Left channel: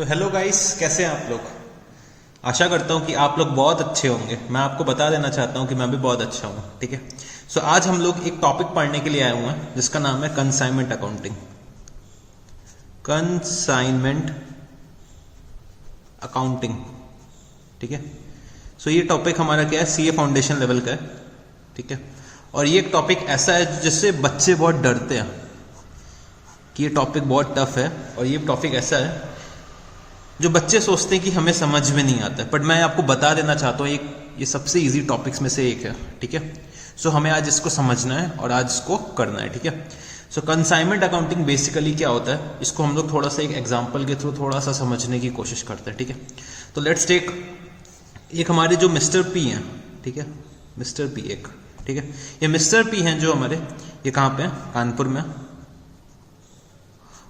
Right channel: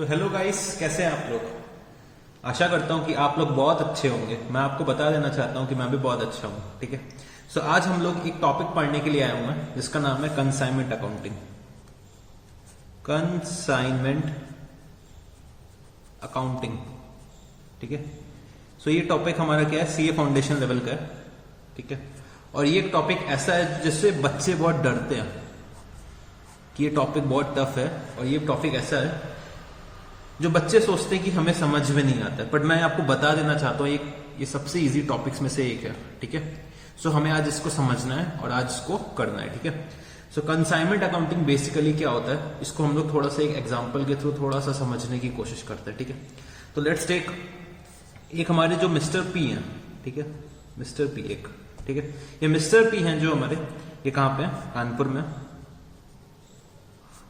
So hello guys, कैसे हैं आप लोग। आशा करता हूं कि आप लोग बहुत अच्छे होंगे। मैं आपको बता देना चाहता हूं कि मैं भी बहुत अच्छा हूं। ठीक है। सो आज हम लोग एक टॉपिक पढ़ने के लिए आए हुए हैं जिसका नाम है कंसाइनमेंट अकाउंटिंग। Consignment accounting. ठीक है। सो ये टॉपिक हमारा क्या है, सीए फाउंडेशन लेवल का है। ठीक है। और ये एक टॉपिक ऐसा है जिससे बच्चे बहुत डरते हैं कि ये टॉपिक बहुत टफ है। और ये टॉपिक ऐसा है जो बच्चे सोचते हैं कि हमें समझ में नहीं आता है, बट मैं आपको बता देना चाहता हूँ ये सबसे इजी टॉपिक्स में से एक है। ठीक है। सो हमें आज इसको समझना है और आज इसको करना है। ठीक है। सो कंसाइनमेंट अकाउंटिंग बेसिकली क्या होता है, इसको हम लोग थोड़ा सा एक एग्जांपल के थ्रू थोड़ा सा समझने की कोशिश करते हैं। ठीक है। तो लेट्स टेक एक हमारे जो मिस्टर पी हैं। ठीक है। मिस्टर पी एक, ठीक है, ये मिस्टर पी हैं जो हमारे, ये कहाँ पे हैं, कानपुर में।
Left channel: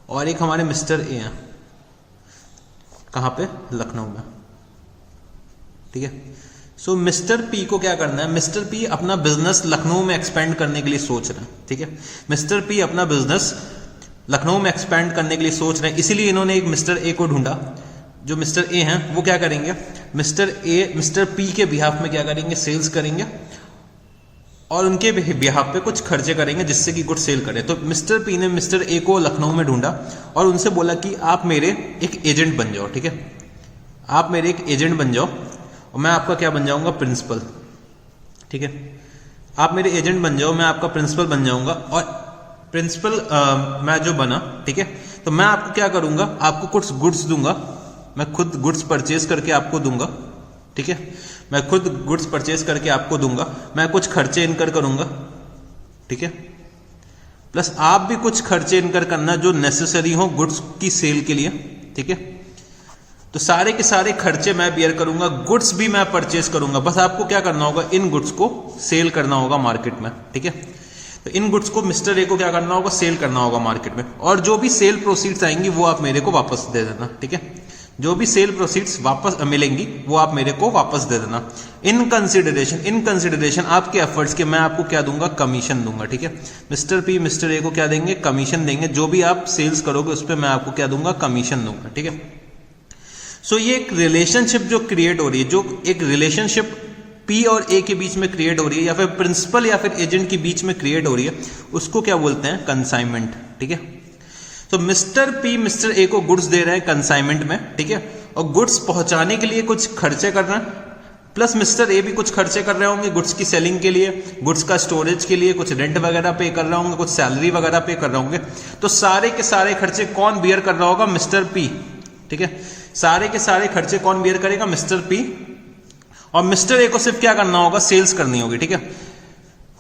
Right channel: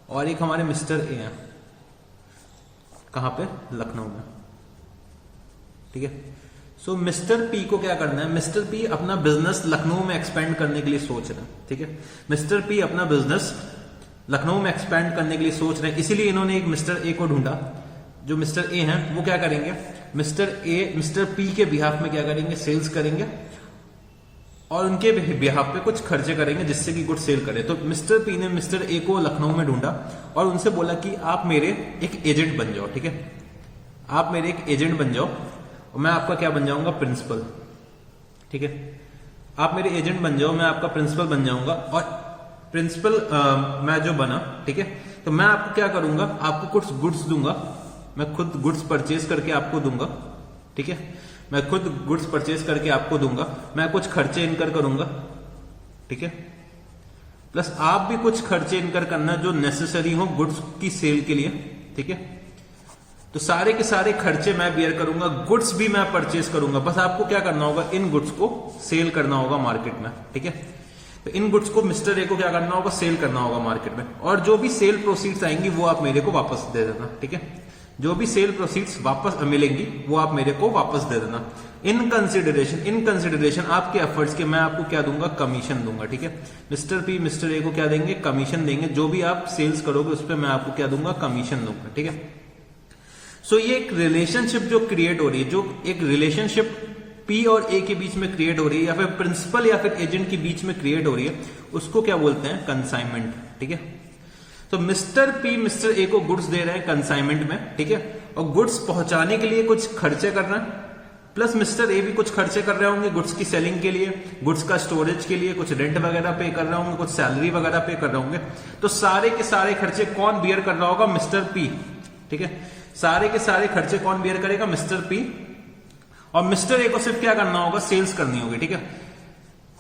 और एक हमारे मिस्टर ए हैं, कहां पे, लखनऊ में। ठीक है। सो मिस्टर पी को क्या करना है, मिस्टर पी अपना बिजनेस लखनऊ में एक्सपेंड करने के लिए सोच रहे हैं। ठीक है। मिस्टर पी अपना बिजनेस लखनऊ में एक्सपेंड करने के लिए सोच रहे हैं, इसीलिए इन्होंने एक मिस्टर ए को ढूंढा। जो मिस्टर ए हैं वो क्या करेंगे, मिस्टर पी के बिहाफ में क्या करेंगे, सेल्स करेंगे और उनके बिहाफ पे कुछ खर्चे करेंगे जिससे कि गुड सेल करें। तो मिस्टर पी ने मिस्टर ए को लखनऊ में ढूंढा और उनसे बोला कि आप मेरे एक एजेंट बन जाओ। ठीक है। आप मेरे एक एजेंट बन जाओ और मैं आपका क्या बन जाऊंगा, प्रिंसिपल। ठीक है। आप मेरे एजेंट बन जाओ, मैं आपका प्रिंसिपल बन जाऊंगा। और प्रिंसिपल मैं जो बना, ठीक है, तो मैं आपको क्या करूंगा, आपको कुछ गुड्स दूंगा। मैं खुद गुड्स परचेज करके आपको दूंगा। ठीक है। मैं खुद गुड्स परचेज करके आपको दूंगा, मैं कुछ खर्चे इनकर करूंगा। ठीक है। प्लस आप भी कुछ खर्चे इनकर करना जो नेसेसरी हो गुड्स की सेल के लिए। ठीक है। तो सारे के सारे खर्चे मैं बियर करूंगा, गुड्स भी मैं परचेज करूंगा। बस आपको क्या करना होगा, इन गुड्स को सेल करना होगा मार्केट में। ठीक है। तो इन गुड्स को मिस्टर ए को क्या करना होगा, सेल करना होगा मार्केट में। और जो भी सेल प्रोसीड्स आएंगी वो आप मेरे को वापस दे देना। ठीक है। जो भी सेल प्रोसीड्स वापस मिलेंगी वो आप मेरे को वापस दे देना। इन कंसिडरेशन आपके एफर्ट्स के मैं आपको क्या दूंगा, कमीशन दूंगा। ठीक है। मिस्टर पी मिस्टर ए को क्या देंगे, कमीशन देंगे। जो भी आप सेल्स करोगे उस पर मैं आपको क्या दूंगा, कमीशन दूंगा। ठीक है। सो ये एक रिलेशनशिप जो क्रिएट हो रही है, जो एक रिलेशनशिप पी और ए के बीच में क्रिएट हो रही है, या फिर प्रिंसिपल या फिर एजेंट के बीच में क्रिएट हो रही है, उसको क्या बोलते हैं, कंसाइनमेंट। ठीक है। तो मिस्टर पी मिस्टर ए को गुड्स दे रहे हैं कंसाइनमेंट में। ठीक है। और गुड्स पहुंचाने के लिए कुछ खर्चे कर रहे हैं, प्लस मिस्टर ए भी कुछ खर्चे कर रहे होंगे गुड्स की सेलिंग के लिए, गुड्स का स्टोरेज के लिए, कुछ रेंट वगैरह पे कर रहे होंगे, कुछ सैलरी वगैरह पे कर रहे होंगे। तो सारे के सारे खर्चे कौन बियर कर रहा होगा, मिस्टर पी। ठीक है। सारे के सारे खर्चे कौन बियर करेगा, मिस्टर पी। और मिस्टर ए को सिर्फ क्या करना होगा, सेल्स करनी होगी। ठीक है।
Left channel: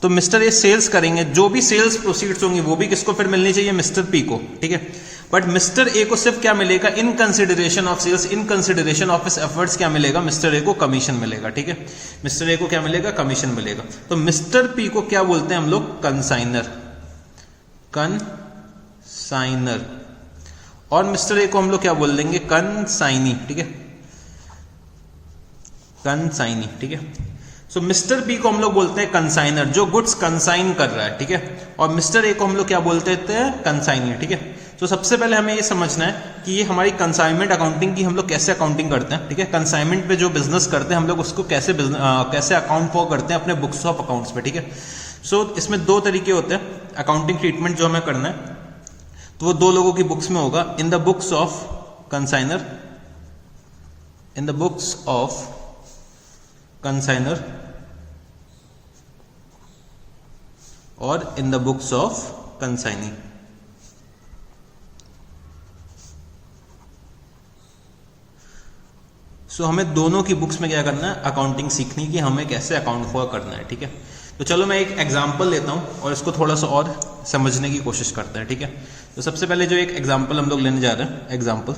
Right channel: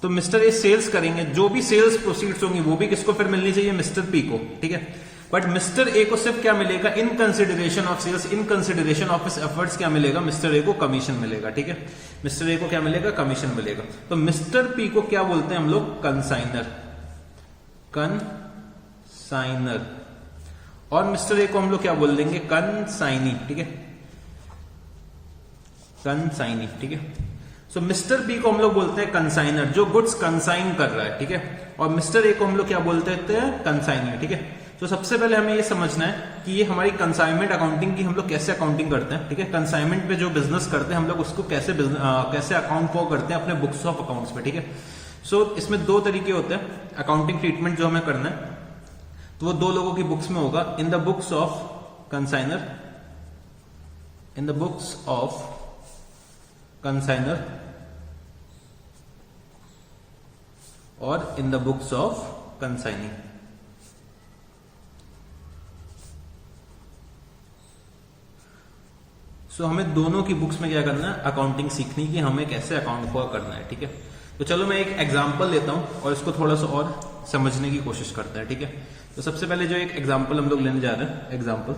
तो मिस्टर ए सेल्स करेंगे, जो भी सेल्स प्रोसीड्स होंगी वो भी किसको फिर मिलनी चाहिए, मिस्टर पी को। ठीक है। बट मिस्टर ए को सिर्फ क्या मिलेगा, in consideration of sales, in consideration of his efforts क्या मिलेगा, मिस्टर ए को कमीशन मिलेगा। ठीक है। मिस्टर ए को क्या मिलेगा, कमीशन मिलेगा। तो मिस्टर पी को क्या बोलते हैं हम लोग, कंसाइनर। कंसाइनर। और मिस्टर ए को हम लोग क्या बोल देंगे, कंसाइनी। ठीक है। कंसाइनी। ठीक है। सो मिस्टर बी को हम लोग बोलते हैं कंसाइनर, जो गुड्स कंसाइन कर रहा है। ठीक है। और मिस्टर ए को हम लोग क्या बोलते हैं, कंसाइनी। ठीक है। तो सबसे पहले हमें ये समझना है कि ये हमारी कंसाइनमेंट अकाउंटिंग की हम लोग कैसे अकाउंटिंग करते हैं। ठीक है। कंसाइनमेंट पे जो बिजनेस करते हैं हम लोग उसको कैसे अकाउंट फॉर करते हैं अपने बुक्स ऑफ अकाउंट्स पे। ठीक है। सो इसमें दो तरीके होते हैं अकाउंटिंग ट्रीटमेंट जो हमें करना है, तो वो दो लोगों की बुक्स में होगा, in the books of consignor, in the books of consignor और in the books of consignee. So हमें दोनों की बुक्स में क्या करना है, अकाउंटिंग सीखनी कि हमें कैसे अकाउंट फॉर करना है। ठीक है। तो चलो मैं एक एग्जांपल लेता हूं और इसको थोड़ा सा और समझने की कोशिश करते हैं। ठीक है। तो सबसे पहले जो एक एग्जांपल हम लोग लेने जा रहे हैं, एग्जांपल।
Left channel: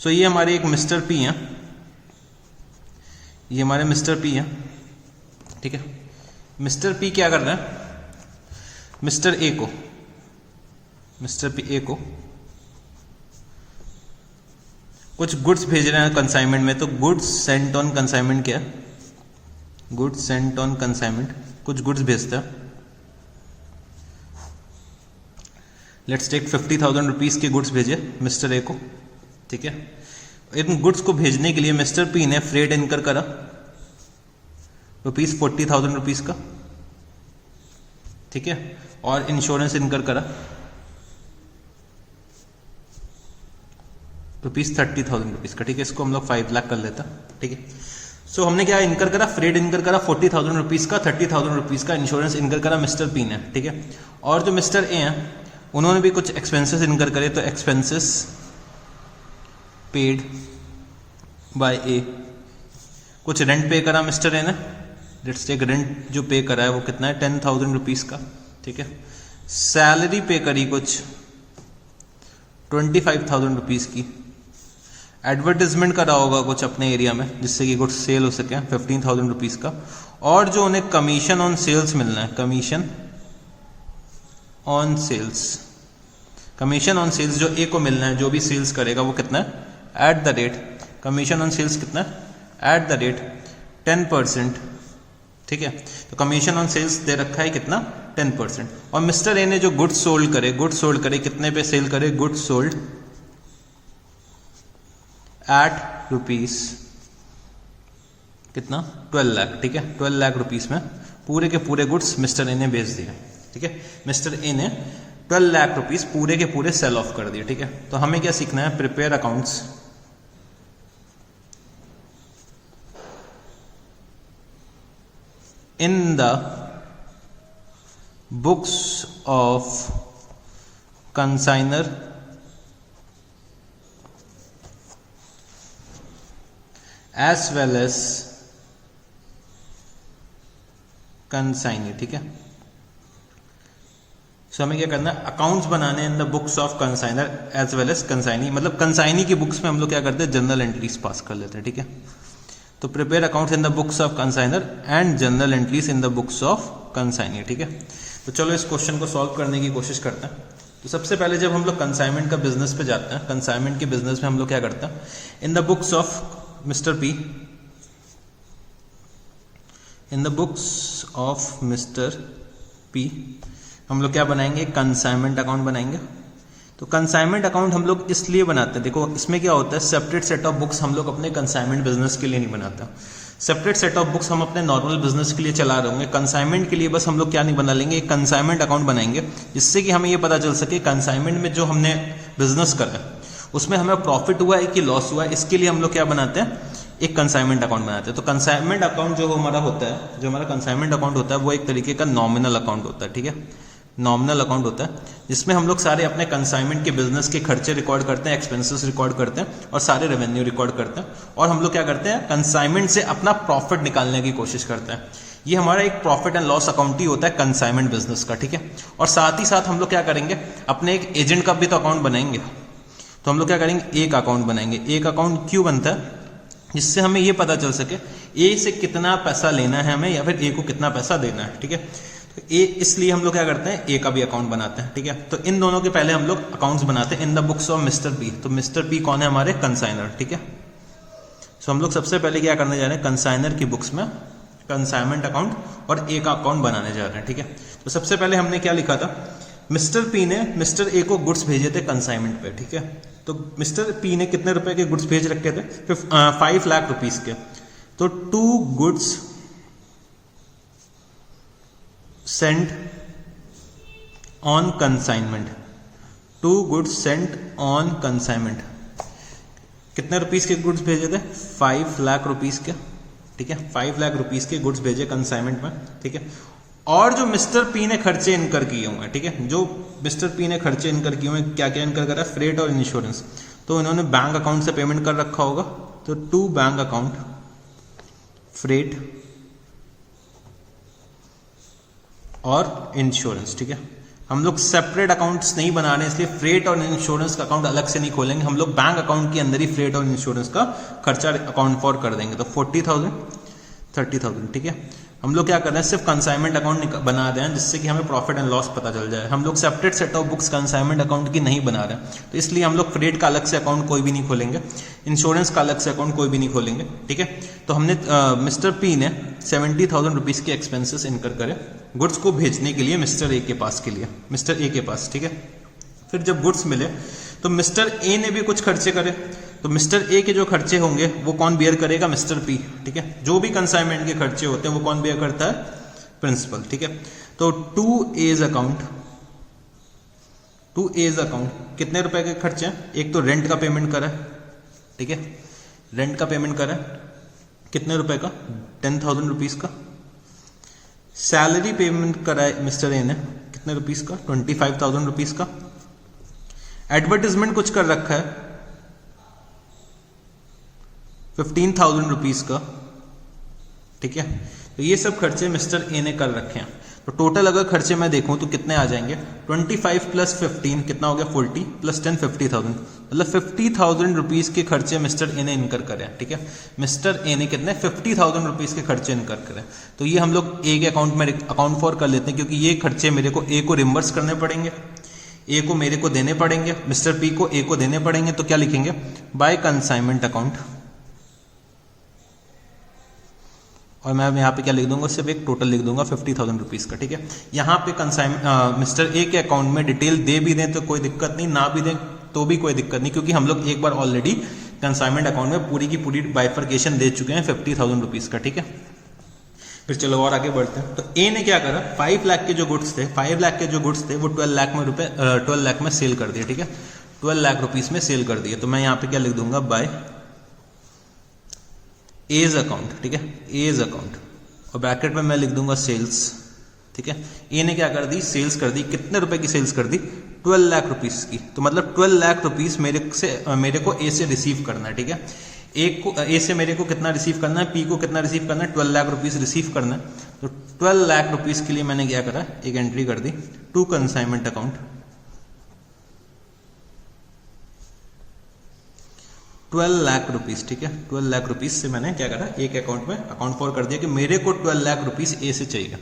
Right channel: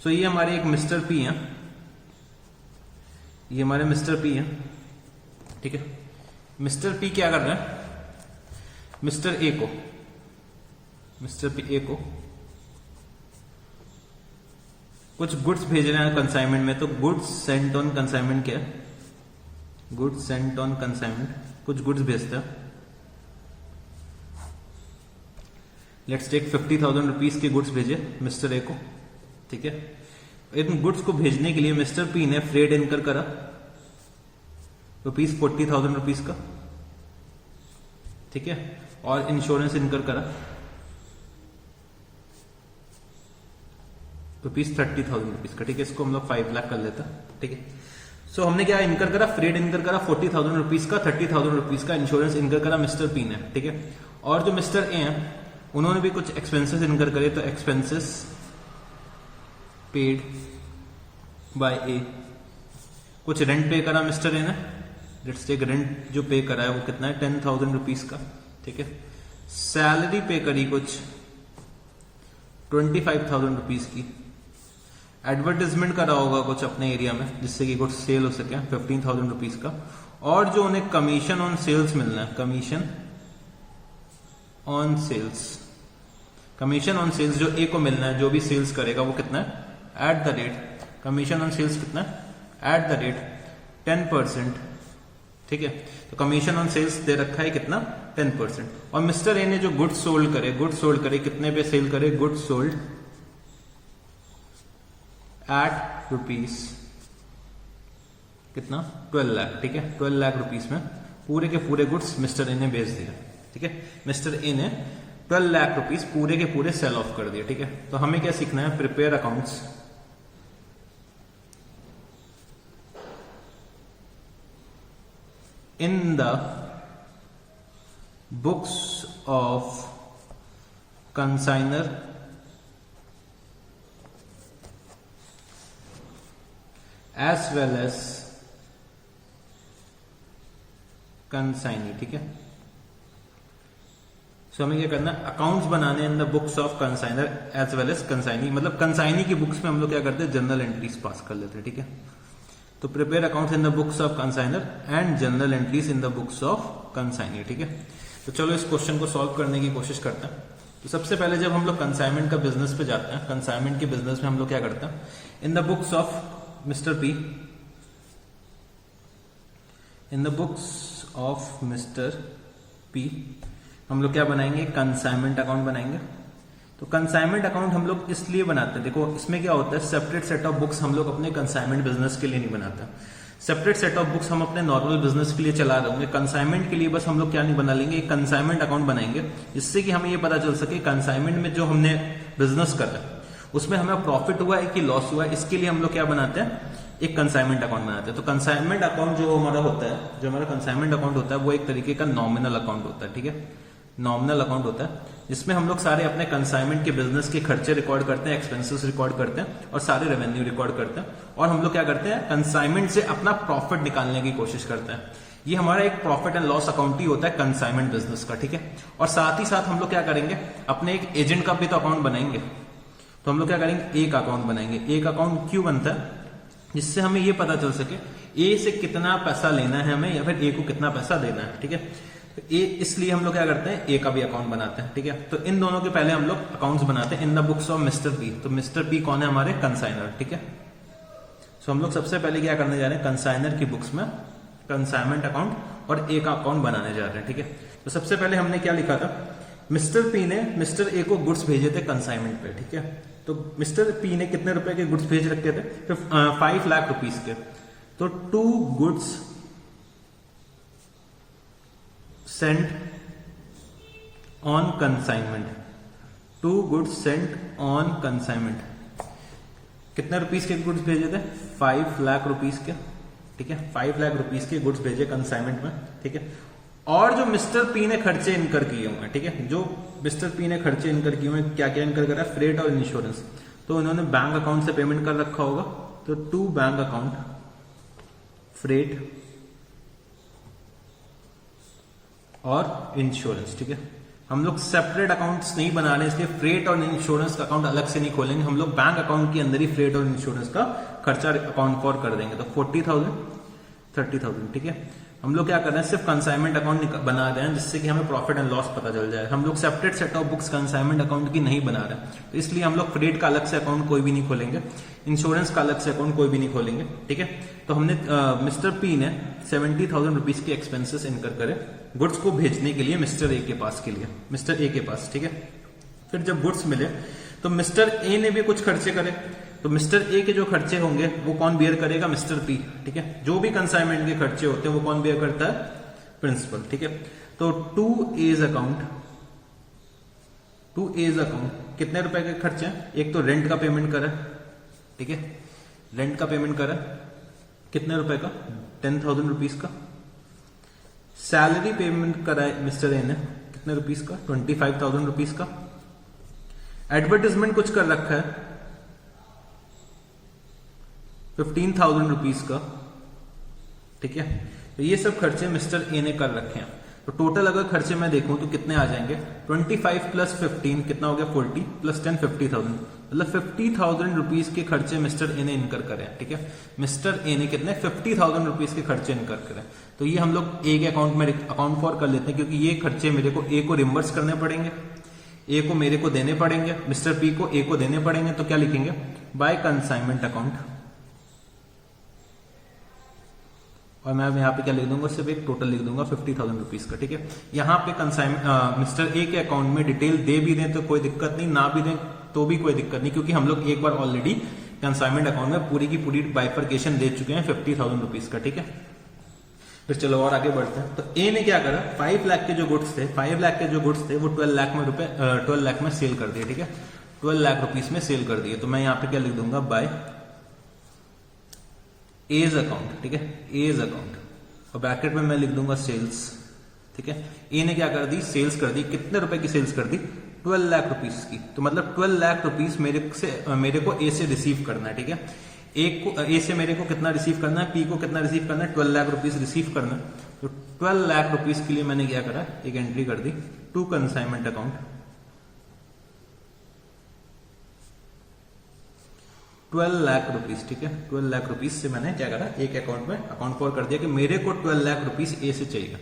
सो ये हमारे एक मिस्टर पी हैं, ये हमारे मिस्टर पी हैं। ठीक है। मिस्टर पी क्या कर रहे हैं, मिस्टर ए को कुछ गुड्स भेज रहे हैं कंसाइनमेंट में। तो गुड्स सेंट ऑन कंसाइनमेंट क्या है, गुड्स सेंट ऑन कंसाइनमेंट, कुछ गुड्स भेजता है। लेट्स टेक 50,000 रुपीज के गुड्स भेजे मिस्टर ए को। ठीक है। इन गुड्स को भेजने के लिए मिस्टर पी ने फ्रेट इनकर करा ₹40,000 रुपीज का, ठीक है, और इंश्योरेंस इनकर करा ₹30,000 रुपीज का, ठीक है। इसको हम लोग 5 लाख कर लेता, ठीक है। सो हमने क्या इनकर करा, फ्रेट इनकर करा 40,000 रुपीज का, 30,000 रुपीज का इंश्योरेंस इनकर करा मिस्टर पी ने, ठीक है। और जो मिस्टर ए हैं उन्होंने भी कुछ एक्सपेंसेस इनकर करे, तो एक्सपेंसेस पेड बाय ए, कुछ रेंट पे करा मिस्टर ए ने, लेट्स टेक रेंट जो पे करा है वो कितना है 10,000 रुपीज का, ठीक है। सैलरी पे करी कुछ 25,000 रुपीज की, एडवर्टाइजमेंट करा होगा कुछ अपने एरिया में जिससे कि कुछ सेल हो सके 15,000 रुपीज का, और जो उन्हें कमीशन ऑन सेल्स मिलना है, commission on sales, commission on sales जो ए को मिलना है, जो भी सेल्स करेगा वो कितना है at the rate, commission on sales कितना है एट द रेट 10%, ठीक है। तो कमीशन ऑन सेल्स दे रखा है कितना 10%। और मिस्टर ए ने जो गुड्स सोल्ड करे कितने पे सेल करे, गुड्स सोल्ड एट रुपीज कितना 12 लाख, ठीक है। 12 लाख रुपीज में पूरे के पूरे गुड्स मिस्टर ए ने बेच दिए, ठीक है। मिस्टर ए ने 12 लाख रुपीज पूरे के पूरे सेल ऑफ कर दिए, ठीक है। तो हमें क्या सीखना है, prepare accounts in the books of consignor as well as consignee, ठीक है। सो हमें क्या करना है, अकाउंट्स बनाने in the books of consignor as well as consignee, मतलब कंसाइनी की बुक्स में हम लोग क्या करते हैं जनरल एंट्रीज पास कर लेते हैं, ठीक है। तो prepare accounts in the books of consignor and journal entries in the books of consignee, ठीक है। तो चलो इस क्वेश्चन को सॉल्व करने की कोशिश करते हैं। तो सबसे पहले जब हम लोग कंसाइनमेंट का बिजनेस पे जाते हैं, कंसाइनमेंट के बिजनेस में हम लोग क्या करते हैं, इन the books of mister P, in the books of mister P हम लोग क्या बनाएंगे, कंसाइनमेंट अकाउंट बनाएंगे। तो कंसाइनमेंट अकाउंट हम लोग इसलिए बनाते हैं, देखो इसमें क्या होता है, सेपरेट सेट ऑफ बुक्स हम लोग अपने कंसाइनमेंट बिजनेस के लिए नहीं बनाते, सेपरेट सेट ऑफ बुक्स हम अपने नॉर्मल बिजनेस के लिए चला रहे होंगे। कंसाइनमेंट के लिए बस हम लोग क्या नहीं बना लेंगे, एक कंसाइनमेंट अकाउंट बनाएंगे जिससे कि हमें ये पता चल सके कंसाइनमेंट में जो हमने बिजनेस करा उसमें हमें प्रॉफिट हुआ है कि लॉस हुआ है। इसके लिए हम लोग क्या बनाते हैं, एक कंसाइनमेंट अकाउंट बनाते हैं। तो कंसाइनमेंट अकाउंट जो हमारा होता है, जो हमारा कंसाइनमेंट अकाउंट होता है वो एक तरीके का नॉमिनल अकाउंट होता है, ठीक है। नॉमिनल अकाउंट होता है जिसमें हम लोग सारे अपने कंसाइनमेंट के बिजनेस के खर्चे रिकॉर्ड करते हैं, एक्सपेंसेस रिकॉर्ड करते हैं और सारे रेवेन्यू रिकॉर्ड करते हैं, और हम लोग क्या करते हैं, कंसाइनमेंट से अपना प्रॉफिट निकालने की कोशिश करते हैं। ये हमारा एक प्रॉफिट एंड लॉस अकाउंट ही होता है कंसाइनमेंट बिजनेस का, ठीक है। और साथ ही साथ हम लोग क्या करेंगे, अपने एक एजेंट का भी तो अकाउंट बनाएंगे। तो हम लोग क्या करेंगे, एक अकाउंट बनाएंगे। एक अकाउंट क्यों बनता है, जिससे हमें ये पता चल सके ए से कितना पैसा लेना है हमें या फिर ए को कितना पैसा देना है, ठीक है। तो ए, इसलिए हम लोग क्या करते हैं, ए का भी अकाउंट बनाते हैं, ठीक है। तो इन दोनों के पहले हम लोग अकाउंट्स बनाते हैं इन the books of mister P. तो मिस्टर पी कौन है, हमारे कंसाइनर, ठीक है। सो हम लोग सबसे पहले क्या करने जा रहे हैं, कंसाइनर की बुक्स में कंसाइनमेंट अकाउंट और ए का अकाउंट बनाने जा रहे हैं, ठीक है। तो सबसे पहले हमने क्या लिखा था, मिस्टर पी ने मिस्टर ए को गुड्स भेजे थे कंसाइनमेंट पे, ठीक है। तो मिस्टर पी ने कितने रुपए के गुड्स भेज रखे थे, 5 लाख रुपीज के। तो 2 goods sent on consignment, 2 goods sent on consignment. कितने रुपीस के गुड्स भेजे थे, 5 लाख रुपीस के, ठीक है। 5 लाख रुपीस के गुड्स भेजे कंसाइनमेंट में, ठीक है। और जो मिस्टर पी ने खर्चे इनकर किए हुए हैं, ठीक है, जो मिस्टर पी ने खर्चे इनकर किए हुए हैं, क्या क्या इनकर करा, फ्रेट और इंश्योरेंस। तो इन्होंने बैंक अकाउंट से पेमेंट कर रखा होगा, तो 2 बैंक अकाउंट फ्रेट और इंश्योरेंस, ठीक है। हम लोग सेपरेट अकाउंट्स नहीं बना रहे, इसलिए फ्रेट और इंश्योरेंस का अकाउंट अलग से नहीं खोलेंगे, हम लोग बैंक अकाउंट के अंदर ही फ्रेट और इंश्योरेंस का खर्चा अकाउंट फॉर कर देंगे। तो 40,000 30,000, ठीक है। हम लोग क्या कर रहे हैं, सिर्फ कंसाइनमेंट अकाउंट बना रहे हैं जिससे कि हमें प्रॉफिट एंड लॉस पता चल जाए। हम लोग separate set of books consignment account की नहीं बना रहे हैं, तो इसलिए हम लोग फ्रेट का अलग से अकाउंट कोई भी नहीं खोलेंगे, इंश्योरेंस का अलग से अकाउंट कोई भी नहीं खोलेंगे, ठीक है। तो हमने मिस्टर पी ने 70,000 रुपीज के एक्सपेंसेस इनकर करे गुड्स को भेजने के लिए मिस्टर ए के पास, ठीक है। फिर जब गुड्स मिले तो मिस्टर ए ने भी कुछ खर्चे करे, तो मिस्टर ए के जो खर्चे होंगे वो कौन बियर करेगा, मिस्टर पी, ठीक है। जो भी कंसाइनमेंट के खर्चे होते हैं वो कौन बियर करता है, प्रिंसिपल, ठीक है। तो टू एज अकाउंट कितने रुपए के खर्चे हैं, एक तो रेंट का पेमेंट करा, ठीक है, रेंट का पेमेंट करा कितने रुपए का, 10,000 रुपीज का। सैलरी पेमेंट करा है मिस्टर ए ने कितने रुपीज का, 25,000 रुपीज का। एडवर्टीजमेंट कुछ कर रखा है 15,000 रुपीज का, ठीक है। तो ये सब खर्चे मिस्टर ए ने कर रखे हैं। तो टोटल अगर खर्चे मैं देखूं तो कितने आ जाएंगे, 25 प्लस 15 कितना हो गया, 40 प्लस 10 50,000, मतलब 50,000 रुपीज के खर्चे मिस्टर ए ने इनकर करे, ठीक है। मिस्टर ए ने कितने 50,000 रुपीज के खर्चे इनकर करे। तो ये हम लोग ए के अकाउंट में अकाउंट फॉर कर लेते हैं, क्योंकि ये खर्चे मेरे को ए को रिम्बर्स करने पड़ेंगे, ए को मेरे को देने पड़ेंगे, मिस्टर पी को ए को देने पड़ेंगे। तो क्या लिखेंगे, बाय कंसाइनमेंट अकाउंट, और मैं यहाँ पे क्या लिख दूंगा, सिर्फ एक टोटल लिख दूंगा 50,000 रुपीज का, ठीक है। यहाँ पे मिस्टर ए के अकाउंट में डिटेल दे भी दें तो कोई दिक्कत नहीं, ना भी दें तो भी कोई दिक्कत नहीं, क्योंकि हम लोग एक बार ऑलरेडी कंसाइनमेंट अकाउंट में पूरी की पूरी बाइफर्केशन दे चुके हैं 50,000 रुपीज का, ठीक है। फिर चलो और आगे बढ़ते हैं। तो ए ने क्या करा, 5 लाख के जो गुड्स थे, 5 लाख के जो गुड्स थे वो 12 लाख में सेल कर दिए, ठीक है, 12 लाख रुपीज में सेल कर दिए। तो मैं यहाँ पे क्या लिख दूंगा, बाय एज अकाउंट, ठीक है, एज अकाउंट, और ब्रैकेट में मैं लिख दूंगा सेल्स, ठीक है। ए ने क्या कर दी, सेल्स कर दी, कितने रुपए की सेल्स कर दी, 12 लाख रुपीज की। तो मतलब 12 लाख रुपीज मेरे को ए से रिसीव करना है, ठीक है। ए से मेरे को कितना रिसीव करना है, पी को कितना रिसीव करना है, 12 लाख रुपीज रिसीव करना है। तो 12 लाख रुपीज के लिए मैंने क्या करा, एक एंट्री कर दी to consignment account, 12 lakh rupees, ठीक है। 12 लाख रुपीज से मैंने क्या करा, एक अकाउंट में अकाउंट फॉर कर दिया कि मेरे को 12 लाख रुपीज ए से चाहिए,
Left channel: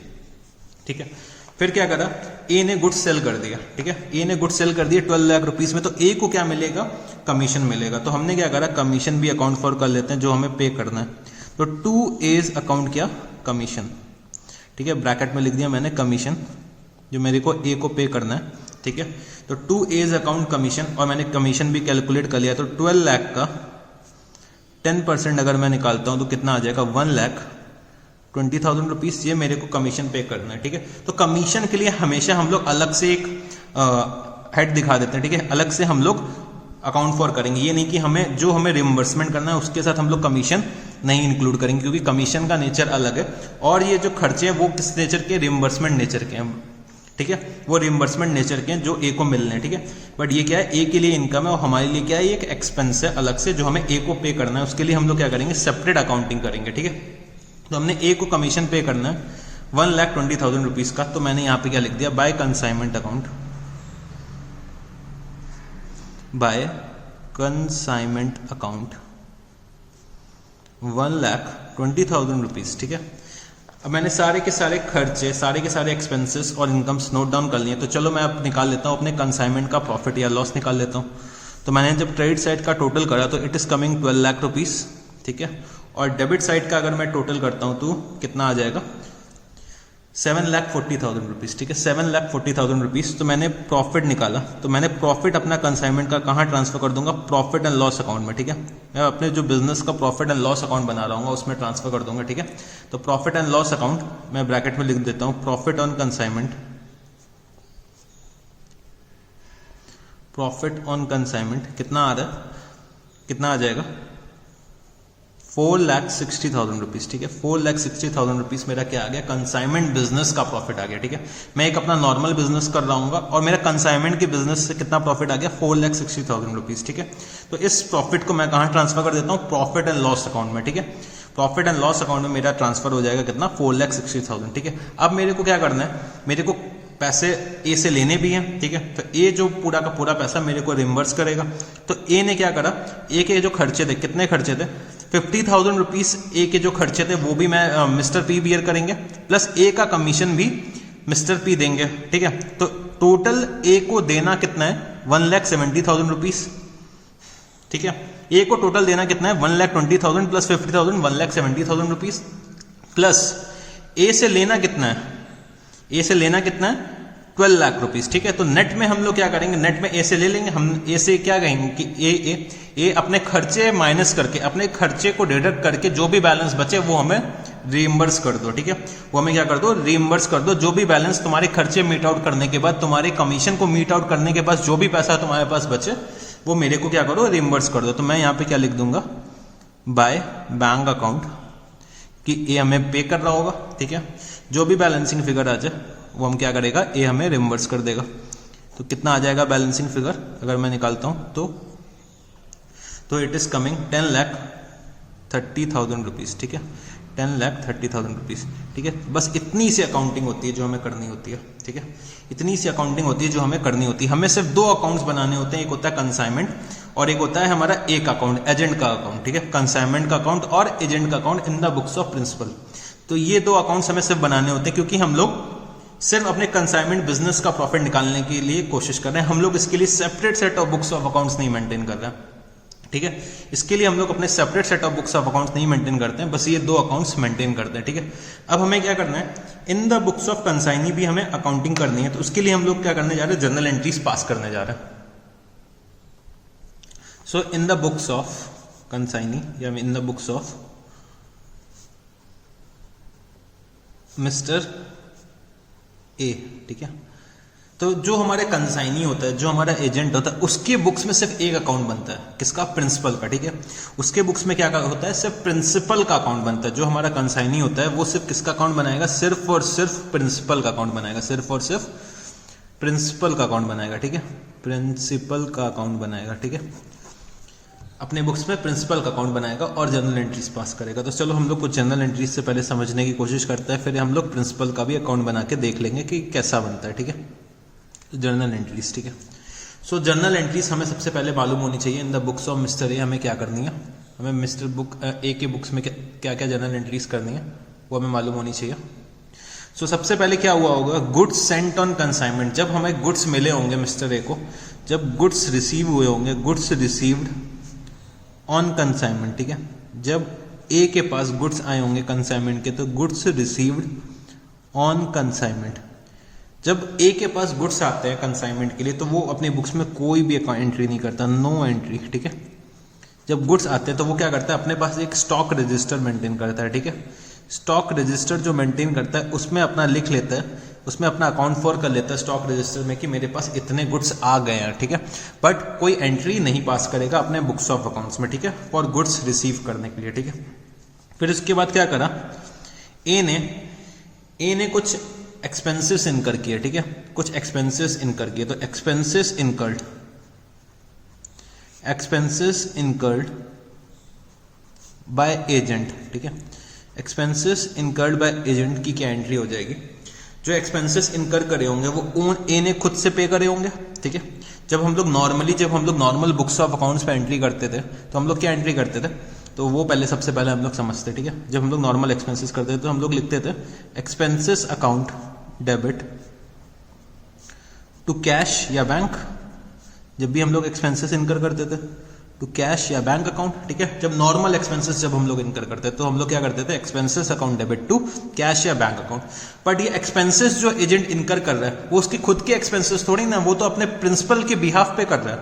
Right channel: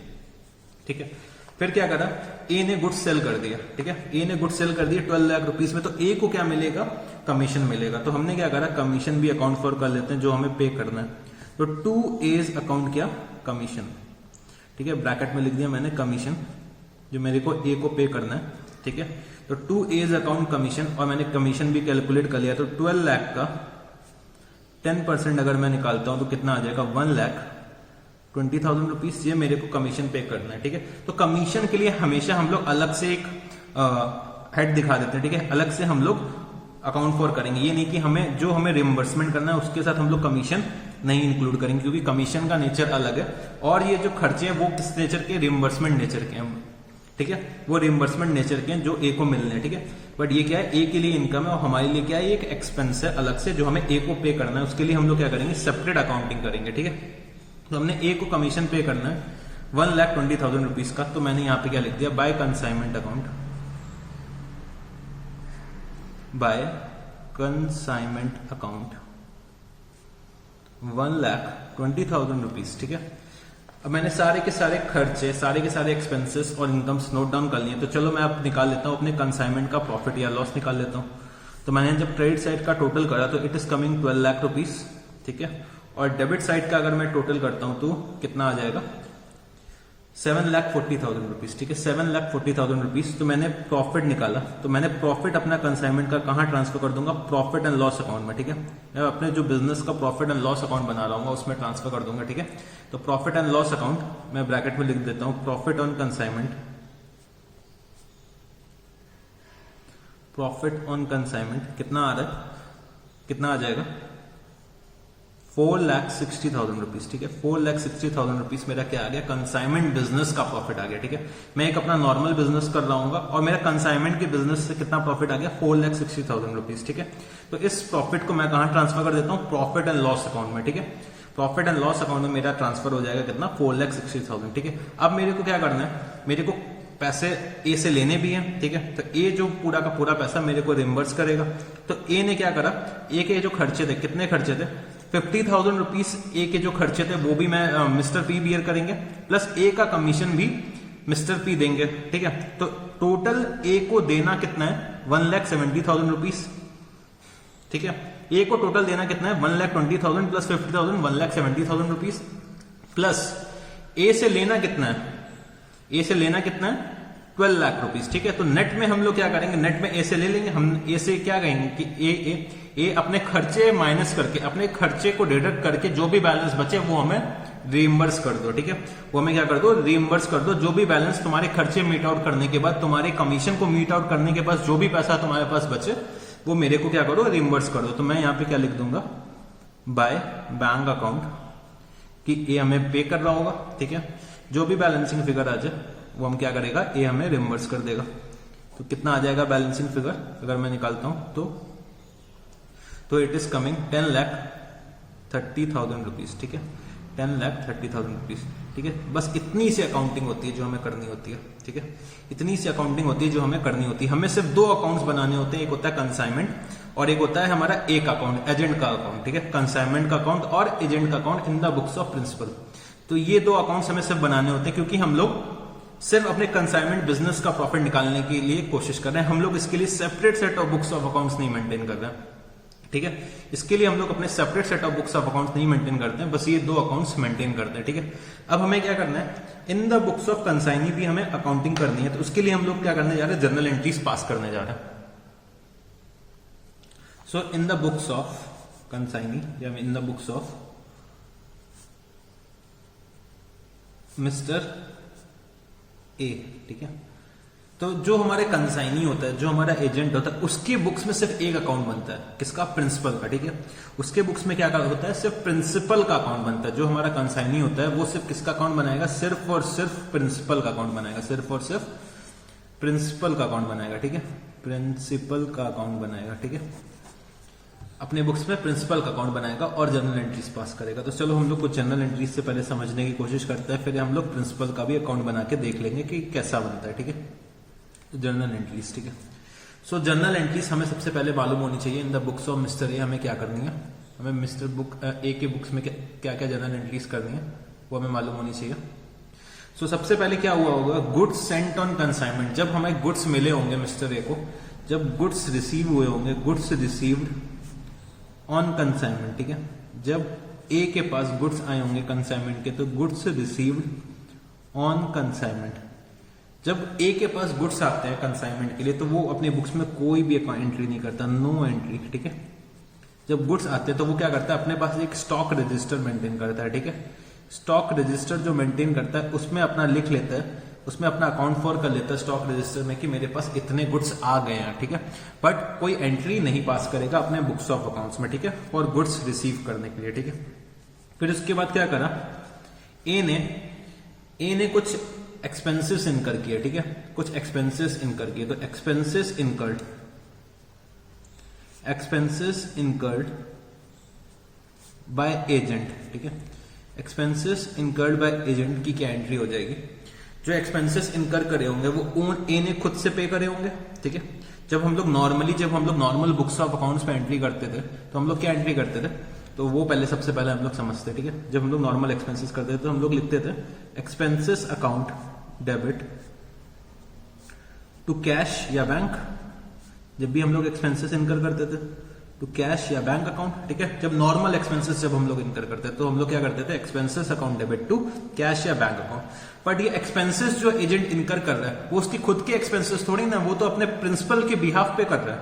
ठीक है। फिर क्या करा, ए ने गुड्स सेल कर दिया, ठीक है, ए ने गुड्स सेल कर दिया 12 लाख रुपीज में। तो ए को क्या मिलेगा, कमीशन मिलेगा। तो हमने क्या करा, कमीशन भी अकाउंट फॉर कर लेते हैं जो हमें पे करना है। तो टू एज अकाउंट क्या, कमीशन, ठीक है, ब्रैकेट में लिख दिया मैंने कमीशन, जो मेरे को ए को पे करना है, ठीक है। तो टू एज अकाउंट कमीशन, और मैंने कमीशन भी कैलकुलेट कर लिया। तो 12 लाख का 10% अगर मैं निकालता हूं तो कितना आ जाएगा, 1,20,000 रुपीज, ये मेरे को कमीशन पे करना है, ठीक है। तो कमीशन के लिए हमेशा हम लोग अलग से एक हेड दिखा देते हैं, ठीक है, अलग से हम लोग अकाउंट फॉर करेंगे। ये नहीं कि हमें रिम्बर्समेंट करना है उसके साथ हम लोग कमीशन नहीं इंक्लूड करेंगे, क्योंकि कमीशन का नेचर अलग है और ये जो खर्चे हैं वो किस नेचर के, रिम्बर्समेंट नेचर के हैं, ठीक है, वो रिम्बर्समेंट नेचर के हैं जो ए को मिलने हैं, ठीक है। बट ये क्या है, ए के लिए इनकम है और हमारे लिए क्या है, एक एक्सपेंस है अलग से जो हमें ए को पे करना है। उसके लिए हम लोग क्या करेंगे, सेपरेट अकाउंटिंग करेंगे, ठीक है। तो हमने ए को कमीशन पे करना है 1,20,000 रुपीज का। तो मैंने यहाँ पे क्या लिख दिया, by consignment account, by consignment account 1,20,000 rupees, ठीक है। अब मैंने सारे के सारे खर्चे, सारे के सारे एक्सपेंसेस और इनकम्स नोट डाउन कर लिए। तो चलो मैं अब निकाल लेता हूँ अपने कंसाइनमेंट का प्रॉफिट या लॉस निकाल लेता हूँ। तो मैंने जब क्रेडिट साइड का टोटल करा तो it is coming 12 lakh rupees, ठीक है। और डेबिट साइड का अगर मैं टोटल करता हूँ तो कितना आ जाएगा, 7,40,000 रुपीज, ठीक है, 7,40,000 रुपीज। तो मैंने प्रॉफिट निकाला, तो मैंने प्रॉफिट अपना कंसाइनमेंट का कहाँ ट्रांसफर कर दूंगा, प्रॉफिट एंड लॉस अकाउंट में, ठीक है। मैं अपने जो बिजनेस का प्रॉफिट एंड लॉस अकाउंट बना रहा हूँ उसमें ट्रांसफर कर दूंगा, ठीक है। तो प्रॉफिट एंड लॉस अकाउंट मैं ब्रैकेट में लिख देता हूँ, profit on consignment, profit on consignment कितना आ रहा है, कितना आ जाएगा, 4,60,000 रुपीज, ठीक है। 4,60,000 रुपीज मेरा क्या आ गया, कंसाइनमेंट बिजनेस का प्रॉफिट आ गया, ठीक है। मैं एक अपना नॉर्मल बिजनेस कर रहा हूँ और मेरा कंसाइनमेंट के बिजनेस से कितना प्रॉफिट आ गया, 4,60,000 रुपीज, ठीक है। तो इस प्रॉफिट को मैं कहाँ ट्रांसफर कर देता हूँ, प्रॉफिट एंड लॉस अकाउंट में, ठीक है। प्रॉफिट एंड लॉस अकाउंट में मेरा ट्रांसफर हो जाएगा कितना, 4,60,000, ठीक है। अब मेरे को क्या करना है, मेरे को पैसे ए से लेने भी हैं, ठीक है। तो ए जो पूरा का पूरा पैसा मेरे को रिम्बर्स करेगा। तो ए ने क्या करा, ए के जो खर्चे थे, कितने खर्चे थे, 50,000 रुपीज ए के जो खर्चे थे वो भी मैं मिस्टर पी बियर करेंगे, प्लस ए का कमीशन भी मिस्टर पी देंगे, ठीक है। तो टोटल ए को देना कितना है, 1,70,000 रुपीज, ठीक है। ए को टोटल देना कितना है, 1,20,000 प्लस 50,000, 1,70,000 रुपीज, प्लस ए से लेना कितना है, ए से लेना कितना है, 12 लाख रुपीस, ठीक है। तो नेट में हम लोग क्या करेंगे, नेट में ए से ले लेंगे, हम ए से क्या कहेंगे कि ए अपने खर्चे माइनस करके, अपने खर्चे को डिडक्ट करके जो भी बैलेंस बचे वो हमें रीइंबर्स कर दो, ठीक है। वो हमें क्या कर दो, रीइंबर्स कर दो। जो भी बैलेंस तुम्हारे खर्चे मीट आउट करने के बाद, तुम्हारे कमीशन को मीट आउट करने के बाद जो भी पैसा तुम्हारे पास बचे वो मेरे को क्या करो, रीइंबर्स कर दो। तो मैं यहाँ पे क्या लिख दूंगा, बाय बैंक अकाउंट, कि ए हमें पे कर रहा होगा, ठीक है। जो भी बैलेंसिंग फिगर आ जाए वो हम क्या करेगा, ए हमें रिम्बर्स कर देगा। तो कितना आ जाएगा बैलेंसिंग फिगर अगर मैं निकालता हूं तो इट इज कमिंग 10,30,000 रुपीज, ठीक है। 10,30,000 रुपीज, ठीक है। बस इतनी सी अकाउंटिंग होती है जो हमें करनी होती है, ठीक है। इतनी सी अकाउंटिंग होती है जो हमें करनी होती है। हमें सिर्फ दो अकाउंट्स बनाने होते हैं, एक होता है कंसाइनमेंट और एक होता है हमारा एक अकाउंट, एजेंट का अकाउंट, ठीक है। कंसाइनमेंट का अकाउंट और एजेंट का account in the books of principal. तो ये दो अकाउंट्स हमें सिर्फ बनाने होते हैं, क्योंकि हम लोग सिर्फ अपने कंसाइनमेंट बिजनेस का प्रॉफिट निकालने के लिए कोशिश कर रहे हैं। हम लोग इसके लिए separate set of books of accounts नहीं मेंटेन कर रहे हैं, ठीक है। इसके लिए हम लोग अपने separate set of books of accounts नहीं मेंटेन करते हैं, बस ये दो अकाउंट्स मेंटेन करते हैं, ठीक है। अब हमें क्या करना है, in the books of consignee भी हमें अकाउंटिंग करनी है। तो उसके लिए हम लोग क्या करने जा रहे हैं, जर्नल एंट्रीज पास करने जा रहे हैं। So in the books of consignee या in the books of mister A, ठीक है। तो जो हमारे कंसाइनी होता है, जो हमारा एजेंट होता है, उसके बुक्स में सिर्फ एक अकाउंट बनता है, किसका, प्रिंसिपल का, ठीक है। उसके बुक्स में क्या होता है, सिर्फ प्रिंसिपल का अकाउंट बनता है। जो हमारा कंसाइनी होता है वो सिर्फ किसका अकाउंट बनाएगा, सिर्फ और सिर्फ प्रिंसिपल का अकाउंट बनाएगा, सिर्फ और सिर्फ प्रिंसिपल का अकाउंट बनाएगा, ठीक है। प्रिंसिपल का अकाउंट बनाएगा, ठीक है। अपने बुक्स में प्रिंसिपल का अकाउंट बनाएगा और जर्नल एंट्रीज पास करेगा। तो चलो हम लोग कुछ जर्नल एंट्रीज से पहले समझने की कोशिश करते हैं, फिर हम लोग प्रिंसिपल का भी अकाउंट बना के देख लेंगे कि कैसा बनता है, ठीक है। जर्नल एंट्रीज, ठीक है। सो जर्नल एंट्रीज हमें सबसे पहले मालूम होनी चाहिए। इन द बुक्स ऑफ मिस्टर ए हमें क्या करनी है, हमें मिस्टर बुक ए के बुक्स में क्या क्या जर्नल एंट्रीज करनी है वो हमें मालूम होनी चाहिए। सो सबसे पहले क्या हुआ होगा, गुड्स सेंट ऑन कंसाइनमेंट। जब हमें गुड्स मिले होंगे मिस्टर ए को, जब गुड्स रिसीव हुए होंगे, गुड्स रिसीव्ड ऑन कंसाइनमेंट, ठीक है। जब ए के पास गुड्स आए होंगे कंसाइनमेंट के, तो गुड्स रिसीव्ड ऑन कंसाइनमेंट। जब ए के पास गुड्स आते हैं कंसाइनमेंट के लिए तो वो अपने बुक्स में कोई भी एंट्री नहीं करता, नो एंट्री, ठीक है। जब गुड्स आते हैं तो वो क्या करता है, अपने पास एक स्टॉक रजिस्टर मेंटेन करता है, ठीक है। स्टॉक रजिस्टर जो मेंटेन करता है उसमें अपना लिख लेता है, उसमें अपना अकाउंट फॉर कर लेता है स्टॉक रजिस्टर में कि मेरे पास इतने गुड्स आ गए हैं, ठीक है। बट कोई एंट्री नहीं पास करेगा अपने बुक्स ऑफ अकाउंट्स में, ठीक है, फॉर गुड्स रिसीव करने के लिए, ठीक है। फिर उसके बाद क्या करा, ए ने कुछ एक्सपेंसेस इनकर किए, ठीक है, कुछ एक्सपेंसेस इनकर किए। तो एक्सपेंसेस इनकर्ड बाय एजेंट, ठीक है। एक्सपेंसेस इनकर्ड बाय एजेंट की क्या एंट्री हो जाएगी, जो एक्सपेंसेस इनकर करे होंगे वो ए ने खुद से पे करे होंगे, ठीक है। जब हम लोग नॉर्मल बुक्स ऑफ अकाउंट्स पे एंट्री करते थे तो हम लोग क्या एंट्री करते थे, तो वो सबसे पहले हम लोग समझते, ठीक है। जब हम लोग नॉर्मल एक्सपेंसेस करते थे तो हम लोग लिखते थे expenses account debit to cash या बैंक। जब भी हम लोग एक्सपेंसेस इनकर करते थे टू कैश या बैंक अकाउंट, ठीक है। जब नॉर्मल एक्सपेंसेस जब हम लोग इनकर करते थे तो हम लोग क्या करते थे, expenses account debit to cash या बैंक अकाउंट। बट ये एक्सपेंसेस जो एजेंट इनकर कर रहा है वो उसकी खुद के एक्सपेंसेस थोड़ी ना, वो तो अपने प्रिंसिपल के बिहाफ पे कर रहा है,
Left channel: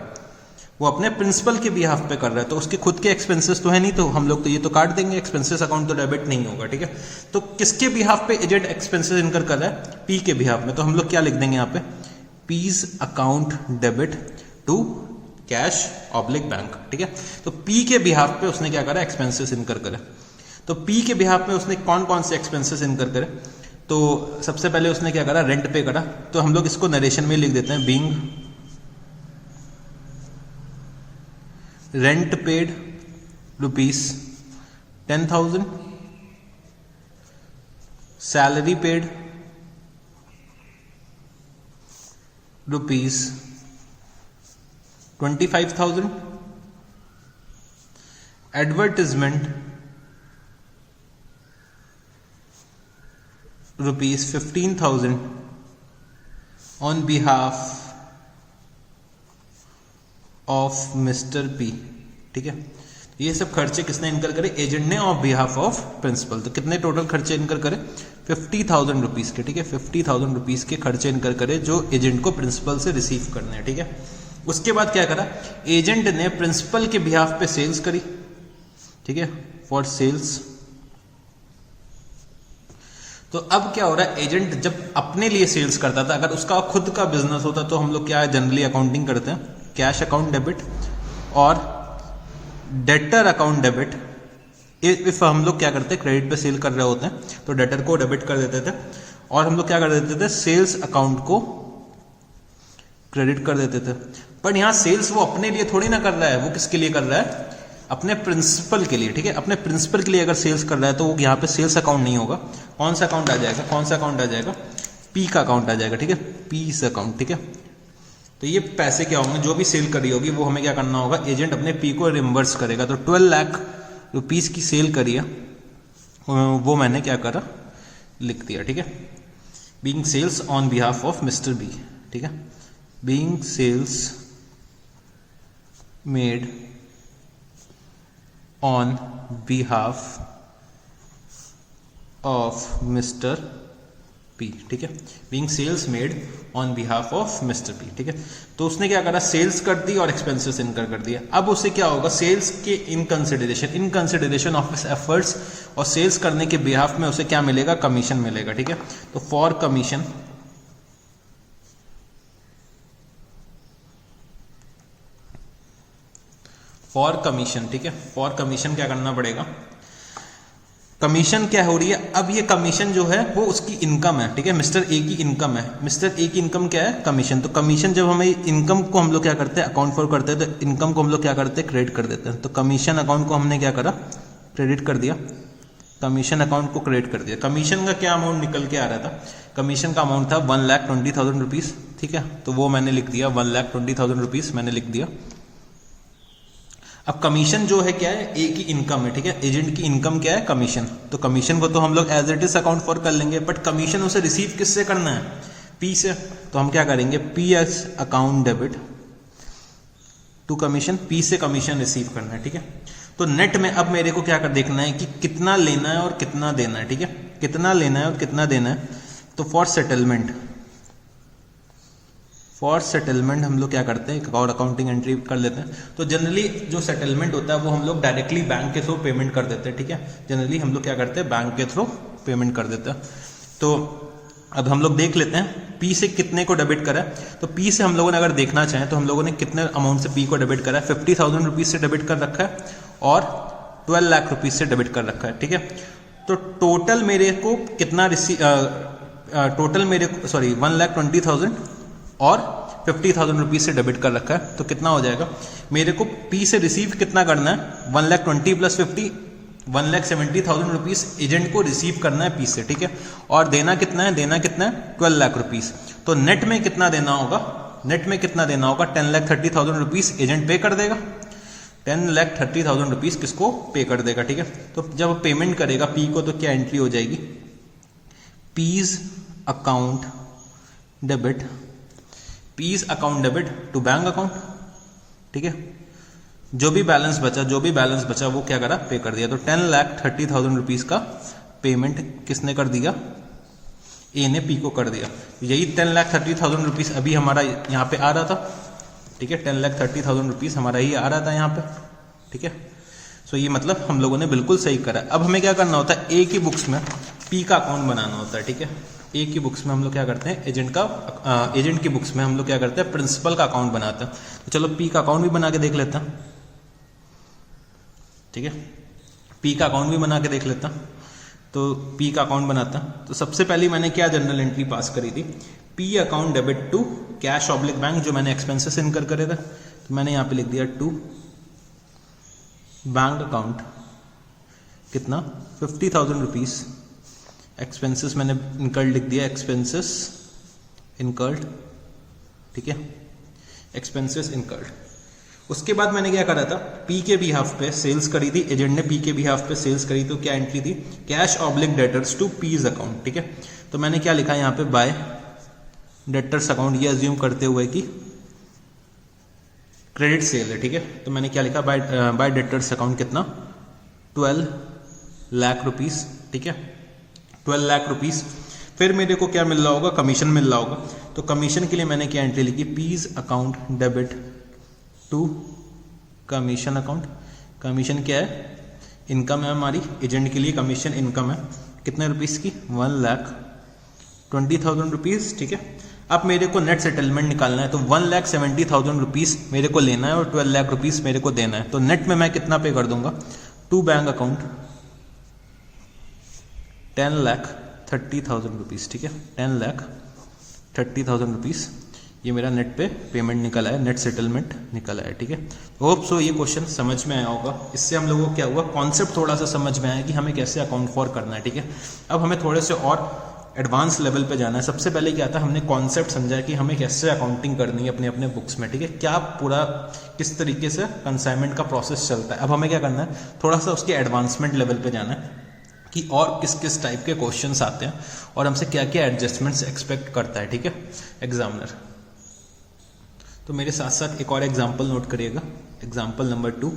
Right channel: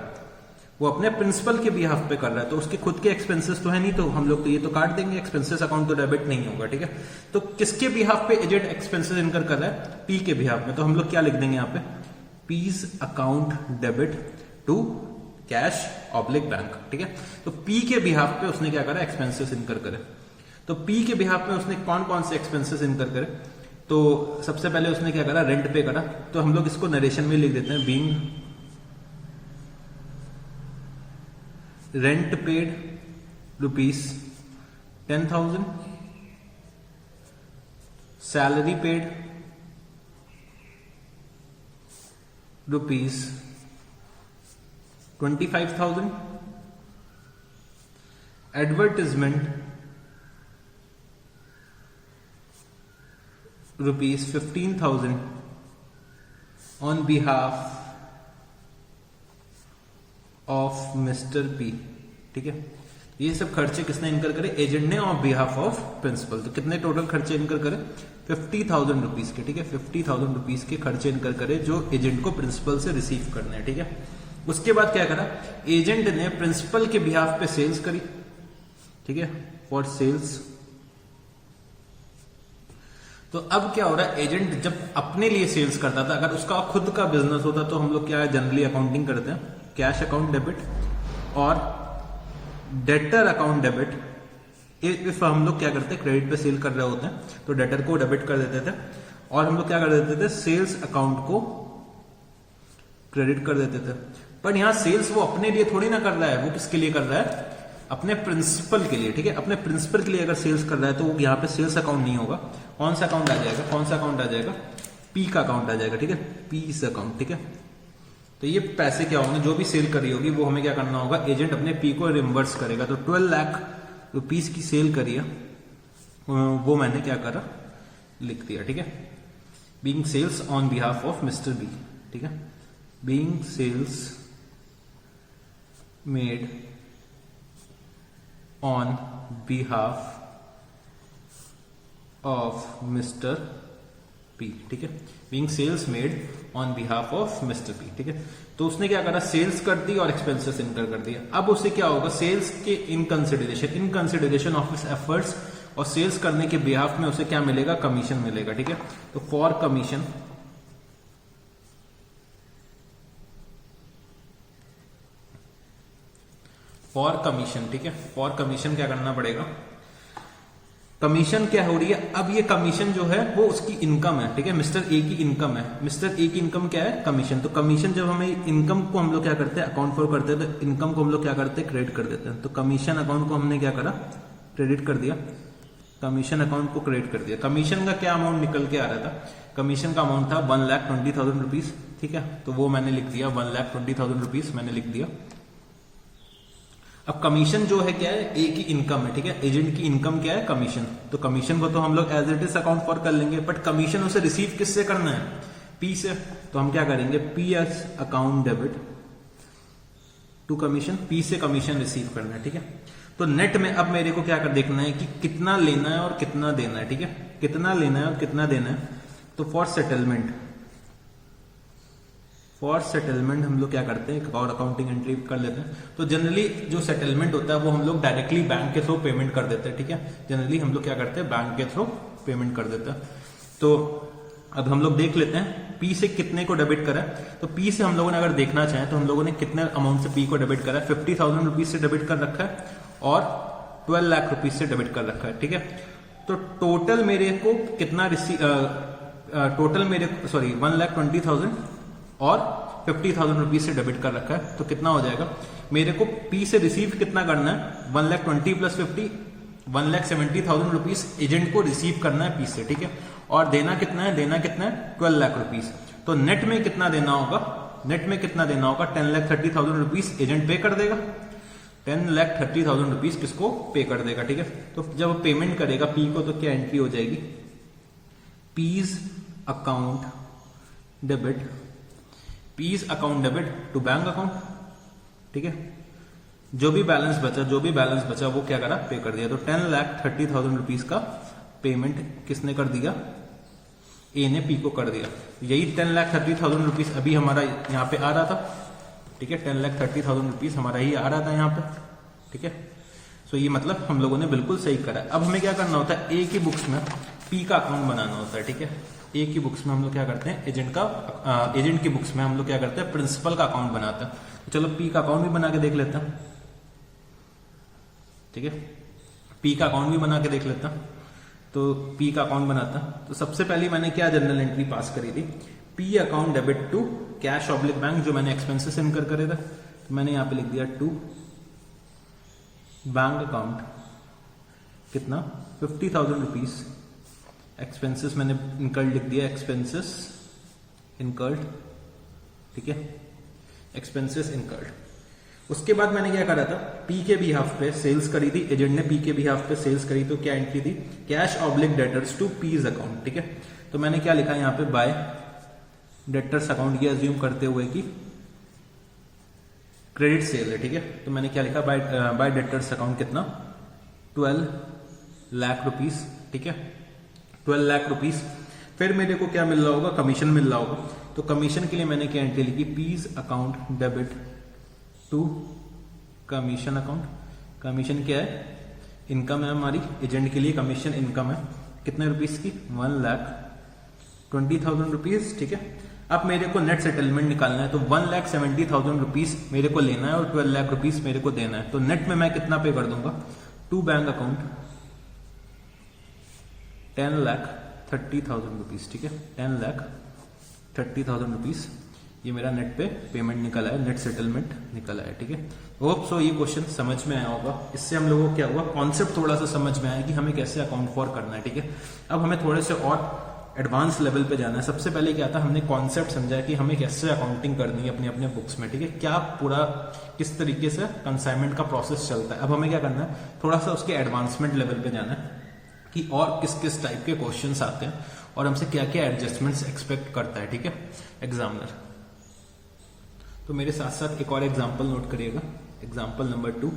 वो अपने प्रिंसिपल के बिहाफ पे कर रहा है, तो उसके खुद के एक्सपेंसेस तो है नहीं, तो हम लोग तो ये तो काट देंगे, एक्सपेंसेस अकाउंट तो डेबिट नहीं होगा, ठीक है। तो किसके बिहाफ पे एजेंट एक्सपेंसेस इनकर कर रहा है, पी के बिहाफ में। तो हम लोग क्या लिख देंगे यहाँ पे, P's account debit to cash oblique bank, ठीक है। तो पी के बिहाफ पे उसने क्या करा, एक्सपेंसेस इनकर करे। तो पी के बिहाफ में उसने कौन कौन से एक्सपेंसेस इनकर करे, तो सबसे पहले उसने क्या करा, रेंट पे करा। तो हम लोग इसको नरेशन में लिख देते हैं, being rent paid ₹10,000, salary paid ₹25,000, advertisement ₹15,000 on behalf of mister P, ठीक है। ये सब खर्चे किसने इनकर करे? एजेंट ने ऑन बिहाफ ऑफ प्रिंसिपल। तो कितने टोटल खर्चे इनकर करे? 50,000 रुपीज के, ठीक है, 50,000 रुपीज के खर्चे इनकर करे जो एजेंट को प्रिंसिपल से रिसीव करने हैं, ठीक है। उसके बाद क्या करा? एजेंट ने प्रिंसिपल के बिहाफ पे सेल्स करी, ठीक है, फॉर सेल्स। तो अब क्या हो रहा है? एजेंट जब अपने लिए सेल्स करता था, अगर उसका खुद का बिजनेस होता तो हम लोग क्या जनरली अकाउंटिंग करते हैं, कैश अकाउंट डेबिट और डेटर अकाउंट डेबिट। इफ हम लोग क्या करते हैं, क्रेडिट पे सेल कर रहे होते हैं तो डेटर को डेबिट कर देते थे, और हम लोग क्या कर देते थे, सेल्स अकाउंट को क्रेडिट कर देते थे। पर यहां सेल्स वो अपने लिए थोड़ी ना कर रहा है, वो किसके लिए कर रहा है? अपने प्रिंसिपल के लिए, ठीक है। अपने प्रिंसिपल के लिए अगर सेल्स कर रहा है तो यहाँ पे सेल्स अकाउंट नहीं होगा। कौन सा अकाउंट आ जाएगा? कौन सा अकाउंट आ जाएगा? पी का अकाउंट आ जाएगा, ठीक है, पीस अकाउंट, ठीक है। तो ये पैसे क्या होंगे? जो भी सेल करी होगी वो हमें क्या करना होगा? एजेंट अपने पी को रिम्बर्स करेगा। तो 12 लाख रुपीज की सेल करी है, वो मैंने क्या करा? लिख दिया, ठीक है। Being sales on behalf of mister B, ठीक है, being sales made on behalf of mister P, ठीक है, being sales made on behalf of mister P, ठीक है। तो उसने क्या करा? सेल्स कर दी और एक्सपेंसेस इनकर कर दिया। अब उसे क्या होगा? सेल्स के इन कंसिडरेशन ऑफ हिज एफर्ट्स, और सेल्स करने के बिहाफ में उसे क्या मिलेगा? कमीशन मिलेगा, ठीक है। तो फॉर कमीशन, ठीक है, फॉर कमीशन क्या करना पड़ेगा? कमीशन क्या हो रही है? अब ये कमीशन जो है वो उसकी इनकम है, ठीक है, मिस्टर ए की इनकम है। मिस्टर ए की इनकम क्या है? कमीशन। तो कमीशन जब हमें इनकम को हम लोग क्या करते हैं? अकाउंट फॉर करते हैं, तो इनकम को हम लोग क्या करते हैं? क्रेडिट कर देते हैं। तो कमीशन अकाउंट को हमने क्या करा? क्रेडिट कर दिया। कमीशन अकाउंट को क्रेडिट कर दिया। कमीशन का क्या अमाउंट निकल के आ रहा था? कमीशन का अमाउंट था 1,20,000 रुपीज, ठीक है। तो वो मैंने लिख दिया, 1,20,000 रुपीज मैंने लिख दिया। अब कमीशन जो है क्या है? ए की इनकम है, ठीक है। एजेंट की इनकम क्या है? कमीशन। तो कमीशन को तो हम लोग as it is account for कर लेंगे, बट कमीशन उसे रिसीव किससे करना है? पी से। तो हम क्या करेंगे? P's account debit to commission, P से कमीशन रिसीव करना है, ठीक है। तो नेट में अब मेरे को क्या कर देखना है कि कितना लेना है और कितना देना है, ठीक है, कितना लेना है और कितना देना है। तो फॉर सेटलमेंट हम लोग क्या करते हैं? एक और अकाउंटिंग एंट्री कर लेते हैं। तो जनरली जो सेटलमेंट होता है वो हम लोग डायरेक्टली बैंक के थ्रू पेमेंट कर देते हैं, ठीक है। जनरली हम लोग क्या करते हैं? बैंक के थ्रू पेमेंट कर देते हैं। तो अब हम लोग देख लेते हैं पी से कितने को डेबिट करा है। तो पी से हम लोगों ने अगर देखना चाहें तो हम लोगों ने कितने अमाउंट से पी को डेबिट करा है? 50,000 रुपीज से डेबिट कर रखा है और 12 लाख रुपीज से डेबिट कर रखा है, ठीक है। तो टोटल मेरे को कितना 1,20,000 और 50,000 रुपीज से डेबिट कर रखा है। तो कितना हो जाएगा? मेरे को पी से रिसीव कितना करना है? 1,20,000 प्लस 50, 1,70,000 रुपीज एजेंट को रिसीव करना है पी से, ठीक है। और देना कितना है? 12 लाख रुपीज। तो नेट में कितना देना होगा? 10,30,000 रुपीज एजेंट पे कर देगा। 10,30,000 रुपीज किसको पे कर देगा, ठीक है। तो जब पेमेंट करेगा पी को तो क्या एंट्री हो जाएगी? P's account debit to bank account, ठीक है। जो भी बैलेंस बचा वो क्या करा? पे कर दिया। तो 10,30,000 रुपीज का पेमेंट किसने कर दिया? ए ने पी को कर दिया। यही 10,30,000 रुपीज अभी हमारा यहाँ पे आ रहा था, ठीक है। 10,30,000 रुपीज हमारा ही आ रहा था यहाँ पे, ठीक है। सो ये मतलब हम लोगों ने बिल्कुल सही करा। अब हमें क्या करना होता है? ए की बुक्स में पी का अकाउंट बनाना होता है, ठीक है। ए की बुक्स में हम लोग क्या करते हैं? एजेंट की बुक्स में हम लोग क्या करते हैं? प्रिंसिपल का अकाउंट बनाते हैं। तो चलो पी का अकाउंट भी बना के देख लेते हैं, ठीक है। पी का अकाउंट भी बना के देख लेता हूं। तो पी का अकाउंट बनाता हूं। तो सबसे पहले मैंने क्या जनरल एंट्री पास करी थी? P account debit to cash oblique bank, जो मैंने एक्सपेंसेस इनकर करे थे। तो मैंने यहां पे लिख दिया टू बैंक अकाउंट, कितना? 50,000 रुपीज। एक्सपेंसेस मैंने इनकर्ड लिख दिया, एक्सपेंसेस इनकर्ड, ठीक है, एक्सपेंसेस इनकर्ड। उसके बाद मैंने क्या करा था? पी के बिहाफ पे सेल्स करी थी, एजेंट ने पी के बिहाफ पे सेल्स करी। तो क्या एंट्री थी? Cash oblique debtors to P's account, ठीक है। तो मैंने क्या लिखा यहाँ पे? बाय डेटर्स अकाउंट, ये अज्यूम करते हुए कि क्रेडिट सेल है, ठीक है। तो मैंने क्या लिखा, बाय डेटर्स अकाउंट कितना 12 लाख रुपीस, ठीक है, 12 लाख रुपीस। फिर मेरे को क्या मिल रहा होगा, कमीशन मिल रहा होगा। तो कमीशन के लिए मैंने क्या एंट्री लिखी, P's account debit to commission account. Commission क्या है, इनकम है हमारी, एजेंट के लिए कमीशन इनकम है, कितने रुपीस की 1,20,000 रुपीज, ठीक है। अब मेरे को नेट सेटलमेंट निकालना है, तो 1,70,000 रुपीज मेरे को लेना है और 12 लाख रुपीज मेरे को देना है। तो नेट में मैं कितना पे कर दूंगा, टू बैंक अकाउंट 10,30,000 रुपीज, ठीक है, 10,30,000 रुपीज। ये मेरा नेट पे पेमेंट निकला है, नेट सेटलमेंट निकला है, ठीक है। होप सो ये क्वेश्चन समझ में आया होगा। इससे हम लोगों को क्या हुआ, कॉन्सेप्ट थोड़ा सा समझ में आया कि हमें कैसे अकाउंट फॉर करना है, ठीक है। अब हमें थोड़े से और एडवांस लेवल पे जाना है। सबसे पहले क्या था, हमने कॉन्सेप्ट समझा कि हमें कैसे अकाउंटिंग करनी है अपने अपने बुक्स में, ठीक है, क्या पूरा किस तरीके से कंसाइनमेंट का प्रोसेस चलता है। अब हमें क्या करना है, थोड़ा सा उसके एडवांसमेंट लेवल पे जाना है कि और किस किस टाइप के क्वेश्चंस आते हैं और हमसे क्या क्या एडजस्टमेंट्स एक्सपेक्ट करता है, ठीक है, एग्जामिनर। तो मेरे साथ साथ एक और एग्जाम्पल नोट करिएगा, एग्जाम्पल नंबर 2,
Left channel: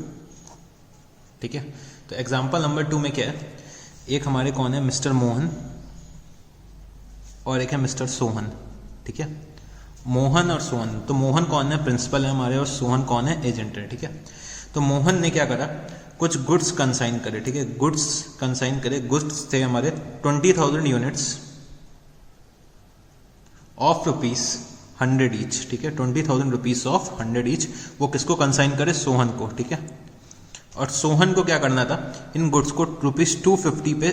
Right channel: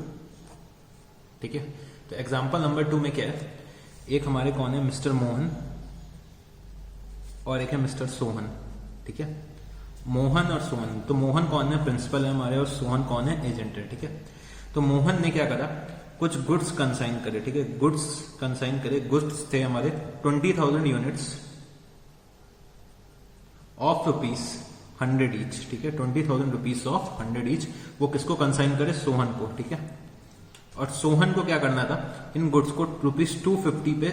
ठीक है। तो एग्जाम्पल नंबर 2 में क्या है, एक हमारे कौन है, मिस्टर मोहन, और एक है मिस्टर सोहन, ठीक है। मोहन और सोहन, तो मोहन कौन है, प्रिंसिपल है हमारे, और सोहन कौन है, एजेंट है, ठीक है। तो मोहन ने क्या करा, कुछ गुड्स कंसाइन करे, ठीक है, गुड्स कंसाइन करे। गुड्स थे हमारे 20,000 यूनिट्स ऑफ रुपीस 100 ईच, ठीक है, 20,000 रुपीस ऑफ 100 ईच। वो किसको कंसाइन करे, सोहन को, ठीक है। और सोहन को क्या करना था, इन गुड्स को रुपीज 250 पे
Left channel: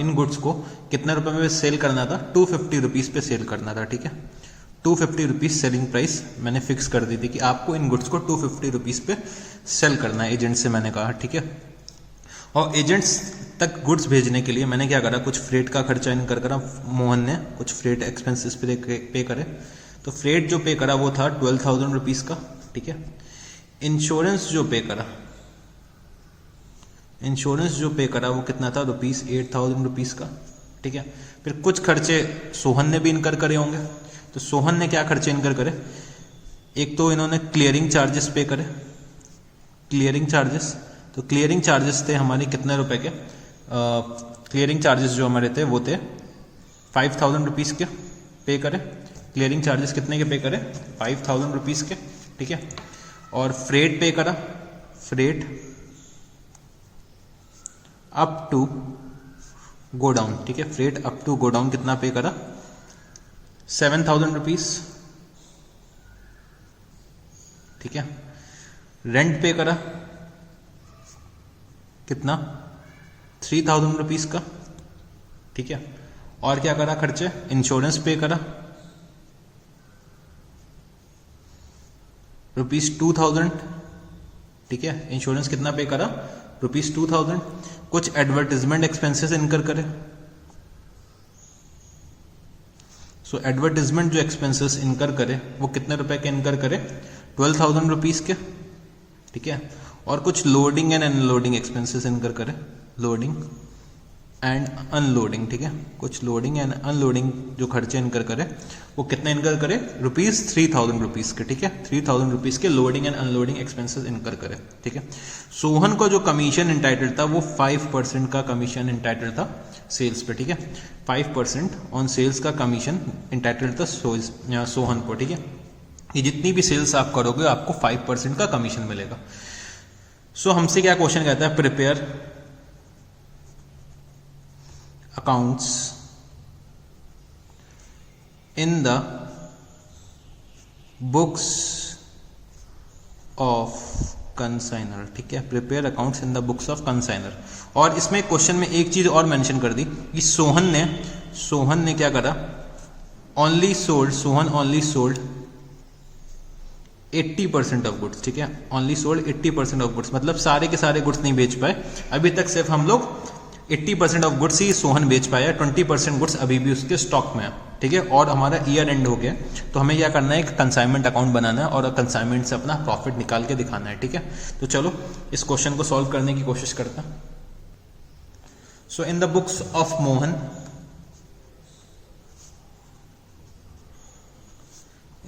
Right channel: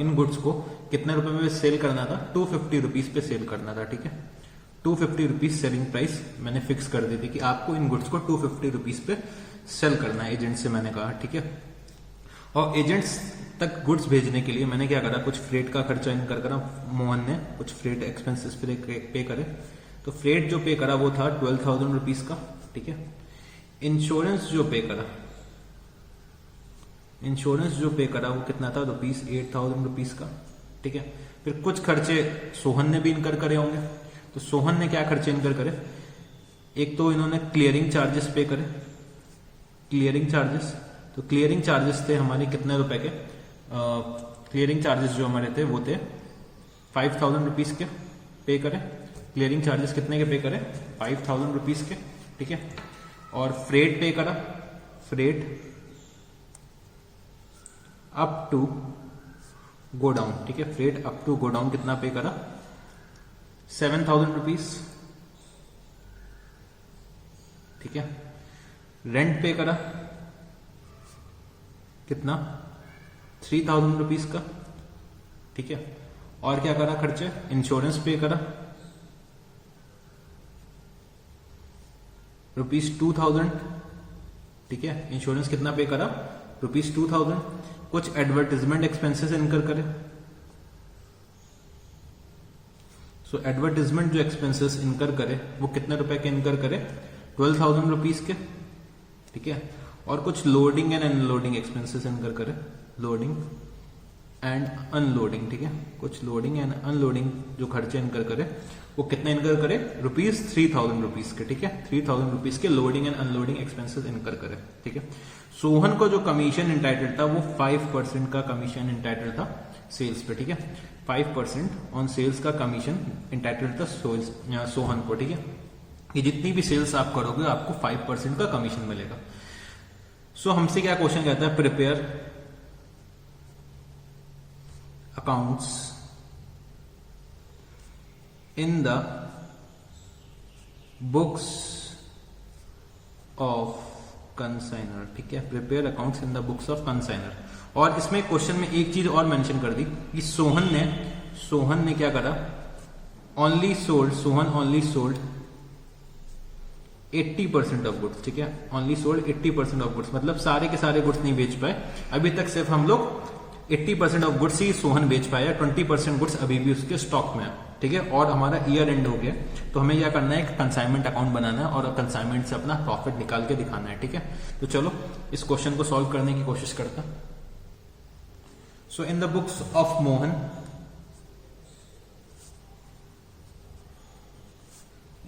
इन गुड्स को कितने रुपए में सेल करना था, 250 रुपीज पे सेल करना था, ठीक है। 250 रुपीज सेलिंग प्राइस मैंने फिक्स कर दी थी कि आपको इन गुड्स को 250 रुपीज पे सेल करना है, एजेंट से मैंने कहा, ठीक है। और एजेंट्स तक गुड्स भेजने के लिए मैंने क्या करा, कुछ फ्रेट का खर्चा इनकर करा, मोहन ने कुछ फ्रेट एक्सपेंसेस पे करे। तो फ्रेट जो पे करा वो था 12,000 रुपीज का, ठीक है। इंश्योरेंस जो पे करा, इंश्योरेंस जो पे करा वो कितना था, रुपीज 8,000 रुपीज का, ठीक है। फिर कुछ खर्चे सोहन ने भी इनकर करे होंगे। तो सोहन ने क्या खर्चे इनकर करे, एक तो इन्होंने क्लियरिंग चार्जेस पे करे, क्लियरिंग चार्जेस। तो क्लियरिंग चार्जेस थे हमारे कितने रुपए के, क्लियरिंग चार्जेस जो हमारे थे वो थे 5,000 रुपीज के पे करे। क्लियरिंग चार्जेस कितने के पे करे, 5,000 रुपीज के, ठीक है। और फ्रेट पे करा, फ्रेट अप टू गोडाउन, ठीक है, फ्रेट अप टू गोडाउन कितना पे करा, 7,000 रुपीज, ठीक है। रेंट पे करा कितना, 3,000 रुपीज का, ठीक है। और क्या करा खर्चे, इंश्योरेंस पे करा रुपीज 2,000, ठीक है। इंश्योरेंस कितना पे करा, रुपीज 2,000। कुछ एडवर्टीजमेंट एक्सपेंसेस इनकर करे। सो एडवर्टीजमेंट जो एक्सपेंसेस इनकर करे वो कितने रुपए के इनकर करे, 12,000 रुपीज के, ठीक है। और कुछ loading and unloading expenses incur करे, लोडिंग एंड अनलोडिंग, ठीक है। कुछ लोडिंग एंड अनलोडिंग जो खर्चे इनकर करे वो कितने इनकर करे, रुपीज 3,000 रुपीज के, ठीक है। 3,000 रुपीज के loading and unloading expenses incur करे, ठीक है। सोहन को जो कमीशन इंटाइटल था वो 5% का कमीशन इंटाइटल था सेल्स पे, ठीक है। 5% ऑन सेल्स का कमीशन इंटाइटल था सोहन को, ठीक है। ये जितनी भी सेल्स आप करोगे आपको 5% का कमीशन मिलेगा। सो हमसे क्या क्वेश्चन कहता है, prepare accounts in the books of consignor, ठीक है। Prepare accounts in the books of consignor. और इसमें क्वेश्चन में एक चीज और मेंशन कर दी कि सोहन ने क्या करा, Sohan only sold 80% of goods, ठीक है। ओनली सोल्ड 80% ऑफ गुड्स, मतलब सारे के सारे गुड्स नहीं बेच पाए अभी तक, सिर्फ हम लोग 80% ऑफ गुड्स ही सोहन बेच पाया, 20% गुड्स अभी भी उसके स्टॉक में है, ठीक है। और हमारा ईयर एंड हो गया, तो हमें क्या करना है, एक कंसाइनमेंट अकाउंट बनाना है और कंसाइनमेंट से अपना प्रॉफिट निकाल के दिखाना है, ठीक है। तो चलो इस क्वेश्चन को सॉल्व करने की कोशिश करता हूं। So in the books of Mohan,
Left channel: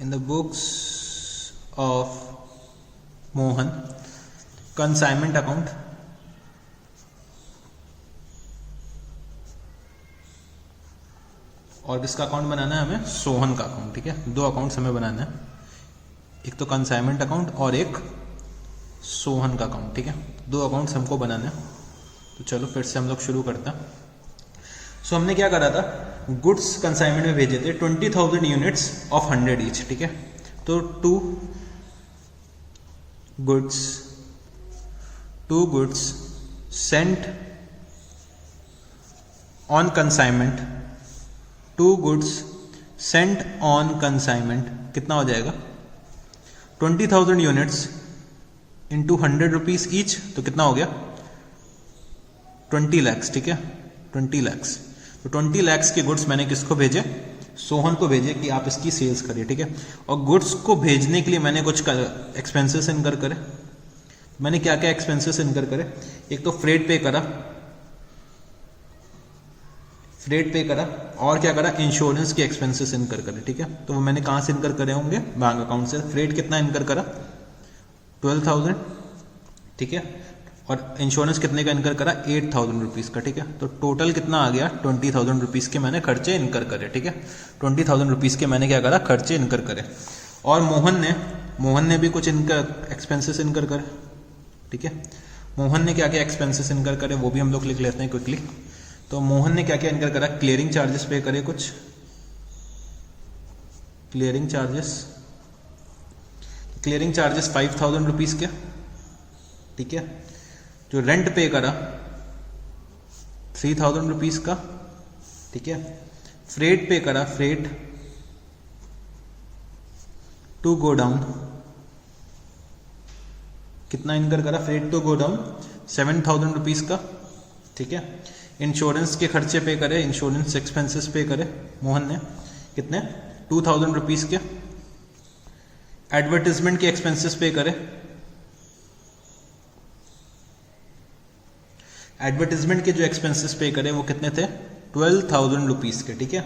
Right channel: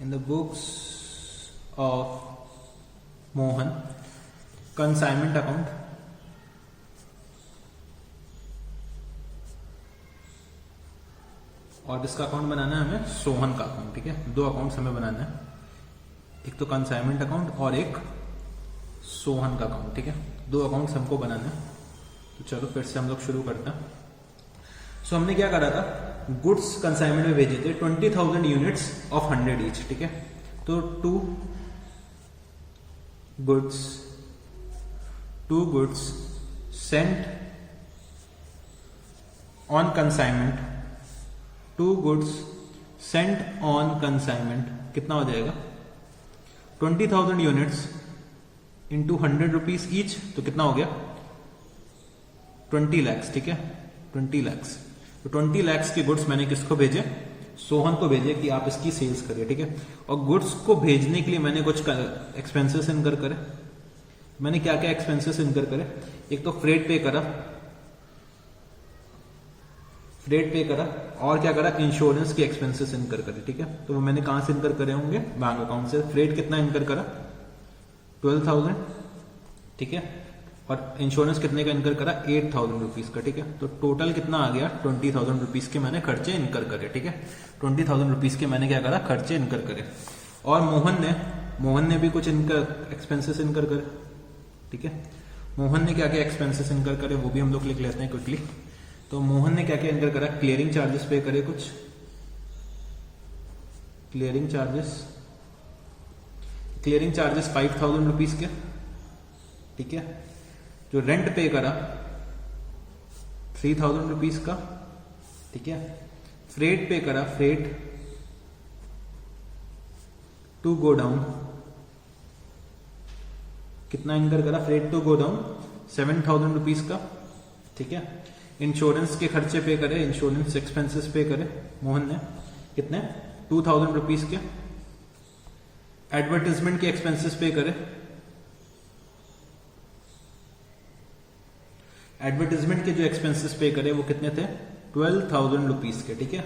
in the books of Mohan, consignment account, और किसका अकाउंट बनाना है हमें? सोहन का अकाउंट। ठीक है, दो अकाउंट्स हमें बनाना है, एक तो कंसाइनमेंट अकाउंट और एक सोहन का अकाउंट। ठीक है, दो अकाउंट्स हमको बनाने हैं। तो चलो फिर से हम लोग शुरू करते हैं। सो हमने क्या करा था, गुड्स कंसाइनमेंट में भेजे थे 20,000 यूनिट्स ऑफ 100 ईच। ठीक है, तो two goods sent on consignment, 2 goods sent on consignment कितना हो जाएगा? 20,000 यूनिट्स इंटू 100 रुपीज ईच, तो कितना हो गया? 20 lakhs। ठीक है, 20 lakhs। तो 20 lakhs के गुड्स मैंने किसको भेजे? सोहन को भेजे कि आप इसकी सेल्स करिए। ठीक है, और गुड्स को भेजने के लिए मैंने कुछ एक्सपेंसेस इनकर करे। मैंने क्या क्या एक्सपेंसेस इनकर करे? एक तो फ्रेट पे करा, और क्या करा? इंश्योरेंस के एक्सपेंसेस इनकर करे। ठीक है, तो वो मैंने कहां से इनकर करे होंगे? बैंक अकाउंट से। फ्रेट कितना इनकर करा? 12,000। ठीक है, और इंश्योरेंस कितने का इनकर करा? 8,000 रुपीज का। ठीक है, तो टोटल कितना आ गया? 20,000 रुपीज के मैंने खर्चे इनकर करे। ठीक है, 20,000 रुपीज के मैंने क्या करा? खर्चे इनकर करे। और मोहन ने भी कुछ इनकर एक्सपेंसेस इनकर करे। ठीक है, मोहन ने क्या क्या एक्सपेंसेस इनकर करे वो भी हम लोग लिख लेते हैं क्विकली। तो मोहन ने क्या क्या इनकर करा? क्लियरिंग चार्जेस पे करे, कुछ क्लियरिंग चार्जेस 5,000 रुपीज के। ठीक है, जो रेंट पे करा 3,000 रुपीज का। ठीक है, फ्रेट पे करा, फ्रेट टू गो डाउन, कितना इनकर करा? Freight to godown 7,000 rupees का। ठीक है, इंश्योरेंस के खर्चे पे करे, इंश्योरेंस एक्सपेंसेस पे करे मोहन ने, कितने? 2,000 रुपीज के। एडवर्टाइजमेंट के एक्सपेंसेस पे करे, एडवर्टाइजमेंट के जो एक्सपेंसेस पे करे वो कितने थे? 12,000 रुपीज के। ठीक है,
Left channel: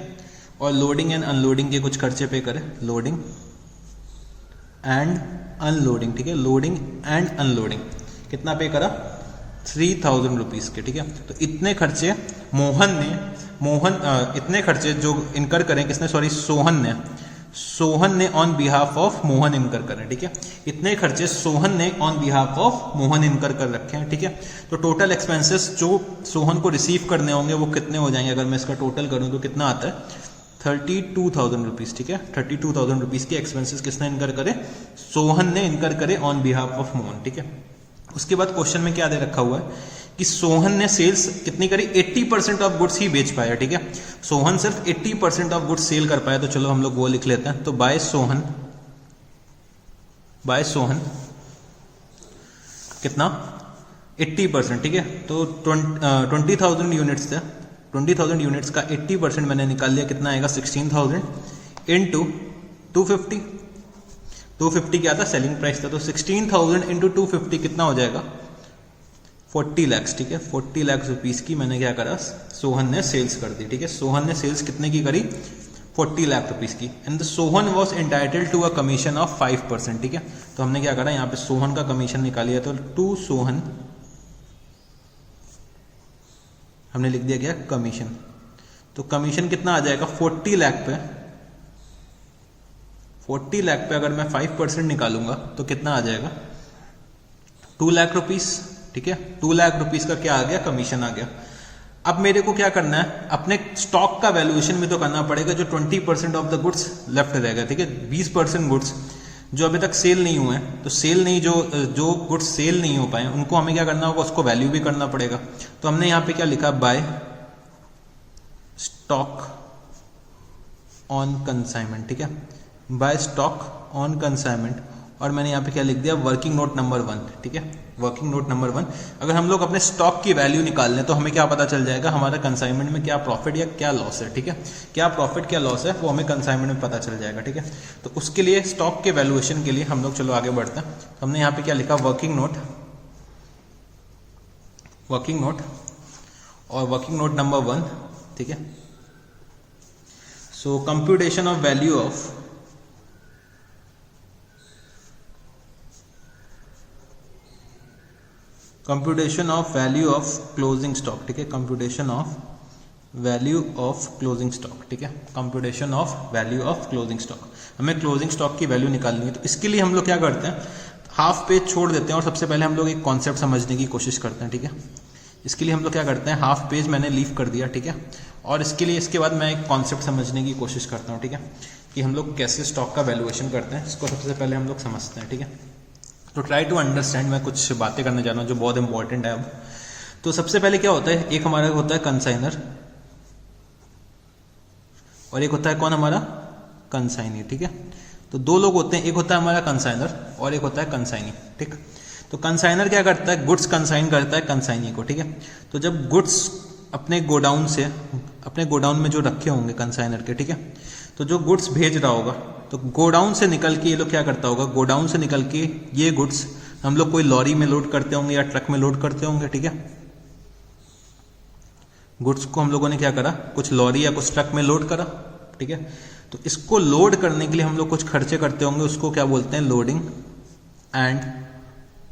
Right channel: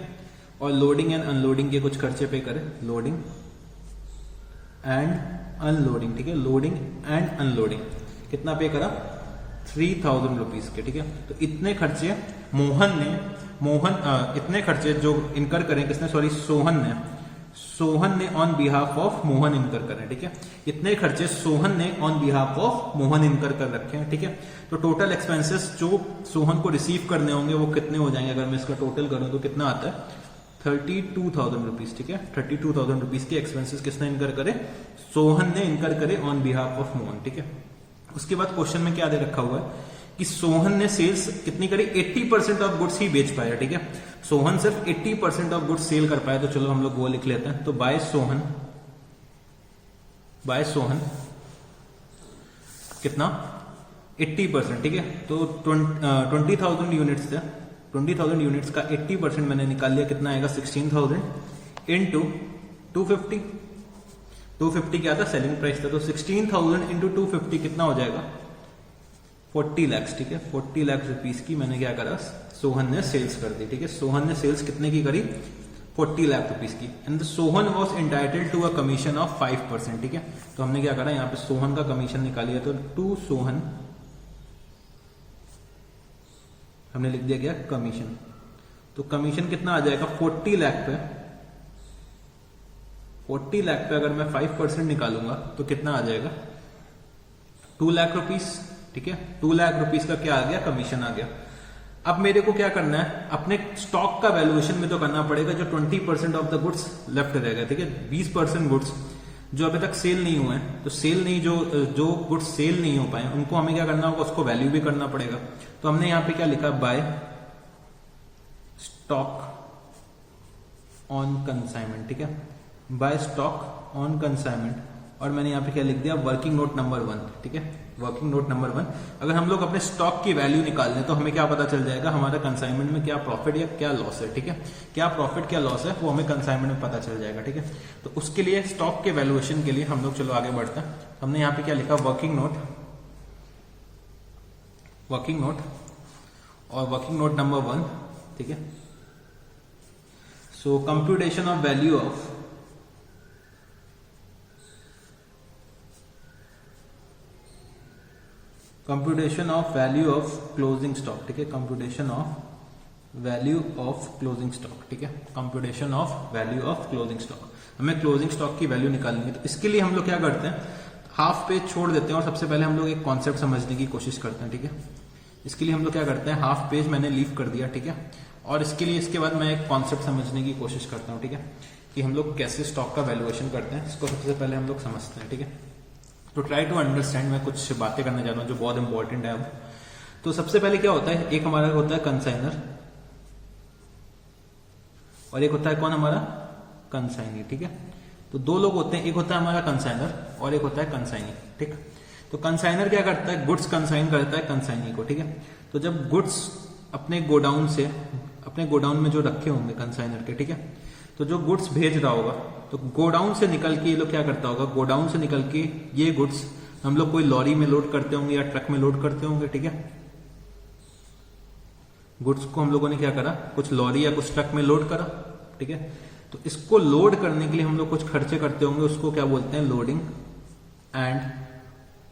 और लोडिंग एंड अनलोडिंग के कुछ खर्चे पे करे, लोडिंग एंड अनलोडिंग। ठीक है, लोडिंग एंड अनलोडिंग कितना पे करा? 3,000 रुपीज के। ठीक है, तो इतने खर्चे इतने खर्चे जो इनकर करें किसने? सॉरी, सोहन ने ऑन बिहाफ ऑफ मोहन इनकर करें। ठीक है, इतने खर्चे सोहन ने ऑन बिहाफ ऑफ मोहन इनकर कर रखे हैं। ठीक है, तो टोटल एक्सपेंसेस जो सोहन को रिसीव करने होंगे वो कितने हो जाएंगे? अगर मैं इसका टोटल करूं तो कितना आता है? 32,000 रुपीज। ठीक है, 32,000 रुपीज के एक्सपेंसेस किसने इनकर करे? सोहन ने इनकर करे ऑन बिहाफ ऑफ मोहन। ठीक है, उसके बाद क्वेश्चन में क्या दे रखा हुआ है कि सोहन ने सेल्स कितनी करी? 80% ऑफ गुड्स ही बेच पाया। ठीक है, सोहन सिर्फ 80% ऑफ गुड्स सेल कर पाया। तो चलो हम लोग वो लिख लेते हैं। तो बाय सोहन कितना? 80%। ठीक है, तो 20,000 यूनिट्स थे, 20,000 यूनिट्स का 80% मैंने निकाल लिया, कितना आएगा? 16,000 इंटू 250। 250 क्या था? सेलिंग प्राइस था। तो 16,000 इंटू 250 कितना हो जाएगा? 40 lakhs। ठीक है, 40 lakhs रुपीज की मैंने क्या करा? सोहन ने सेल्स कर दी। ठीक है, सोहन ने सेल्स कितने की करी? 40 लाख रुपीज की। And Sohan was entitled to a commission of 5%। ठीक है, तो हमने क्या करा? यहाँ पे सोहन का कमीशन निकालिया, तो टू सोहन हमने लिख दिया क्या? कमीशन। तो कमीशन कितना आ जाएगा? 40 लाख पे 40 लाख पे अगर मैं 5% निकालूंगा तो कितना आ जाएगा? 2 लाख रुपीस। ठीक है, 2 लाख रुपीस का क्या आ गया? कमीशन आ गया। अब मेरे को क्या करना है? अपने स्टॉक का वैल्यूएशन भी तो करना पड़ेगा। जो 20% ऑफ द गुड्स लेफ्ट रहेगा, ठीक है, 20% गुड्स जो अभी तक सेल नहीं हुए हैं, तो सेल नहीं, जो गुड्स सेल नहीं हो पाए उनको हमें क्या करना होगा? उसको वैल्यू भी करना पड़ेगा। तो हमने यहाँ पे क्या लिखा? By stock on consignment. ठीक है, बाय स्टॉक ऑन कंसाइनमेंट। और मैंने यहाँ पे क्या लिख दिया? Working note number 1। ठीक है, वर्किंग नोट नंबर 1। अगर हम लोग अपने स्टॉक की वैल्यू निकाल लें तो हमें क्या पता चल जाएगा? हमारा कंसाइनमेंट में क्या प्रॉफिट या क्या लॉस है। ठीक है, क्या प्रॉफिट क्या लॉस है वो हमें कंसाइनमेंट में पता चल जाएगा। ठीक है, तो उसके लिए स्टॉक के वैल्यूएशन के लिए हम लोग चलो आगे बढ़ते हैं। हमने यहाँ पे क्या लिखा? वर्किंग नोट और वर्किंग नोट नंबर 1। ठीक है, so computation of value of computation of value of closing stock, ठीक है, computation of value of closing stock, ठीक है, computation of value of closing stock. हमें क्लोजिंग स्टॉक की वैल्यू निकालनी है, तो इसके लिए हम लोग क्या करते हैं, हाफ पेज छोड़ देते हैं और सबसे पहले हम लोग एक कॉन्सेप्ट समझने की कोशिश करते हैं, ठीक है। इसके लिए हम लोग क्या करते हैं, हाफ पेज मैंने लीव कर दिया, ठीक है, और इसके लिए इसके बाद मैं एक कॉन्सेप्ट समझने की कोशिश करता हूँ, ठीक है, कि हम लोग कैसे स्टॉक का वैल्यूएशन करते हैं, इसको सबसे पहले हम लोग समझते हैं, ठीक है। तो ट्राई टू अंडरस्टैंड, मैं कुछ बातें करने जा रहा हूँ जो बहुत इंपॉर्टेंट है अब। तो सबसे पहले क्या होता है, एक हमारा होता है कंसाइनर और एक होता है कौन, हमारा कंसाइनी, ठीक है। तो दो लोग होते हैं, एक होता है हमारा कंसाइनर और एक होता है कंसाइनी, ठीक। तो कंसाइनर क्या करता है, गुड्स कंसाइन करता है कंसाइनी को, ठीक है। तो जब गुड्स अपने गोडाउन से, अपने गोडाउन में जो रखे होंगे कंसाइनर के, ठीक है, तो जो गुड्स भेज रहा होगा, तो गोडाउन से निकल के ये लोग क्या करता होगा, गोडाउन से निकल के ये गुड्स हम लोग कोई लॉरी में लोड करते होंगे या ट्रक में लोड करते होंगे, ठीक है। गुड्स को हम लोगों ने क्या करा, कुछ लॉरी या कुछ ट्रक में लोड करा, ठीक है। तो इसको लोड करने के लिए हम लोग कुछ खर्चे करते होंगे, उसको क्या बोलते हैं, लोडिंग एंड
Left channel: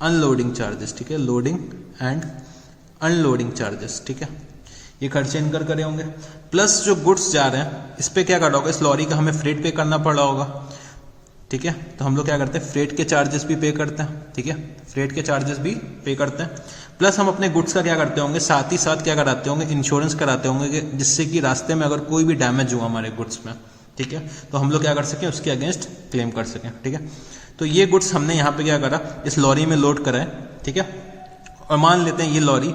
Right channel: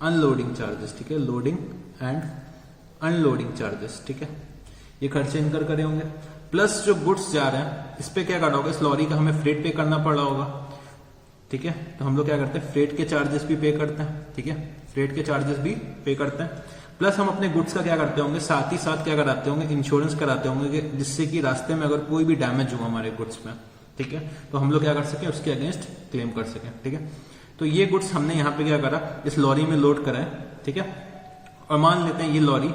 अनलोडिंग चार्जेस, ठीक है, लोडिंग एंड अनलोडिंग चार्जेस, ठीक है। ये खर्चे इनकर करे होंगे, प्लस जो गुड्स जा रहे हैं इस पे क्या करना होगा, इस लॉरी का हमें फ्रेट पे करना पड़ रहा होगा, ठीक है। तो हम लोग क्या करते हैं, फ्रेट के चार्जेस भी पे करते हैं, ठीक है, फ्रेट के चार्जेस भी पे करते हैं, प्लस हम अपने गुड्स का क्या करते होंगे, साथ ही साथ क्या कराते होंगे, इंश्योरेंस कराते होंगे, जिससे कि रास्ते में अगर कोई भी डैमेज हुआ हमारे गुड्स में, ठीक है, तो हम लोग क्या कर सकें, उसके अगेंस्ट क्लेम कर सकें, ठीक है। तो ये गुड्स हमने यहाँ पे क्या करा, इस लॉरी में लोड करा है, ठीक है। और मान लेते हैं ये लॉरी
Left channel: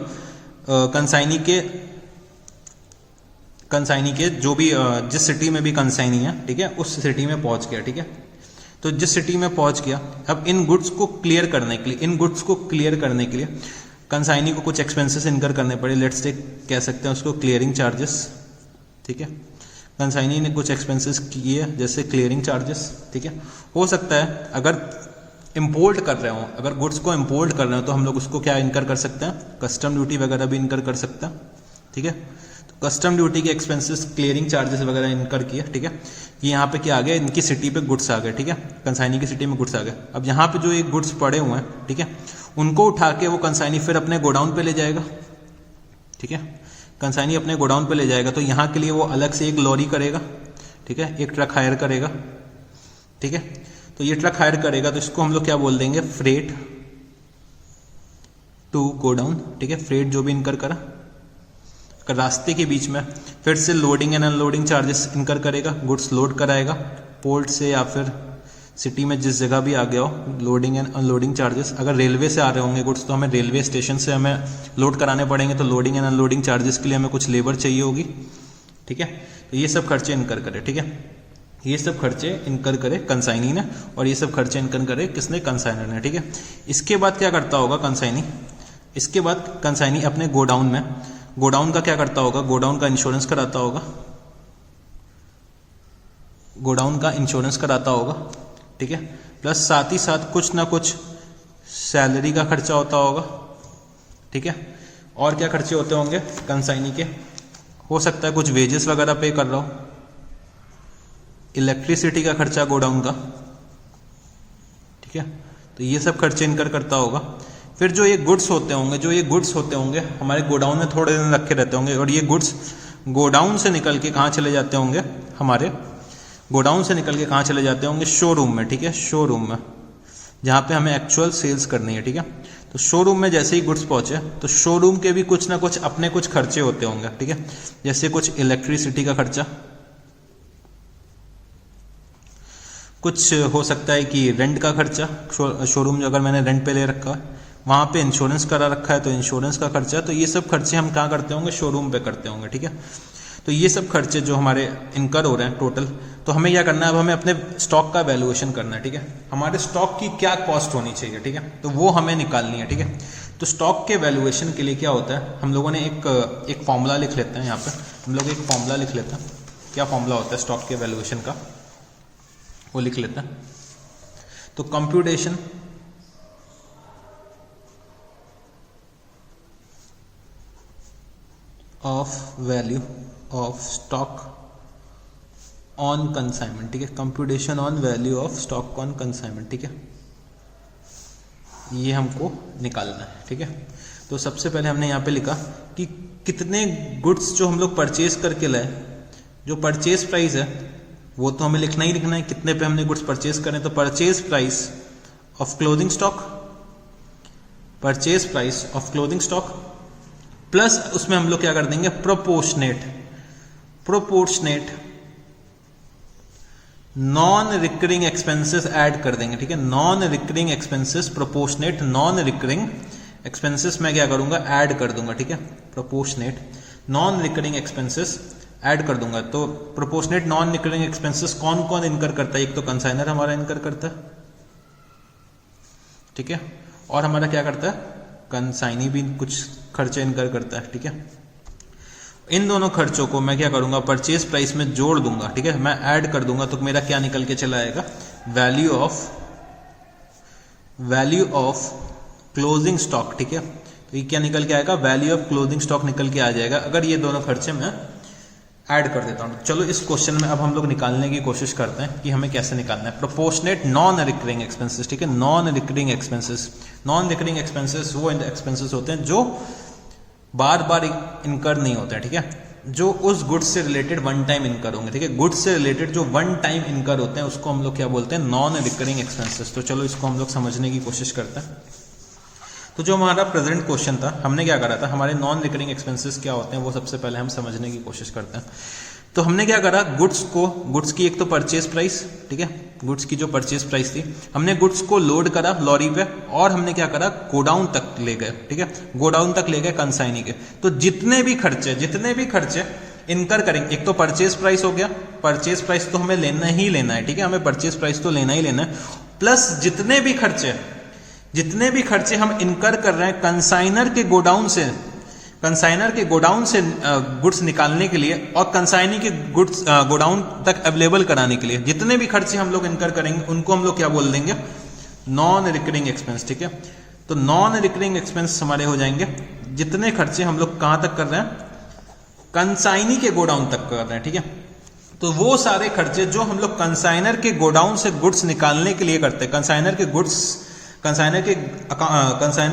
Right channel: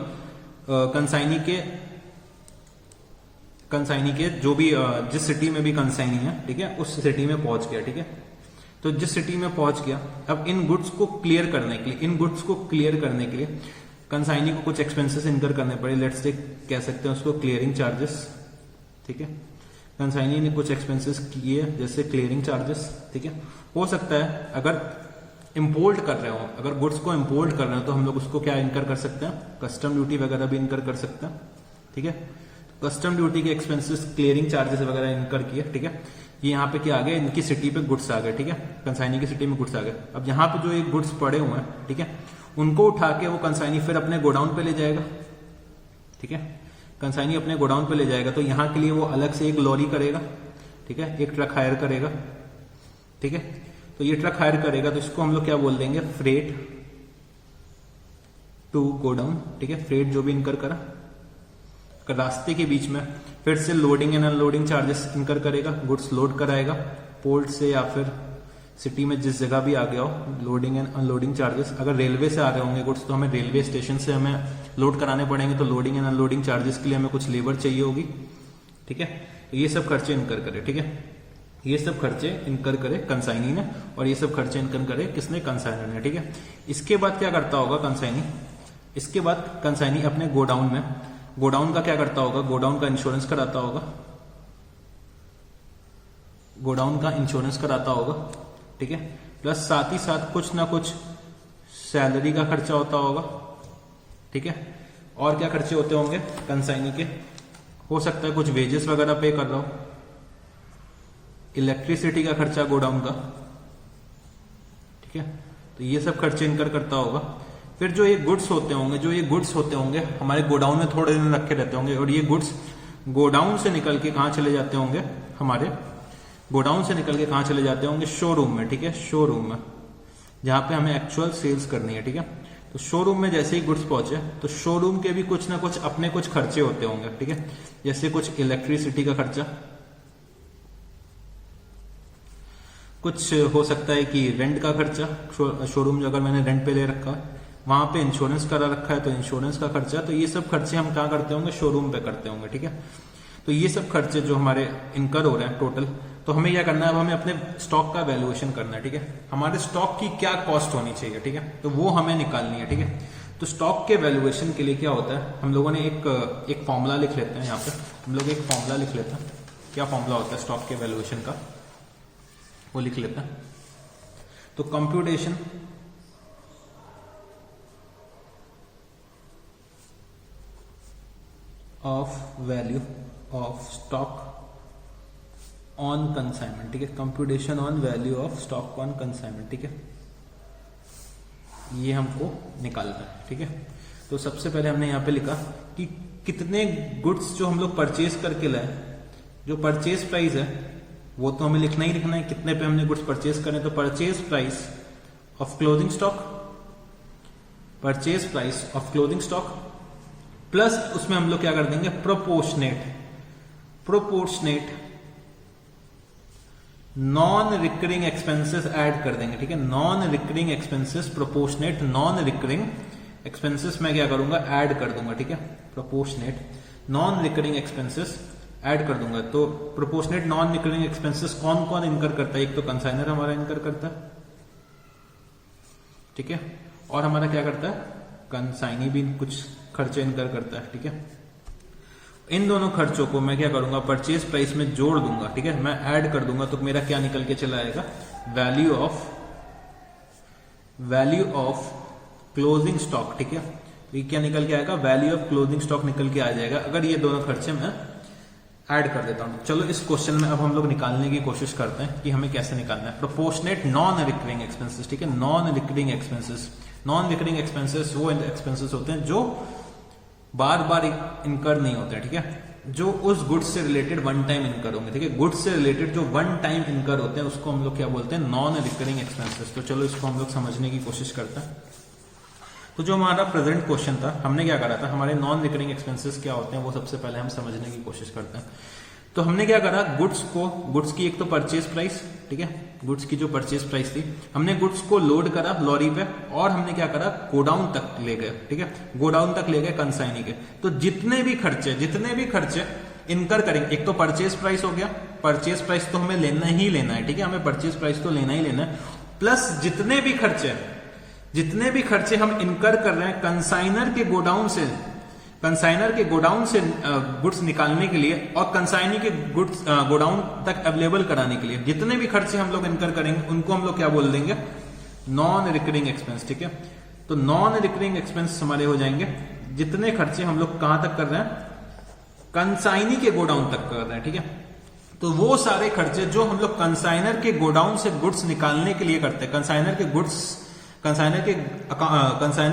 कंसाइनी के जो भी जिस सिटी में भी कंसाइनी है, ठीक है, उस सिटी में पहुंच गया, ठीक है। तो जिस सिटी में पहुंच गया, अब इन गुड्स को क्लियर करने के लिए कंसाइनी को कुछ एक्सपेंसेस इनकर करने पड़े, लेट्स से कह सकते हैं उसको क्लियरिंग चार्जेस, ठीक है। कंसाइनी ने कुछ एक्सपेंसेस किए जैसे क्लियरिंग चार्जेस, ठीक है। हो सकता है अगर इंपोर्ट कर रहे हो, अगर गुड्स को इंपोर्ट कर रहे हो तो हम लोग उसको क्या इनकर कर सकते हैं, कस्टम ड्यूटी वगैरह भी इनकर कर सकते हैं, ठीक है। तो कस्टम ड्यूटी के एक्सपेंसेस, क्लियरिंग चार्जेस वगैरह इनकर किए, ठीक है। ये यहाँ पे क्या आ गया, इनकी सिटी पे गुड्स आ गए, ठीक है, कंसाइनी की सिटी में गुड्स आ गए। अब यहाँ पे जो एक गुड्स पड़े हुए हैं, ठीक है, उनको उठा के वो कंसाइनी फिर अपने गोडाउन पे ले जाएगा, ठीक है, कंसाइनी अपने गोडाउन पे ले जाएगा। तो यहाँ के लिए वो अलग से एक लॉरी करेगा, ठीक है, एक ट्रक हायर करेगा, ठीक है। तो ये ट्रक हायर करेगा, तो इसको हम लोग क्या बोल देंगे, फ्रेट टू गोडाउन, ठीक है, फ्रेट जो भी इनकर करा, रास्ते के बीच में फिर से लोडिंग एंड अनलोडिंग चार्जेस इनकर करेगा, गुड्स लोड कराएगा पोर्ट से या फिर सिटी में जिस जगह भी आ गया हो, लोडिंग एंड अनलोडिंग चार्जेस। अगर रेलवे से आ रहे होंगे गुड्स तो हमें रेलवे स्टेशन से हमें लोड कराने पड़ेंगे, तो लोडिंग एंड अनलोडिंग चार्जेस के लिए हमें कुछ लेबर चाहिए होगी, ठीक है। तो ये सब खर्चे इनकर करे, ठीक है, ये सब खर्चे इनकर करे कंसाइनी ने, और ये सब खर्चे इनकर करे किसने, कंसाइनर ने, ठीक है। इसके बाद क्या करता होगा कंसाइनी, इसके बाद कंसाइनी अपने गोडाउन में, गोडाउन का क्या करता होगा, गोडाउन का इंश्योरेंस कराता होगा, गोडाउन का इंश्योरेंस कराता होगा, ठीक है। प्लस साथ ही साथ कुछ ना कुछ सैलरी का खर्चा होता होगा, ठीक है। और क्या खर्चे होते होंगे कंसाइनी के, हो सकता है कुछ वेजेस वगैरह पे कर रहा हो, इलेक्ट्रिसिटी का खर्चा गोडाउन का, ठीक है। तो ये सब खर्चे इनकर करता होगा। फिर जो ये गुड्स होते होंगे हमारे गोडाउन में थोड़े दिन रखे रहते होंगे, और ये गुड्स गोडाउन से निकल के कहाँ चले जाते होंगे, हमारे गोडाउन से निकल के कहाँ चले जाते होंगे, शोरूम में, ठीक है, शोरूम में, जहाँ पे हमें एक्चुअल सेल्स करनी है, ठीक है। तो शोरूम में जैसे ही गुड्स पहुंचे तो शोरूम के भी कुछ ना कुछ अपने कुछ खर्चे होते होंगे, ठीक है। जैसे कुछ इलेक्ट्रिसिटी का खर्चा, कुछ हो सकता है कि रेंट का खर्चा, शोरूम जो अगर मैंने रेंट पे ले रखा है, वहाँ पे इंश्योरेंस करा रखा है तो इंश्योरेंस का खर्चा। तो ये सब खर्चे हम कहाँ करते होंगे, शोरूम पे करते होंगे, ठीक है। तो ये सब खर्चे जो हमारे इनकर हो रहे हैं टोटल, तो हमें क्या करना है, अब हमें अपने स्टॉक का वैल्यूएशन करना है, ठीक है। हमारे स्टॉक की क्या कॉस्ट होनी चाहिए, ठीक है, तो वो हमें निकालनी है, ठीक है। तो स्टॉक के वैल्यूएशन के लिए क्या होता है, हम लोगों ने एक फॉर्मूला लिख लेते हैं, यहाँ पे हम लोग एक फॉर्मूला लिख लेते हैं। क्या फॉर्मूला होता है स्टॉक के वैल्यूएशन का, वो लिख लेते हैं। तो computation of value of stock on consignment, ठीक है, computation on value of stock on consignment, ठीक है। ये हमको निकालना है, ठीक है। तो सबसे पहले हमने यहाँ पे लिखा कि कितने गुड्स जो हम लोग परचेज करके लाए, जो परचेज प्राइस है वो तो हमें लिखना ही लिखना है, कितने पे हमने गुड्स परचेज करें। तो purchase price of clothing stock, purchase price of clothing stock plus उसमें हम लोग क्या कर देंगे, proportionate non recurring expenses add कर देंगे, ठीक है। Non recurring expenses, proportionate non recurring expenses मैं क्या करूंगा, ऐड कर दूंगा, ठीक है। Proportionate non recurring expenses add कर दूंगा। तो प्रोपोर्शनेट नॉन रिकरिंग एक्सपेंसेस कौन कौन इनकर करता है, एक तो कंसाइनर हमारा इनकर करता है, ठीक है, और हमारा क्या करता है, कंसाइनी भी कुछ खर्चे इनकर करता है, ठीक है। इन दोनों खर्चों को मैं क्या करूंगा, परचेज प्राइस में जोड़ दूंगा, ठीक है, मैं ऐड कर दूंगा। तो मेरा क्या निकल के चला आएगा, वैल्यू ऑफ क्लोजिंग स्टॉक, ठीक है। तो ये क्या निकल के आएगा, वैल्यू ऑफ क्लोजिंग स्टॉक निकल के आ जाएगा अगर ये दोनों खर्चे मैं ऐड कर देता हूं। चलो इस क्वेश्चन में अब हम लोग निकालने की कोशिश करते हैं कि हमें कैसे निकालना है। प्रोपोर्शनेट नॉन रिकरिंग एक्सपेंसेस, ठीक है, non recurring expenses. Non recurring expenses वो एक्सपेंसेस होते हैं जो बार बार इनकर नहीं होता है, ठीक है, जो उस गुड्स से रिलेटेड वन टाइम इनकर होंगे, ठीक है। गुड्स से रिलेटेड जो वन टाइम इनकर होते हैं उसको हम लोग क्या बोलते हैं, नॉन रिकरिंग एक्सपेंसेस। तो चलो इसको हम लोग समझने की कोशिश करते हैं। तो जो हमारा प्रेजेंट क्वेश्चन था, हमने क्या करा था, हमारे नॉन रिकरिंग एक्सपेंसेस क्या होते हैं वो सबसे पहले हम समझने की कोशिश करते हैं। तो हमने क्या करा, गुड्स की एक तो परचेज प्राइस, ठीक है, गुड्स की जो परचेज प्राइस थी, हमने गुड्स को लोड करा लॉरी पे और हमने क्या करा, गोडाउन तक ले गए, ठीक है, गोडाउन तक ले गए कंसाइनी के। तो जितने भी खर्चे इनकर करेंगे, एक तो परचेज प्राइस हो गया, परचेज प्राइस तो हमें लेना ही लेना है, ठीक है, हमें परचेज प्राइस तो लेना ही लेना है, प्लस जितने भी खर्चे हम इनकर कर रहे हैं कंसाइनर के गोडाउन से गुड्स निकालने के लिए और कंसाइनी के गुड्स गोडाउन तक अवेलेबल कराने के लिए, जितने भी खर्चे हम लोग इनकर करेंगे उनको हम लोग क्या बोल देंगे, नॉन रिकरिंग एक्सपेंस, ठीक है। तो नॉन रिकरिंग एक्सपेंस हमारे हो जाएंगे जितने खर्चे हम लोग कहां तक कर रहे हैं, कंसाइनी के गोडाउन तक कर रहे हैं, ठीक है। तो वो सारे खर्चे जो हम लोग कंसाइनर के गोडाउन से गुड्स निकालने के लिए करते हैं, कंसाइनर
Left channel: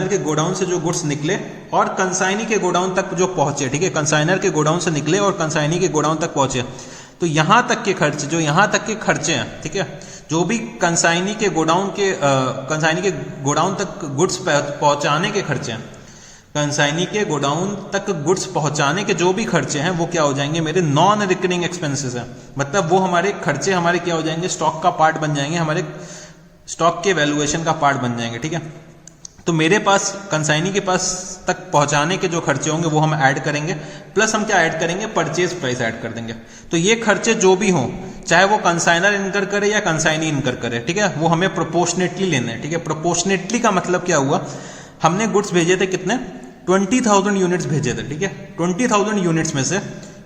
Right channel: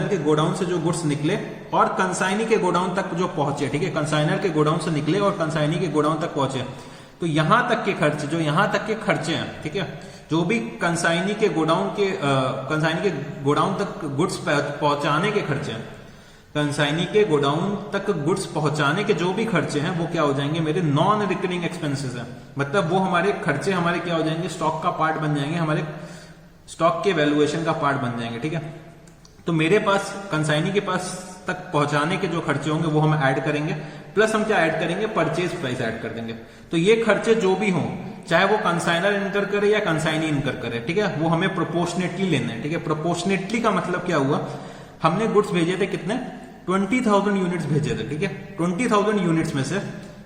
के गोडाउन से जो गुड्स निकले और कंसाइनी के गोडाउन तक जो पहुंचे, ठीक है, कंसाइनर के गोडाउन से निकले और कंसाइनी के गोडाउन तक पहुंचे, तो यहां तक के खर्चे हैं, ठीक है, जो भी कंसाइनी के गोडाउन तक गुड्स पहुंचाने के खर्चे हैं, कंसाइनी के गोडाउन तक गुड्स पहुंचाने के जो भी खर्चे हैं वो क्या हो जाएंगे, मेरे नॉन रिकरिंग एक्सपेंसेस हैं। मतलब वो हमारे खर्चे हमारे क्या हो जाएंगे, स्टॉक का पार्ट बन जाएंगे, हमारे स्टॉक के वैल्यूएशन का पार्ट बन जाएंगे, ठीक है। तो मेरे पास कंसाइनी के पास तक पहुंचाने के जो खर्चे होंगे वो हम ऐड करेंगे, प्लस हम क्या ऐड करेंगे, परचेज प्राइस ऐड कर देंगे। तो ये खर्चे जो भी हों, चाहे वो कंसाइनर इनकर करे या कंसाइनी इनकर करे, ठीक है, वो हमें प्रोपोर्शनेटली लेने हैं, ठीक है। प्रोपोर्शनेटली का मतलब क्या हुआ, हमने गुड्स भेजे थे कितने, 20,000 यूनिट्स भेजे थे, ठीक है। 20,000 यूनिट्स में से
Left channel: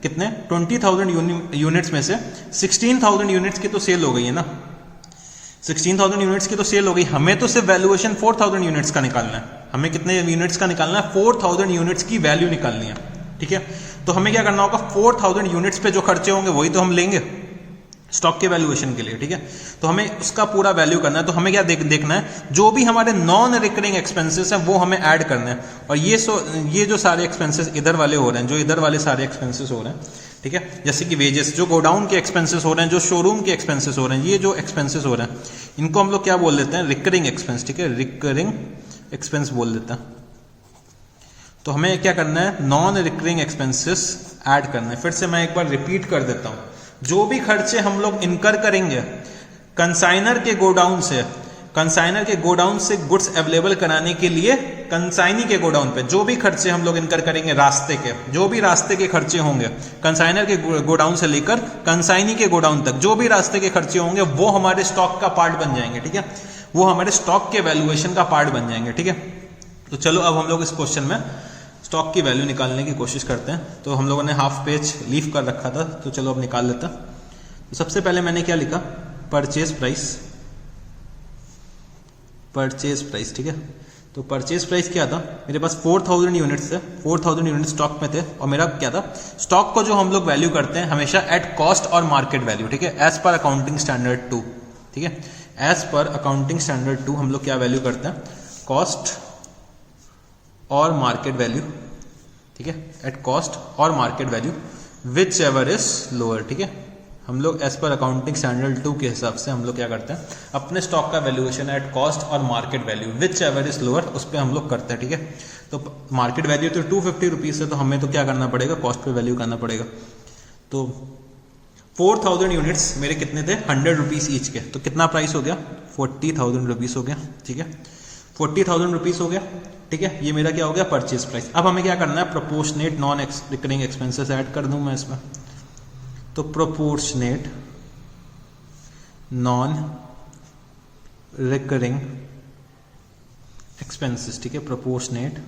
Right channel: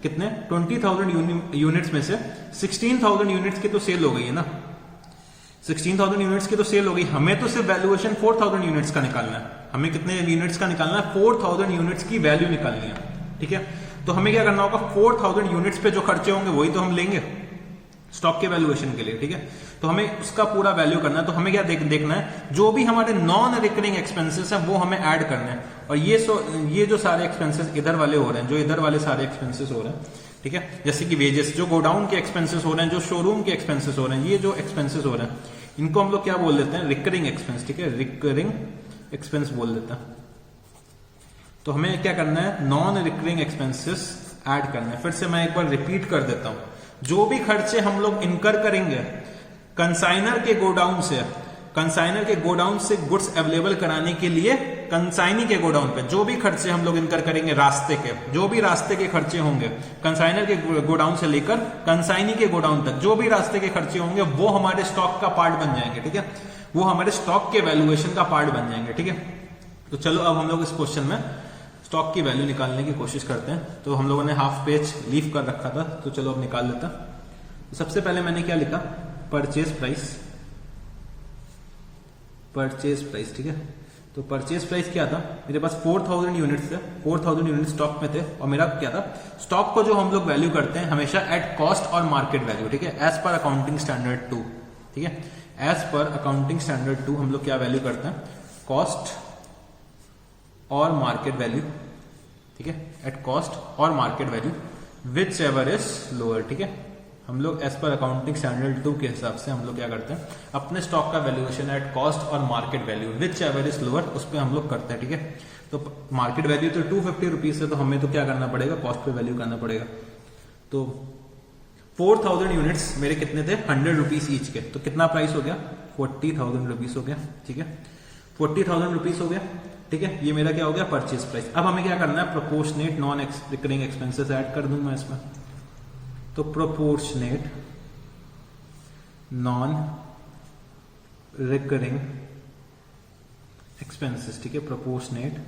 कितने, 20,000 यूनिट्स में से 16,000 यूनिट्स की तो सेल हो गई है ना, 16,000 यूनिट्स की तो सेल हो गई। हमें तो सिर्फ वैल्यूएशन 4,000 यूनिट्स का निकालना है, हमें कितने यूनिट्स का निकालना है, 4,000 यूनिट्स की वैल्यू निकालनी है, ठीक है। तो हमें क्या करना होगा, 4,000 यूनिट्स पे जो खर्चे होंगे वही तो हम लेंगे स्टॉक के वैल्यूएशन के लिए, ठीक है। तो हमें उसका पूरा वैल्यू करना है। तो हमें क्या देखना है, जो भी हमारे नॉन रिकरिंग एक्सपेंसेस हैं वो हमें ऐड करना है। और ये जो सारे एक्सपेंसेस इधर वाले हो रहे हैं, जो इधर वाले सारे एक्सपेंसेस हो रहे हैं, ठीक है, जैसे कि वेजेस, जो गोडाउन के एक्सपेंसेस हो रहे हैं, जो शोरूम के एक्सपेंसेस हो रहे हैं, ये जो एक्सपेंसेस हो रहे हैं इनको हम लोग क्या बोल देते हैं, रिकरिंग एक्सपेंस, ठीक है, रिकरिंग एक्सपेंस बोल देते हैं। तो हमें क्या करना है, नॉन रिकरिंग एक्सपेंसेस ऐड करना है। फिर से मैं एक बार रिपीट कर देता हूं, जो भी खर्चे हम लोग इनकर करेंगे कंसाइनर के गोडाउन से गुड्स अवेलेबल कराने के लिए, कंसाइनी के गोडाउन पे जो भी खर्चे हम लोग इनकर करेंगे, जो भी रास्ते के खर्चे होंगे, कंसाइनर के गोडाउन से लेकर कंसाइनी के गोडाउन तक जो भी रास्ते के खर्चे होंगे वो हमारे स्टॉक का पार्ट बन जाएंगे, ठीक है, वो हमारे स्टॉक के वैल्यूएशन का पार्ट बन जाएंगे, ठीक है। तो चलो अब हम लोग इस क्वेश्चन में स्टॉक की वैल्यू निकालने की कोशिश करते हैं। तो हम लोगों ने हाफ पेज लीव कर रखा था, तो चलो अब निकाल लेते हैं। तो सबसे पहले मैंने क्या लिखा, परचेज प्राइस, ठीक है। तो परचेज प्राइस क्या था, मेरे पास 4,000 यूनिट्स थे, 4,000 यूनिट स्टॉक में थे, और मेरा क्या था, स्टॉक को जो हम लोग वैल्यू करते हैं हमेशा एट कॉस्ट और मार्केट वैल्यू, ठीक है, एज पर अकाउंटिंग स्टैंडर्ड 2, ठीक है, एज पर अकाउंटिंग स्टैंडर्ड 2 हम लोग क्या वैल्यू करते हैं, कॉस्ट और मार्केट वैल्यू, ठीक है, एट कॉस्ट और market value which ever is lower, ठीक है। हम लोग एज पर अकाउंटिंग स्टैंडर्ड 2 के हिसाब से हम लोग क्या करते हैं, अपने स्टॉक का वैल्यूएशन एट कॉस्ट और market value which ever is lower उस पर हम लोग करते हैं, ठीक है। तो मार्केट वैल्यू तो 250 रुपीज है, तो हमें तो क्या करना पड़ेगा, कॉस्ट पे वैल्यू करना पड़ेगा। तो 4000 यूनिट्स मेरे कितने थे, 100 रुपीज ईच के, तो कितना प्राइस हो गया, 40,000 रुपीज हो गया, ठीक है, 40,000 रुपीज हो गया, ठीक है। ये मेरा क्या हो गया, परचेज प्राइस। अब हमें क्या करना है, proportionate non recurring expenses add कर दूं मैं इसमें, तो प्रोपोर्शनेट नॉन रिकरिंग एक्सपेंसेस, ठीक है, प्रोपोर्शनेट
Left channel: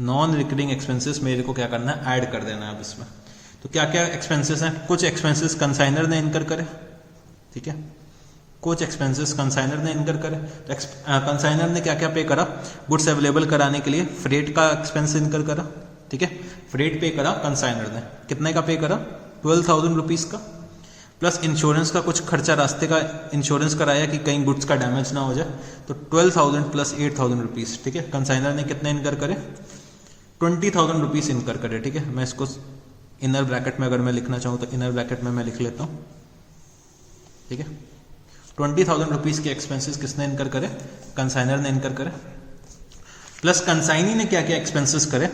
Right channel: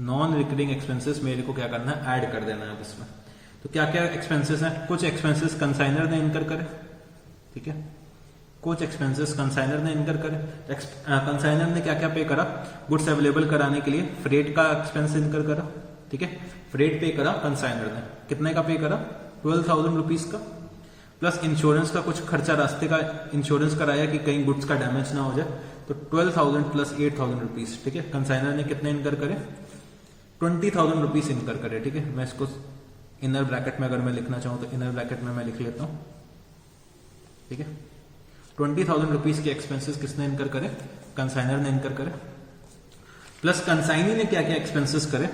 नॉन रिकरिंग एक्सपेंसेस मेरे को क्या करना है, ऐड कर देना है अब इसमें। तो क्या क्या एक्सपेंसेस हैं, कुछ एक्सपेंसेस कंसाइनर ने इनकर करे, ठीक है, कुछ एक्सपेंसेस कंसाइनर ने इनकर करे। कंसाइनर ने क्या क्या पे करा, गुड्स अवेलेबल कराने के लिए फ्रेट का एक्सपेंस इनकर करा, ठीक है, फ्रेट पे करा कंसाइनर ने, कितने का पे करा, 12,000 रुपीज का, प्लस इंश्योरेंस का कुछ खर्चा, रास्ते का इंश्योरेंस कराया कि कहीं गुड्स का डैमेज ना हो जाए, तो 12,000 प्लस 8,000 रुपीज, ठीक है। कंसाइनर ने कितने इनकर करे, 20,000 रुपीज इनकर करे, ठीक है। मैं इसको इनर ब्रैकेट में अगर मैं लिखना चाहूं तो इनर ब्रैकेट में मैं लिख लेता हूं, ठीक है। 20,000 रुपीज के एक्सपेंसेस किसने इनकर करे, कंसाइनर ने इनकर करे, प्लस कंसाइनी ने क्या क्या एक्सपेंसेस करे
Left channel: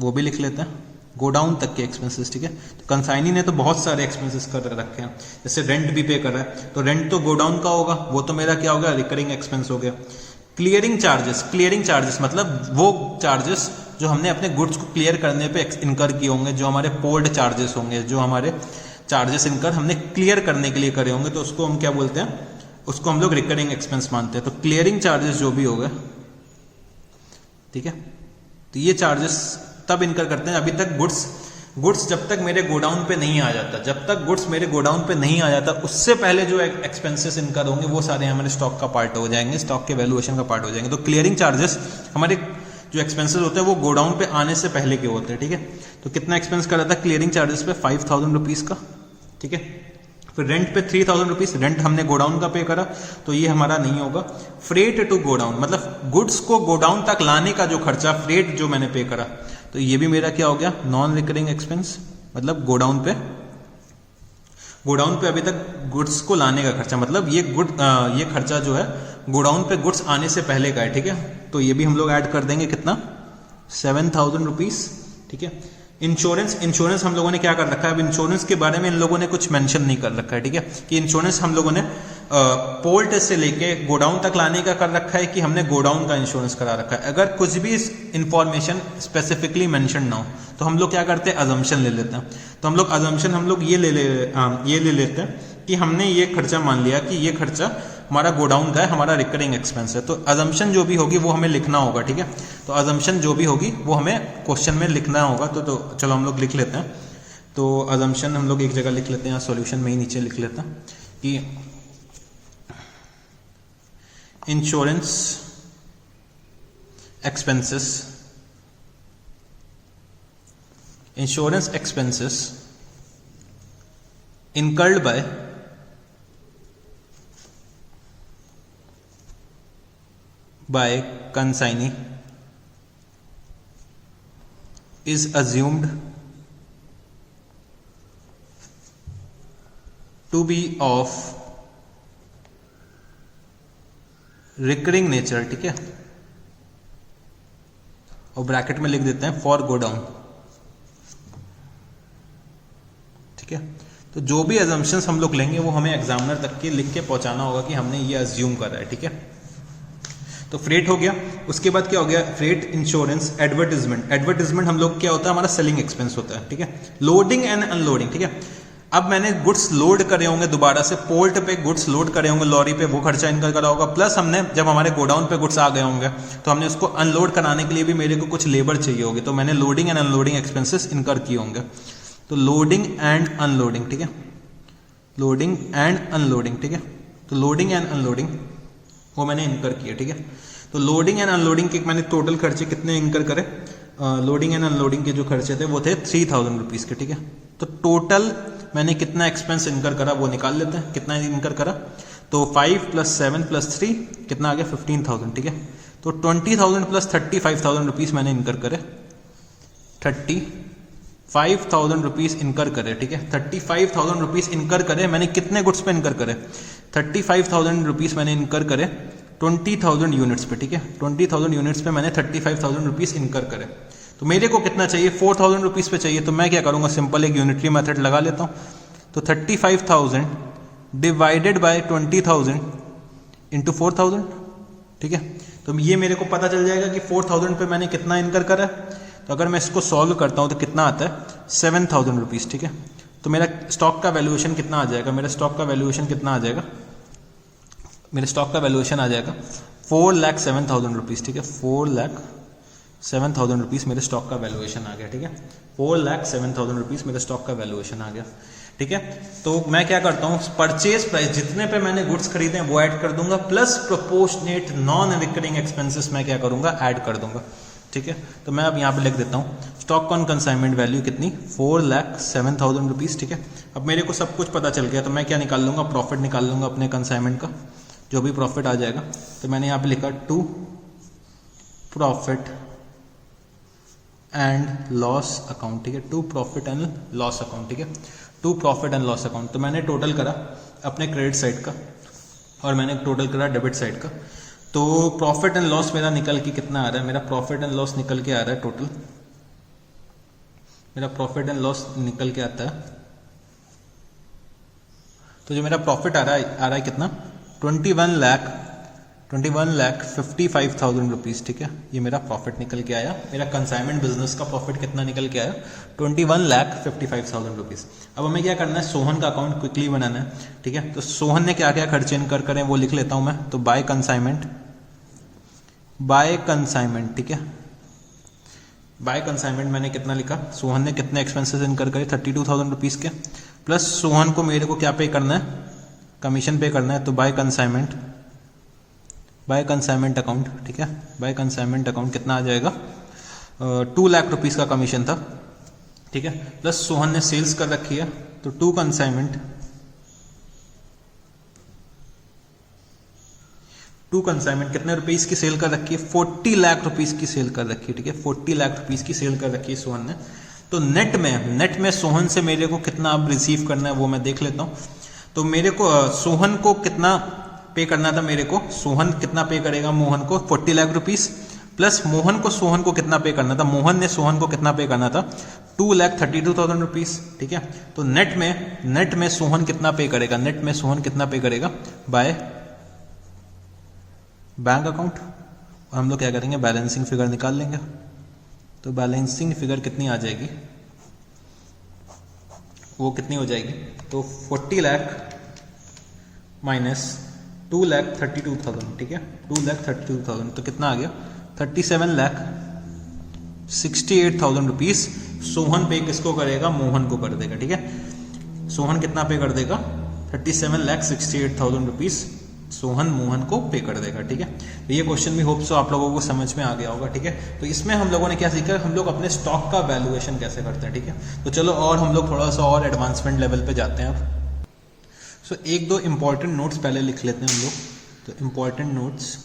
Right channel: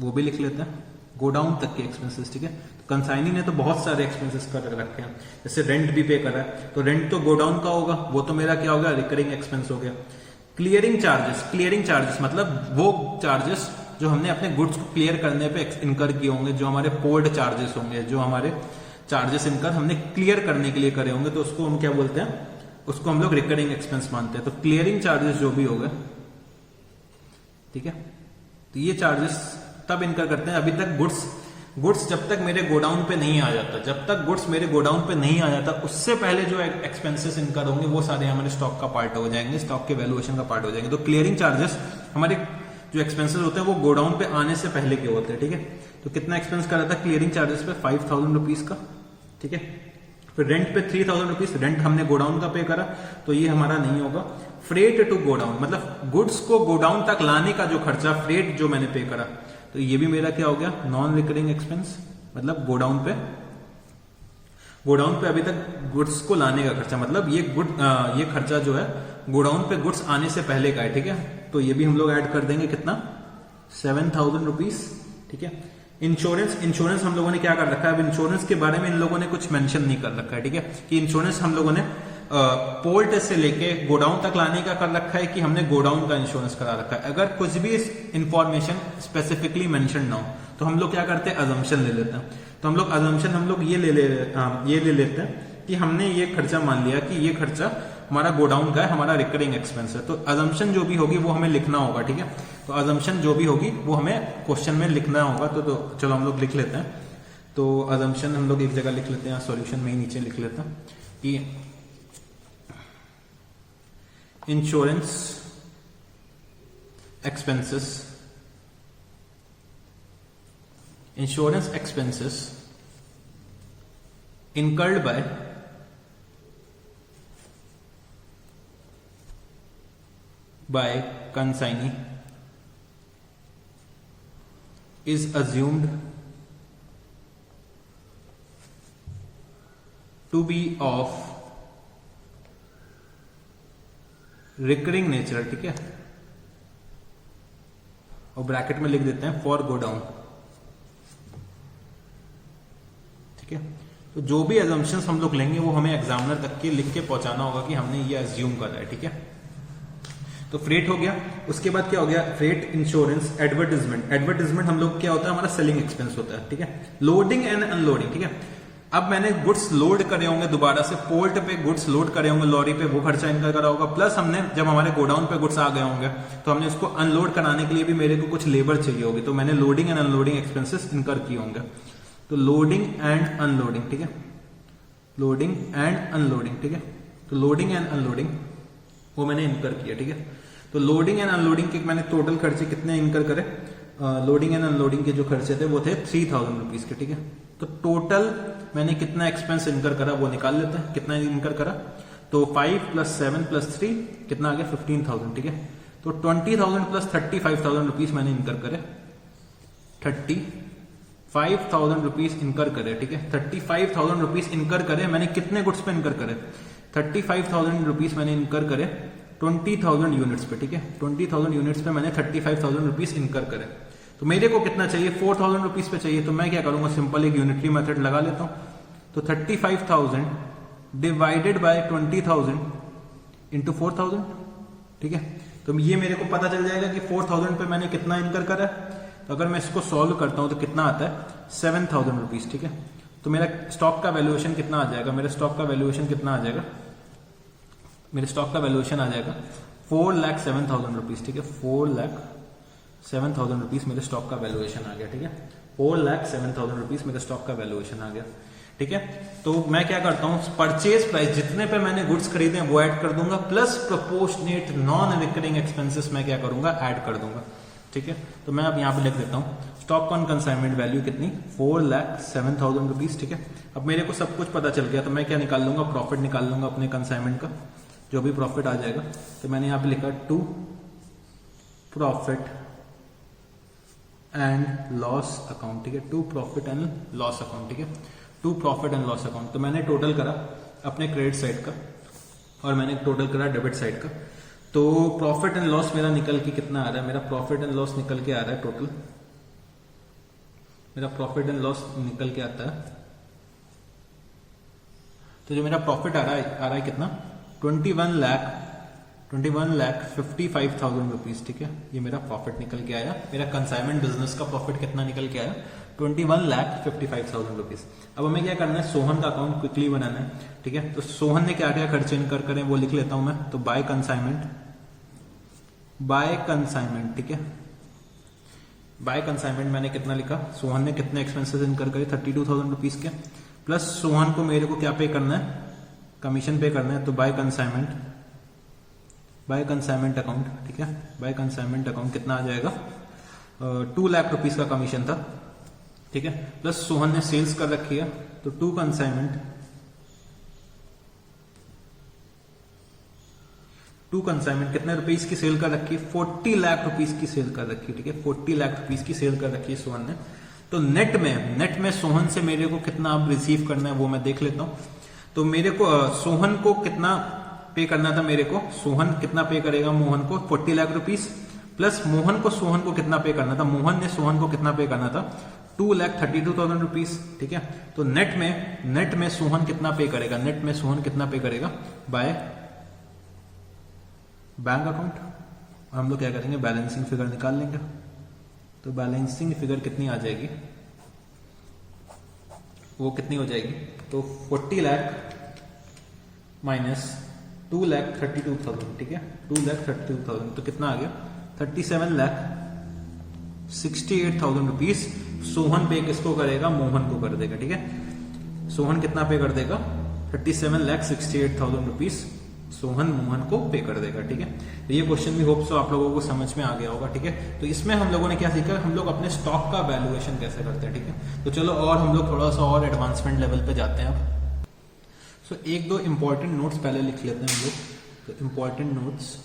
वो भी लिख लेते हैं, गोडाउन तक के एक्सपेंसेस, ठीक है। तो कंसाइनी ने तो बहुत सारे एक्सपेंसेस कर रखे हैं, जैसे रेंट भी पे कर रहा है, तो रेंट तो गोडाउन का होगा, वो तो मेरा क्या हो गया, रिकरिंग एक्सपेंस हो गया। क्लियरिंग चार्जेस मतलब वो चार्जेस जो हमने अपने गुड्स को क्लियर करने पे इनकर किए होंगे, जो हमारे पोर्ट चार्जेस होंगे, जो हमारे चार्जेस इनकर हमने क्लियर करने के लिए करे होंगे, तो उसको हम क्या बोलते हैं, उसको हम लोग रिकरिंग एक्सपेंस मानते हैं। तो क्लियरिंग चार्जेस जो भी हो गए, ठीक है, तो ये चार्जेस तब इनकर करते हैं, अभी तक गुड्स जब तक मेरे गोडाउन पे नहीं आ जाता, जब तक गुड्स मेरे गोडाउन पे नहीं आ जाता, उससे पहले जो एक्सपेंसेस इनकर होंगे वो सारे हमारे स्टॉक का पार्ट हो जाएंगे, स्टॉक के वैल्यूएशन का पार्ट हो जाएंगे। तो क्लियरिंग चार्जेस हमारे जो एक्सपेंसेस होते हैं वो गोडाउन पे आने से पहले के होते हैं, ठीक है। तो कितना एक्सपेंस करा था क्लियरिंग चार्जेस पे, 5,000 रुपीज का, ठीक है। फिर रेंट पे 3,000 रुपीज, रेंट हमने गोडाउन का पे करा, तो ये हमारा नहीं होगा। फ्रेट टू गोडाउन मतलब गुड्स को गोडाउन तक लाने का जो खर्चा, फ्रेट जो मैंने पे करा, तो ये भी मेरा क्या हो गया, नॉन रिकरिंग एक्सपेंस, मतलब गोडाउन पे अभी तक गुड्स को लाने का खर्चा, मतलब ये खर्चा जो है गोडाउन पे गुड्स आने से पहले का है, ठीक है। तो ये भी हम लोग ऐड कर देंगे, कितना, 7,000 रुपीज, ठीक है। इंश्योरेंस हम लोगों ने क्या कर रखा है, अब इंश्योरेंस के बारे में इन लोगों ने कुछ मेंशन नहीं कर रखा है, ठीक है, कि इंश्योरेंस हम लोगों ने पोर्ट से लेके गोडाउन तक लाने का कर रखा है कि हमने गोडाउन का इंश्योरेंस करा रखा है। अगर कुछ भी इंफॉर्मेशन स्पेसिफिकली मेंशन ना हो तो हम लोग क्या करते हैं, अजम्पशन ले लेते हैं। तो हम लोग अजम्पशन ये ले लेते हैं कि हमने ये खर्चा मान लिया कि ये खर्चा हमारा गोडाउन का है, हमारा रिकरिंग एक्सपेंस है। तो अजम्पशन जो भी होगी वो हमें लिखना होगा, ठीक है। तो अजम्पशन जो भी होगी वो हमें क्वेश्चन में लिखना होगा, तो चलो हम लोग लिख लेते हैं। तो अजम्पशन हम लोग एक जगह लिख लेते हैं, सॉल्यूशन में ही नीचे लिख लेते हैं कि insurance expenses incurred by consignee is assumed to be of recurring nature, ठीक है, और ब्रैकेट में लिख देते हैं फॉर गोडाउन, ठीक है। तो जो भी अजम्पशंस हम लोग लेंगे वो हमें एग्जामिनर तक के लिख के पहुंचाना होगा कि हमने ये अज्यूम करा है, ठीक है। तो फ्रेट हो गया, उसके बाद क्या हो गया, फ्रेट, इंश्योरेंस, एडवर्टीजमेंट हम लोग क्या होता है, हमारा सेलिंग एक्सपेंस होता है, ठीक है। लोडिंग एंड अनलोडिंग, ठीक है। अब मैंने गुड्स लोड करे होंगे, दोबारा से पोर्ट पे गुड्स लोड करे होंगे लॉरी पे, वो खर्चा इनका करा होगा। प्लस हमने जब हमारे गोडाउन पे गुड्स आ गए होंगे तो हमने उसको अनलोड कराने के लिए भी मेरे को कुछ लेबर चाहिए होगी, तो मैंने लोडिंग एंड अनलोडिंग एक्सपेंसेस इनकर किए होंगे। तो लोडिंग एंड अनलोडिंग, ठीक है, लोडिंग एंड अनलोडिंग, ठीक है। तो लोडिंग एंड अनलोडिंग वो मैंने इनकर किया, ठीक है। तो लोडिंग एंड अनलोडिंग के मैंने टोटल खर्चे कितने इनकर करे, लोडिंग एंड अनलोडिंग के जो खर्चे थे वो थे 3,000 रुपीज के, ठीक है। तो टोटल मैंने कितना एक्सपेंस इनकर करा वो निकाल लेते हैं, कितना इनकर करा, तो 5 + 7 + 3 कितना आ गया 15,000, ठीक है। तो 20,000 + 35,000 रुपीज मैंने इनकर करे, 35,000 रुपीज इनकर करे, ठीक है। 35,000 रुपीज इनकर करे मैंने कितने गुड्स पे इनकर करे, 35,000 रुपीज मैंने इनकर करे 20,000 यूनिट्स पे, ठीक है। 20,000 यूनिट्स पे मैंने 35,000 रुपीज इनकर करे। तो मेरे को कितना चाहिए 4,000 रुपीज पे चाहिए, तो मैं क्या करूंगा सिंपल एक यूनिटरी मेथड लगा लेता हूं। तो 35,000 डिवाइडेड बाय 20,000 इंटू 4,000, ठीक है। तो ये मेरे को पता चल जाएगा कि 4,000 पे मैंने कितना इनकर करा है। तो अगर मैं इसको सॉल्व करता हूं तो कितना आता है 7,000 रुपीज, ठीक है। तो मेरा स्टॉक का वैल्यूएशन कितना आ जाएगा, मेरा स्टॉक का वैल्यूएशन कितना आ जाएगा, मेरे स्टॉक का वैल्यूएशन आ जाएगा 4,07,000 रुपीज, ठीक है। 4,07,000 रुपीज मेरे स्टॉक का वैल्यूएशन आ गया, ठीक है। 4,07,000 रुपीज मेरे स्टॉक का वैल्यूएशन आ गया, ठीक है। तो मैं क्या करता हूं परचेज प्राइस जितने पे मैंने गुड्स खरीदे हैं वो ऐड कर दूंगा, plus proportionate non recurring expenses मैं क्या करूंगा ऐड कर दूंगा, ठीक है। तो मैं अब यहाँ पे लिख देता हूँ स्टॉक ऑन कंसाइनमेंट वैल्यू कितनी 4,07,000 रुपीज, ठीक है। अब मेरे को सब कुछ पता चल गया, तो मैं क्या निकाल लूंगा प्रॉफिट निकाल लूंगा अपने कंसाइनमेंट का, जो भी प्रॉफिट आ जाएगा। तो मैंने यहाँ पे लिखा to profit and loss account, ठीक है। To profit and loss account, ठीक है। To profit and loss account. तो मैंने टोटल करा अपने क्रेडिट साइड का और मैंने टोटल करा डेबिट साइड का। तो प्रॉफिट एंड लॉस मेरा निकल के कितना आ रहा है, मेरा प्रॉफिट एंड लॉस निकल के आ रहा है टोटल, मेरा प्रॉफिट एंड लॉस निकल के आता है। तो जो मेरा प्रॉफिट आ रहा है कितना 21,55,000 रुपीज, ठीक है। ये मेरा प्रॉफिट निकल के आया। मेरा कंसाइनमेंट बिजनेस का प्रॉफिट कितना निकल के आया 21,55,000 रुपीज। अब हमें क्या करना है सोहन का अकाउंट क्विकली बनाना है, ठीक है। तो सोहन ने क्या क्या खर्चे इनकर करें वो लिख लेता हूं मैं। तो बाय कंसाइनमेंट, ठीक है। बाय कंसाइनमेंट मैंने कितना लिखा, सोहन ने कितने एक्सपेंसेस इनकर करे 32,000 रुपीज के, प्लस सोहन को मेरे को क्या पे करना है कमीशन पे करना है। तो बाय कंसाइनमेंट अकाउंट, ठीक है। बाय कंसाइनमेंट अकाउंट कितना आ जाएगा 2 लाख रुपीज का कमीशन था, ठीक है। प्लस सोहन ने सेल्स कर रखी है, तो टू कंसाइनमेंट कितने रुपीस की सेल कर रखी है 40 लाख रुपीस की सेल कर रखी है, ठीक है। 40 लाख रुपीस की सेल कर रखी है सोहन ने। तो नेट में सोहन से मेरे को कितना अब रिसीव करना है वो मैं देख लेता हूं। तो मेरे को सोहन को कितना पे करना था, मेरे को सोहन कितना पे करेगा मोहन को 40 लाख रुपीस, प्लस मोहन को सोहन को कितना पे करना था, मोहन ने सोहन को कितना पे करना था 2,32,000 रुपीस, ठीक है। तो नेट में सोहन कितना पे करेगा, नेट में सोहन कितना पे करेगा बाय बैंक अकाउंट। और हम लोग क्या करेंगे बैलेंसिंग फिगर निकाल लेंगे। तो बैलेंसिंग फिगर कितनी आ जाएगी, वो कितनी हो जाएगी, तो 40 लाख माइनस 2,32,000, ठीक है। 2,32,000 तो कितना आ गया 37,68,000 रुपीज सोहन पे किसको करेगा, मोहन को कर देगा, ठीक है। सोहन कितना पे कर देगा 37,68,000 रुपीज सोहन मोहन को पे कर देगा, ठीक है। तो ये क्वेश्चन भी होप सो आप लोगों को समझ में आ गया होगा, ठीक है। तो इसमें हम लोगों ने क्या सीखा, हम लोग अपने स्टॉक का वैल्यूएशन कैसे करते हैं, ठीक है। तो चलो और हम लोग थोड़ा सा और एडवांसमेंट लेवल पे जाते हैं अब। सो एक दो इंपॉर्टेंट नोट्स पहले लिख लेते हैं हम लोग। तो इंपॉर्टेंट नोट्स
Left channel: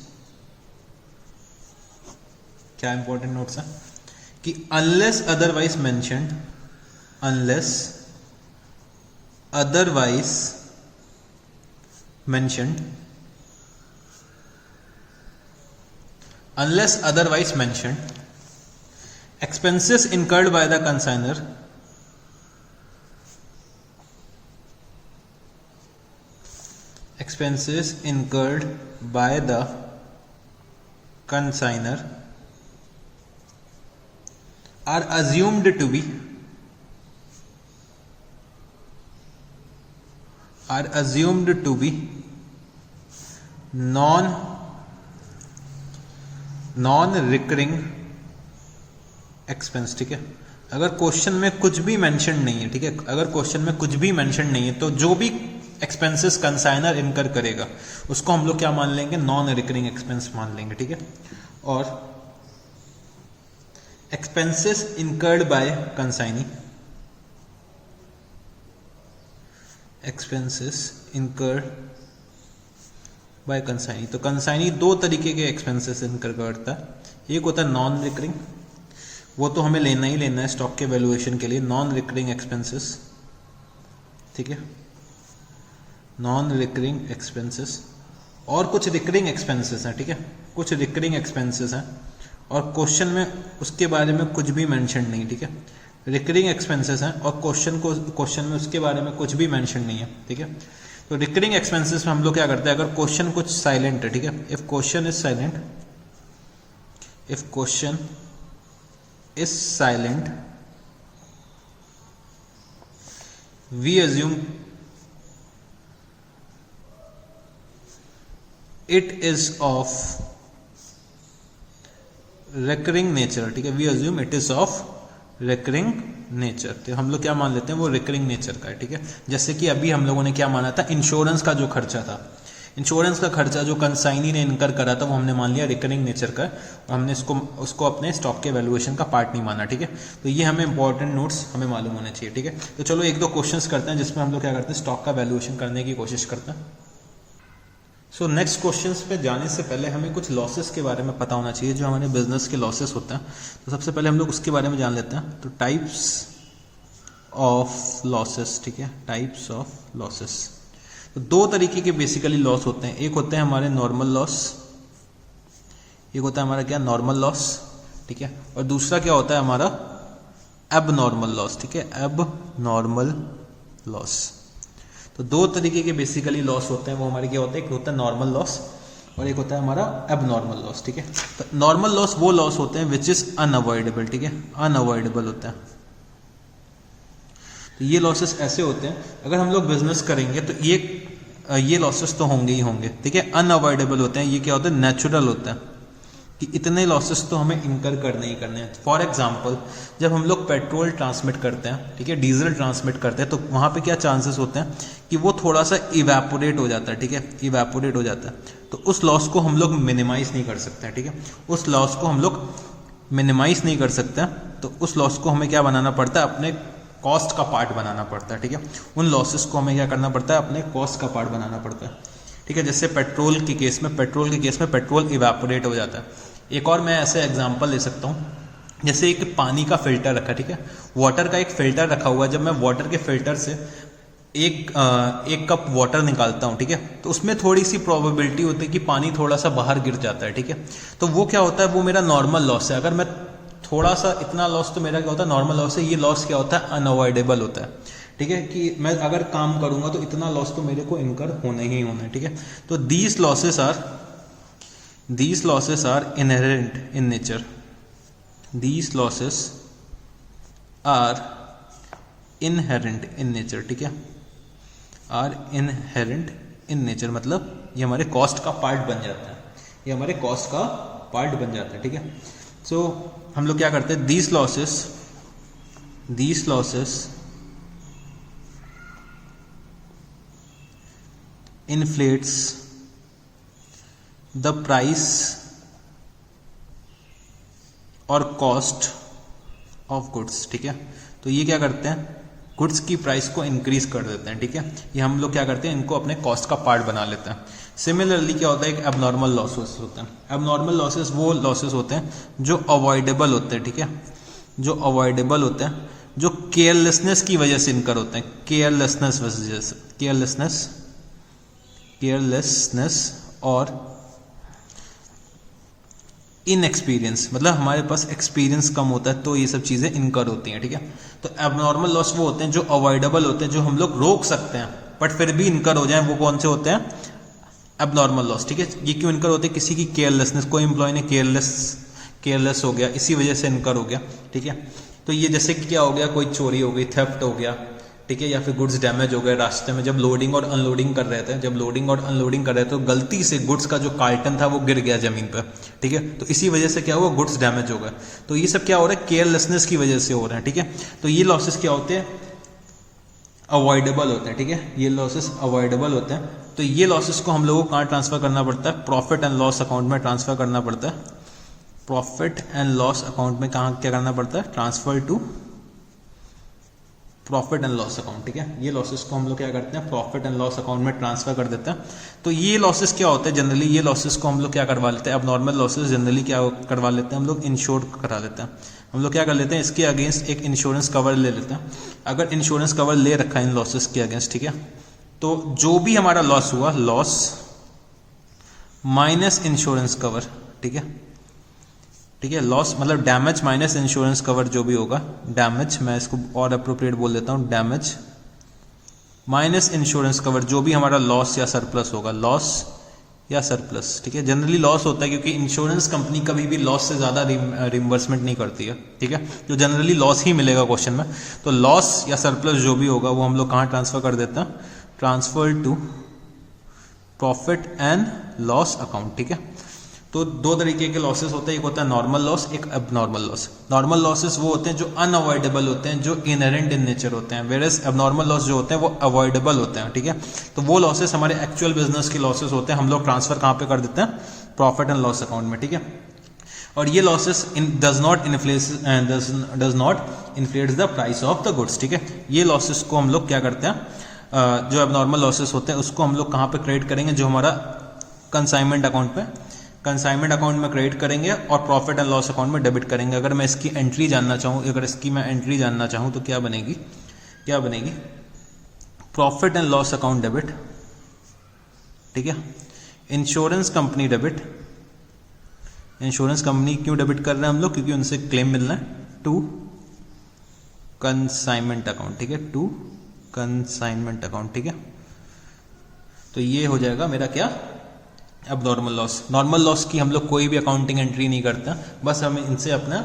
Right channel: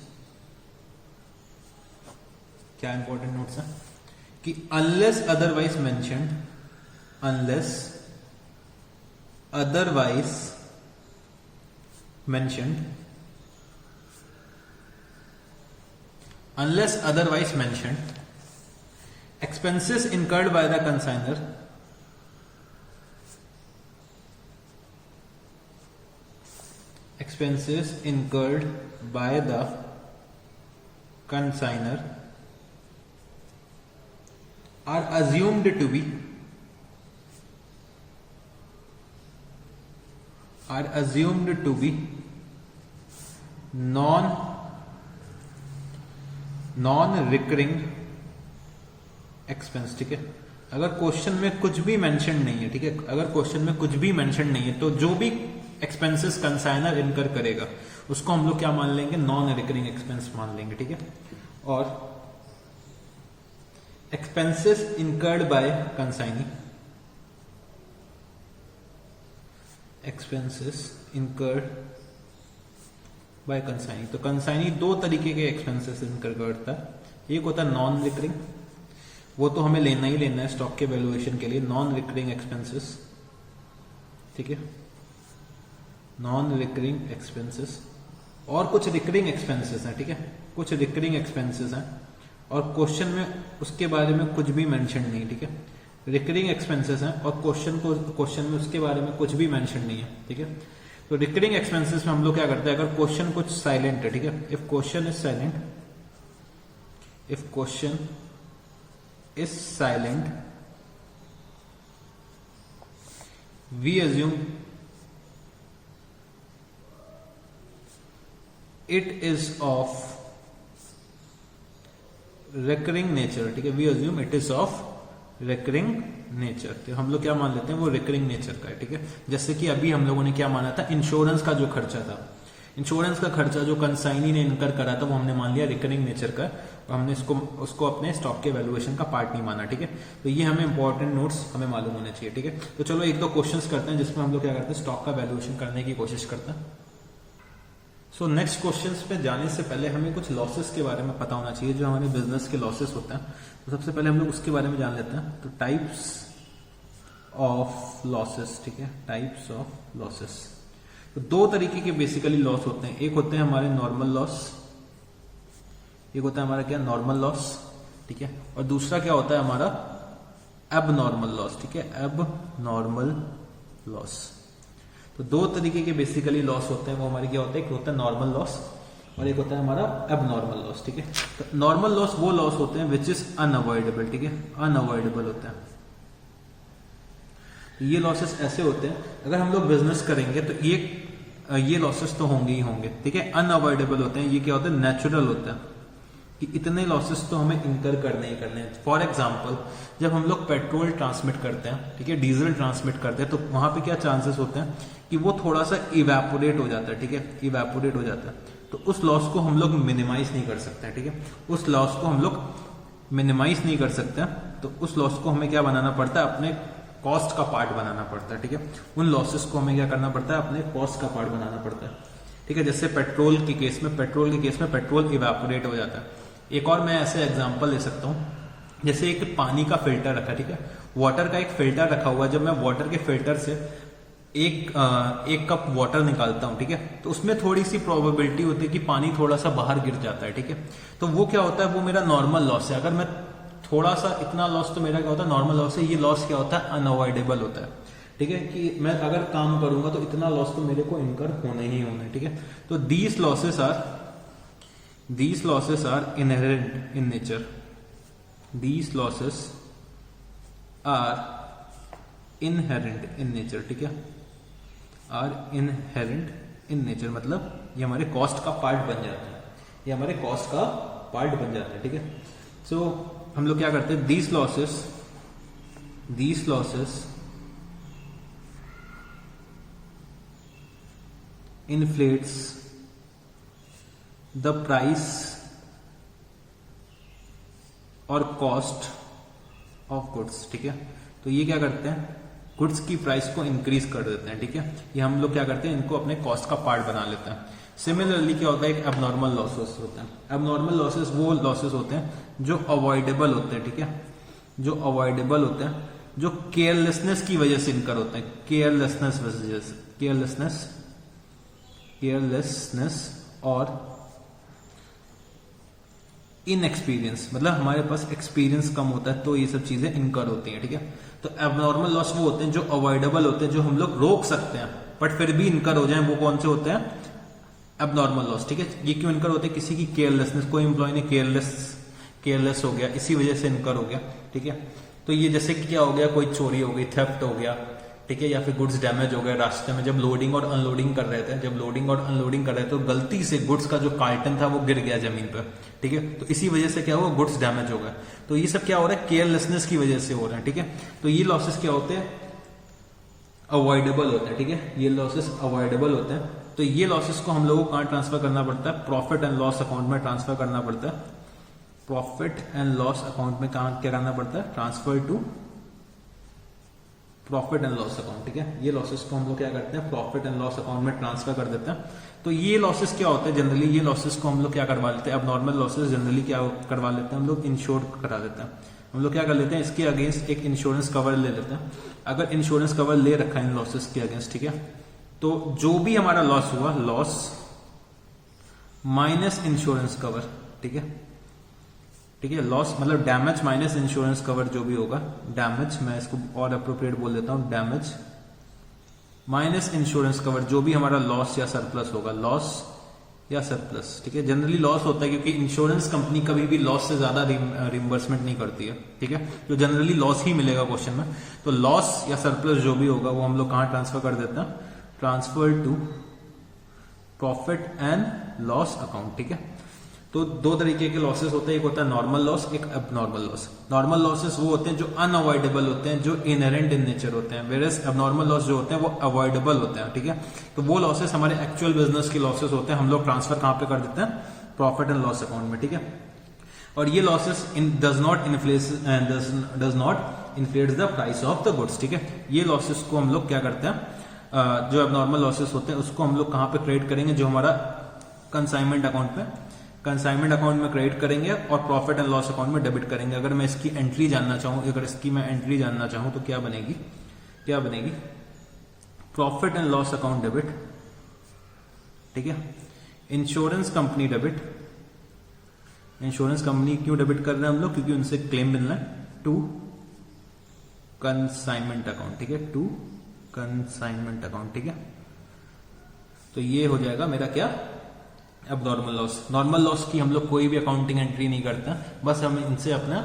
क्या इंपॉर्टेंट नोट्स है कि unless otherwise mentioned, unless otherwise mentioned expenses incurred by the consignor are assumed to be non recurring expense, ठीक है। अगर क्वेश्चन में कुछ भी मेंशन नहीं है, ठीक है, अगर क्वेश्चन में कुछ भी मेंशन नहीं है तो जो भी एक्सपेंसेस कंसाइनर इनकर करेगा उसको हम लोग क्या मान लेंगे, नॉन रिकरिंग एक्सपेंस मान लेंगे, ठीक है। और expenses incurred bye consignee, expenses incurred bye consignee. तो कंसाइनी दो तरीके के एक्सपेंसेस इनकर करता है। एक होता है नॉन रिकरिंग, वो तो हमें लेना ही लेना है स्टॉक के वैल्यूएशन के लिए, नॉन रिकरिंग एक्सपेंसेस, ठीक है, नॉन रिकरिंग एक्सपेंसेस। और कुछ रिकरिंग एक्सपेंसेस हैं, ठीक है, कुछ रिकरिंग एक्सपेंसेस हैं और क्वेश्चन में उसके बारे में कुछ भी मेंशन नहीं, ठीक है, रिकरिंग एक्सपेंसेस हैं और क्वेश्चन में उसके बारे में कुछ भी मेंशन नहीं है, ठीक है। तो रिकरिंग एक्सपेंसेस में हम लोग क्या करते हैं, अगर क्वेश्चन कुछ साइलेंट है, ठीक है, if question is silent, if question is silent we assume it is of recurring nature, ठीक है, we assume it is of recurring nature. तो हम लोग क्या मान लेते हैं, वो रिकरिंग नेचर का है, ठीक है। जैसे कि अभी हम लोगों ने क्या माना था, इंश्योरेंस का जो खर्चा था, इंश्योरेंस का खर्चा जो कंसाइनी ने इनकर करा था वो हमने मान लिया रिकरिंग नेचर का, और हमने उसको अपने स्टॉक के वैल्यूएशन का पार्ट नहीं माना, ठीक है। तो ये हमें इंपॉर्टेंट नोट्स हमें मालूम होने चाहिए, ठीक है। तो चलो एक दो क्वेश्चंस करते हैं जिसमें हम लोग क्या करते हैं, स्टॉक का वैल्यूएशन करने की कोशिश करते हैं। सो नेक्स्ट क्वेश्चंस पे जाने से पहले हमें कुछ लॉसेस के बारे में पता होना चाहिए, जो हमारे बिजनेस के लॉसेस होते हैं। तो सबसे पहले हम लोग उसके बारे में जान लेते हैं। तो टाइप्स ऑफ लॉसेस, ठीक है, टाइप्स ऑफ लॉसेस। तो दो तरीके के बेसिकली लॉस होते हैं, एक होते हैं हमारे नॉर्मल लॉस, एक होता है हमारा क्या, नॉर्मल लॉस, ठीक है, और दूसरा क्या होता है हमारा एबनॉर्मल लॉस, ठीक है, एबनॉर्मल लॉस। तो दो तरीके के बेसिकली लॉस होते हैं, वो हमारे क्या होते हैं, एक होता है नॉर्मल लॉस और एक होता है हमारा एबनॉर्मल लॉस, ठीक है। तो नॉर्मल लॉस वो लॉस होते हैं विच इज अनअवॉइडेबल, ठीक है, अनअवॉइडेबल होता है। तो ये लॉसेस ऐसे होते हैं, अगर हम लोग बिजनेस करेंगे तो ये लॉसेस तो होंगे ही होंगे, ठीक है। अनअवॉइडेबल होते हैं, ये क्या होता है, नेचुरल होता है कि इतने लॉसेस तो हमें इनकर करने ही करने हैं। फॉर एग्जांपल जब हम लोग पेट्रोल ट्रांसमिट करते हैं, ठीक है, डीजल ट्रांसमिट करते हैं, तो वहां पे क्या चांसेस होते हैं कि वो थोड़ा सा इवेपोरेट हो जाता है, ठीक है, इवेपोरेट हो जाता है। तो उस लॉस को हम लोग मिनिमाइज नहीं कर सकते हैं, ठीक है, उस लॉस को हम लोग मिनिमाइज नहीं कर सकते हैं। तो उस लॉस को हमें क्या बनाना पड़ता है, अपने कॉस्ट का पार्ट बनाना पड़ता है, ठीक है। उन लॉसेस को हमें क्या करना पड़ता है, अपने कॉस्ट का पार्ट बनाना पड़ता है, ठीक है। जैसे पेट्रोल के केस में पेट्रोल इवेपोरेट हो जाता है। एक और मैं ऐसे एग्जांपल ले सकता हूँ, जैसे एक पानी का फिल्टर रखा, ठीक है, वाटर का एक फिल्टर रखा हुआ है। जब मैं वाटर के फिल्टर से एक कप वाटर निकालता हूँ, ठीक है, तो उसमें थोड़ी सी प्रोबेबिलिटी होती है कि पानी थोड़ा सा बाहर गिर जाता है, ठीक है। तो वो क्या होता है, वो मेरा नॉर्मल लॉस है। अगर मैं थोड़ा सा इतना लॉस, तो मेरा क्या होता है, नॉर्मल लॉस है। ये लॉस क्या होता है, अनअवॉइडेबल होता है, ठीक है, कि मैं अगर काम करूंगा तो इतना लॉस तो मेरे को इनकर होने ही होना है, ठीक है। तो these losses are inherent in nature. These losses are inherent in nature, ठीक है, are inherent in nature मतलब ये हमारे कॉस्ट का पार्ट बन जाता है, ये हमारे कॉस्ट का पार्ट बन जाता है, ठीक है। सो हम लोग क्या करते हैं, these losses inflates the price और कॉस्ट ऑफ गुड्स, ठीक है। तो ये क्या करते हैं, गुड्स की प्राइस को इंक्रीज कर देते हैं, ठीक है। ये हम लोग क्या करते हैं, इनको अपने कॉस्ट का पार्ट बना लेते हैं। सिमिलरली क्या होता है, एक एबनॉर्मल लॉसेस होते हैं। एबनॉर्मल लॉसेस वो लॉसेस होते हैं जो अवॉइडेबल होते हैं, ठीक है, जो अवॉइडेबल होते हैं, जो केयरलेसनेस की वजह से इनकर होते हैं, केयरलेसनेस और इनएक्सपीरियंस, मतलब हमारे पास एक्सपीरियंस कम होता है तो ये सब चीजें इनकर होती हैं, ठीक है। तो एबनॉर्मल लॉस वो होते हैं जो अवॉइडेबल होते हैं, जो हम लोग रोक सकते हैं बट फिर भी इनकर हो जाए, वो कौन से होते हैं, एबनॉर्मल लॉस, ठीक है। ये क्यों इनकर होते हैं, किसी की केयरलेसनेस, कोई एम्प्लॉय ने केयरलेस हो गया, इसी वजह से इनकर हो गया, ठीक है। तो ये जैसे कि क्या हो गया, कोई चोरी हो गई, थेफ्ट हो गया, ठीक है, या फिर गुड्स डैमेज हो गए रास्ते में, जब लोडिंग और अनलोडिंग कर रहे थे, तो गलती से गुड्स का जो कार्टन था वो गिर गया जमीन पर, ठीक है। तो इसी वजह से क्या हुआ, गुड्स डैमेज हो गए। तो ये सब क्या हो रहा है, केयरलेसनेस की वजह से हो रहा है, ठीक है। तो ये लॉसेस क्या होते हैं, अवॉइडेबल होते हैं, ठीक है, ये लॉसेस अवॉइडेबल होते हैं। तो ये लॉसेस को हम लोगों को कहाँ ट्रांसफर करना पड़ता है, प्रॉफिट एंड लॉस अकाउंट में ट्रांसफर करना पड़ता है। प्रॉफिट एंड लॉस अकाउंट में कहाँ क्या करना पड़ता है, transfer to profit and loss account, ठीक है। ये लॉसेस को हम लोग क्या करते हैं, प्रॉफिट एंड लॉस अकाउंट में ट्रांसफर कर देते हैं। तो ये लॉसेस क्या होते हैं जनरली, ये लॉसेस को हम लोग क्या करवा लेते हैं, अब नॉर्मल लॉसेस जनरली क्या करवा लेते हैं हम लोग, इंश्योर करा लेते हैं। हम लोग क्या कर लेते हैं, इसके अगेंस्ट एक इंश्योरेंस कवर ले लेते हैं। अगर इंश्योरेंस कवर ले रखा है इन लॉसेस के अगेंस्ट, ठीक है, तो जो भी हमारा लॉस हुआ, लॉस माइनस इंश्योरेंस कवर, ठीक है, ठीक है। लॉस मतलब डैमेज माइनस इंश्योरेंस कवर जो भी होगा, डैमेज मैं इसको और अप्रोप्रिएट बोल देता हूं, डैमेज माइनस इंश्योरेंस कवर, जो भी हमारा लॉस या सरप्लस होगा, लॉस या सरप्लस, ठीक है। जनरली लॉस होता है क्योंकि इंश्योरेंस कंपनी कभी भी लॉस से ज्यादा रिम्बर्समेंट नहीं करती है, ठीक है। तो जनरली लॉस ही मिलेगा क्वेश्चन में। तो लॉस या सरप्लस जो भी होगा वो हम लोग कहां ट्रांसफर कर देते हैं, transfer to profit and loss account, ठीक है। तो दो तरीके के लॉसेस होते हैं, एक होता है नॉर्मल लॉस, एक अबनॉर्मल लॉस। नॉर्मल लॉसेस वो होते हैं जो अनअवॉइडेबल होते हैं, जो इनहेरेंट इन नेचर होते हैं, वेयर एज अबनॉर्मल लॉस जो होते हैं वो अवॉइडेबल होते हैं, ठीक है। तो वो लॉसेस हमारे एक्चुअल बिजनेस के लॉसेस होते हैं, हम लोग ट्रांसफर कहां पे कर देते हैं, प्रॉफिट एंड लॉस अकाउंट में, ठीक है। और ये losses does not inflate the price of the goods, ठीक है। ये लॉसेस को हम लोग क्या करते हैं, जो अबनॉर्मल लॉसेस होते हैं उसको हम लोग कहां पे क्रेडिट करेंगे, जो हमारा कंसाइनमेंट अकाउंट पे, कंसाइनमेंट अकाउंट में क्रेडिट करेंगे और प्रॉफिट एंड लॉस अकाउंट में डेबिट करेंगे। अगर मैं इसकी एंट्री जानना चाहूं, अगर इसकी मैं एंट्री जानना चाहूं तो क्या बनेगी, क्या बनेगी, profit and loss account debit, ठीक है। Insurance company debit, insurance company क्यों डेबिट कर रहे हैं हम लोग, क्योंकि उनसे क्लेम मिलना है, टू कंसाइनमेंट अकाउंट, ठीक है, टू कंसाइनमेंट अकाउंट, ठीक है। तो ये हो जाएगा मेरा क्या, अब नॉर्मल लॉस। नॉर्मल लॉस की हम लोग कोई भी अकाउंटिंग एंट्री नहीं करता, बस हम इनसे अपना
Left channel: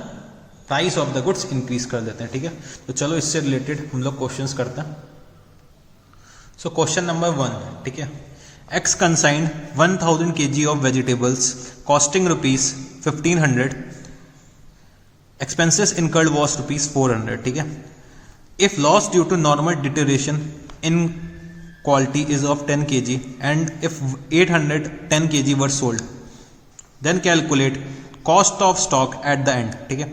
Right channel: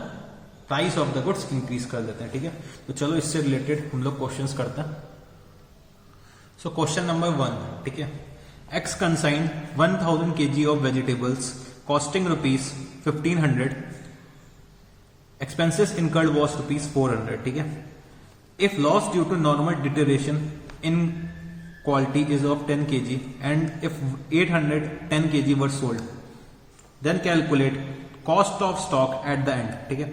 price of the goods increase कर देते हैं, ठीक है। तो चलो इससे रिलेटेड हम लोग क्वेश्चंस करते हैं। सो क्वेश्चन नंबर 1, ठीक है, X consigned 1000 kg of vegetables costing ₹1500, expenses incurred was ₹400, ठीक है। If loss due to normal deterioration in quality is of 10 kg and if 810 kg were sold, then calculate cost of stock at the end, ठीक है।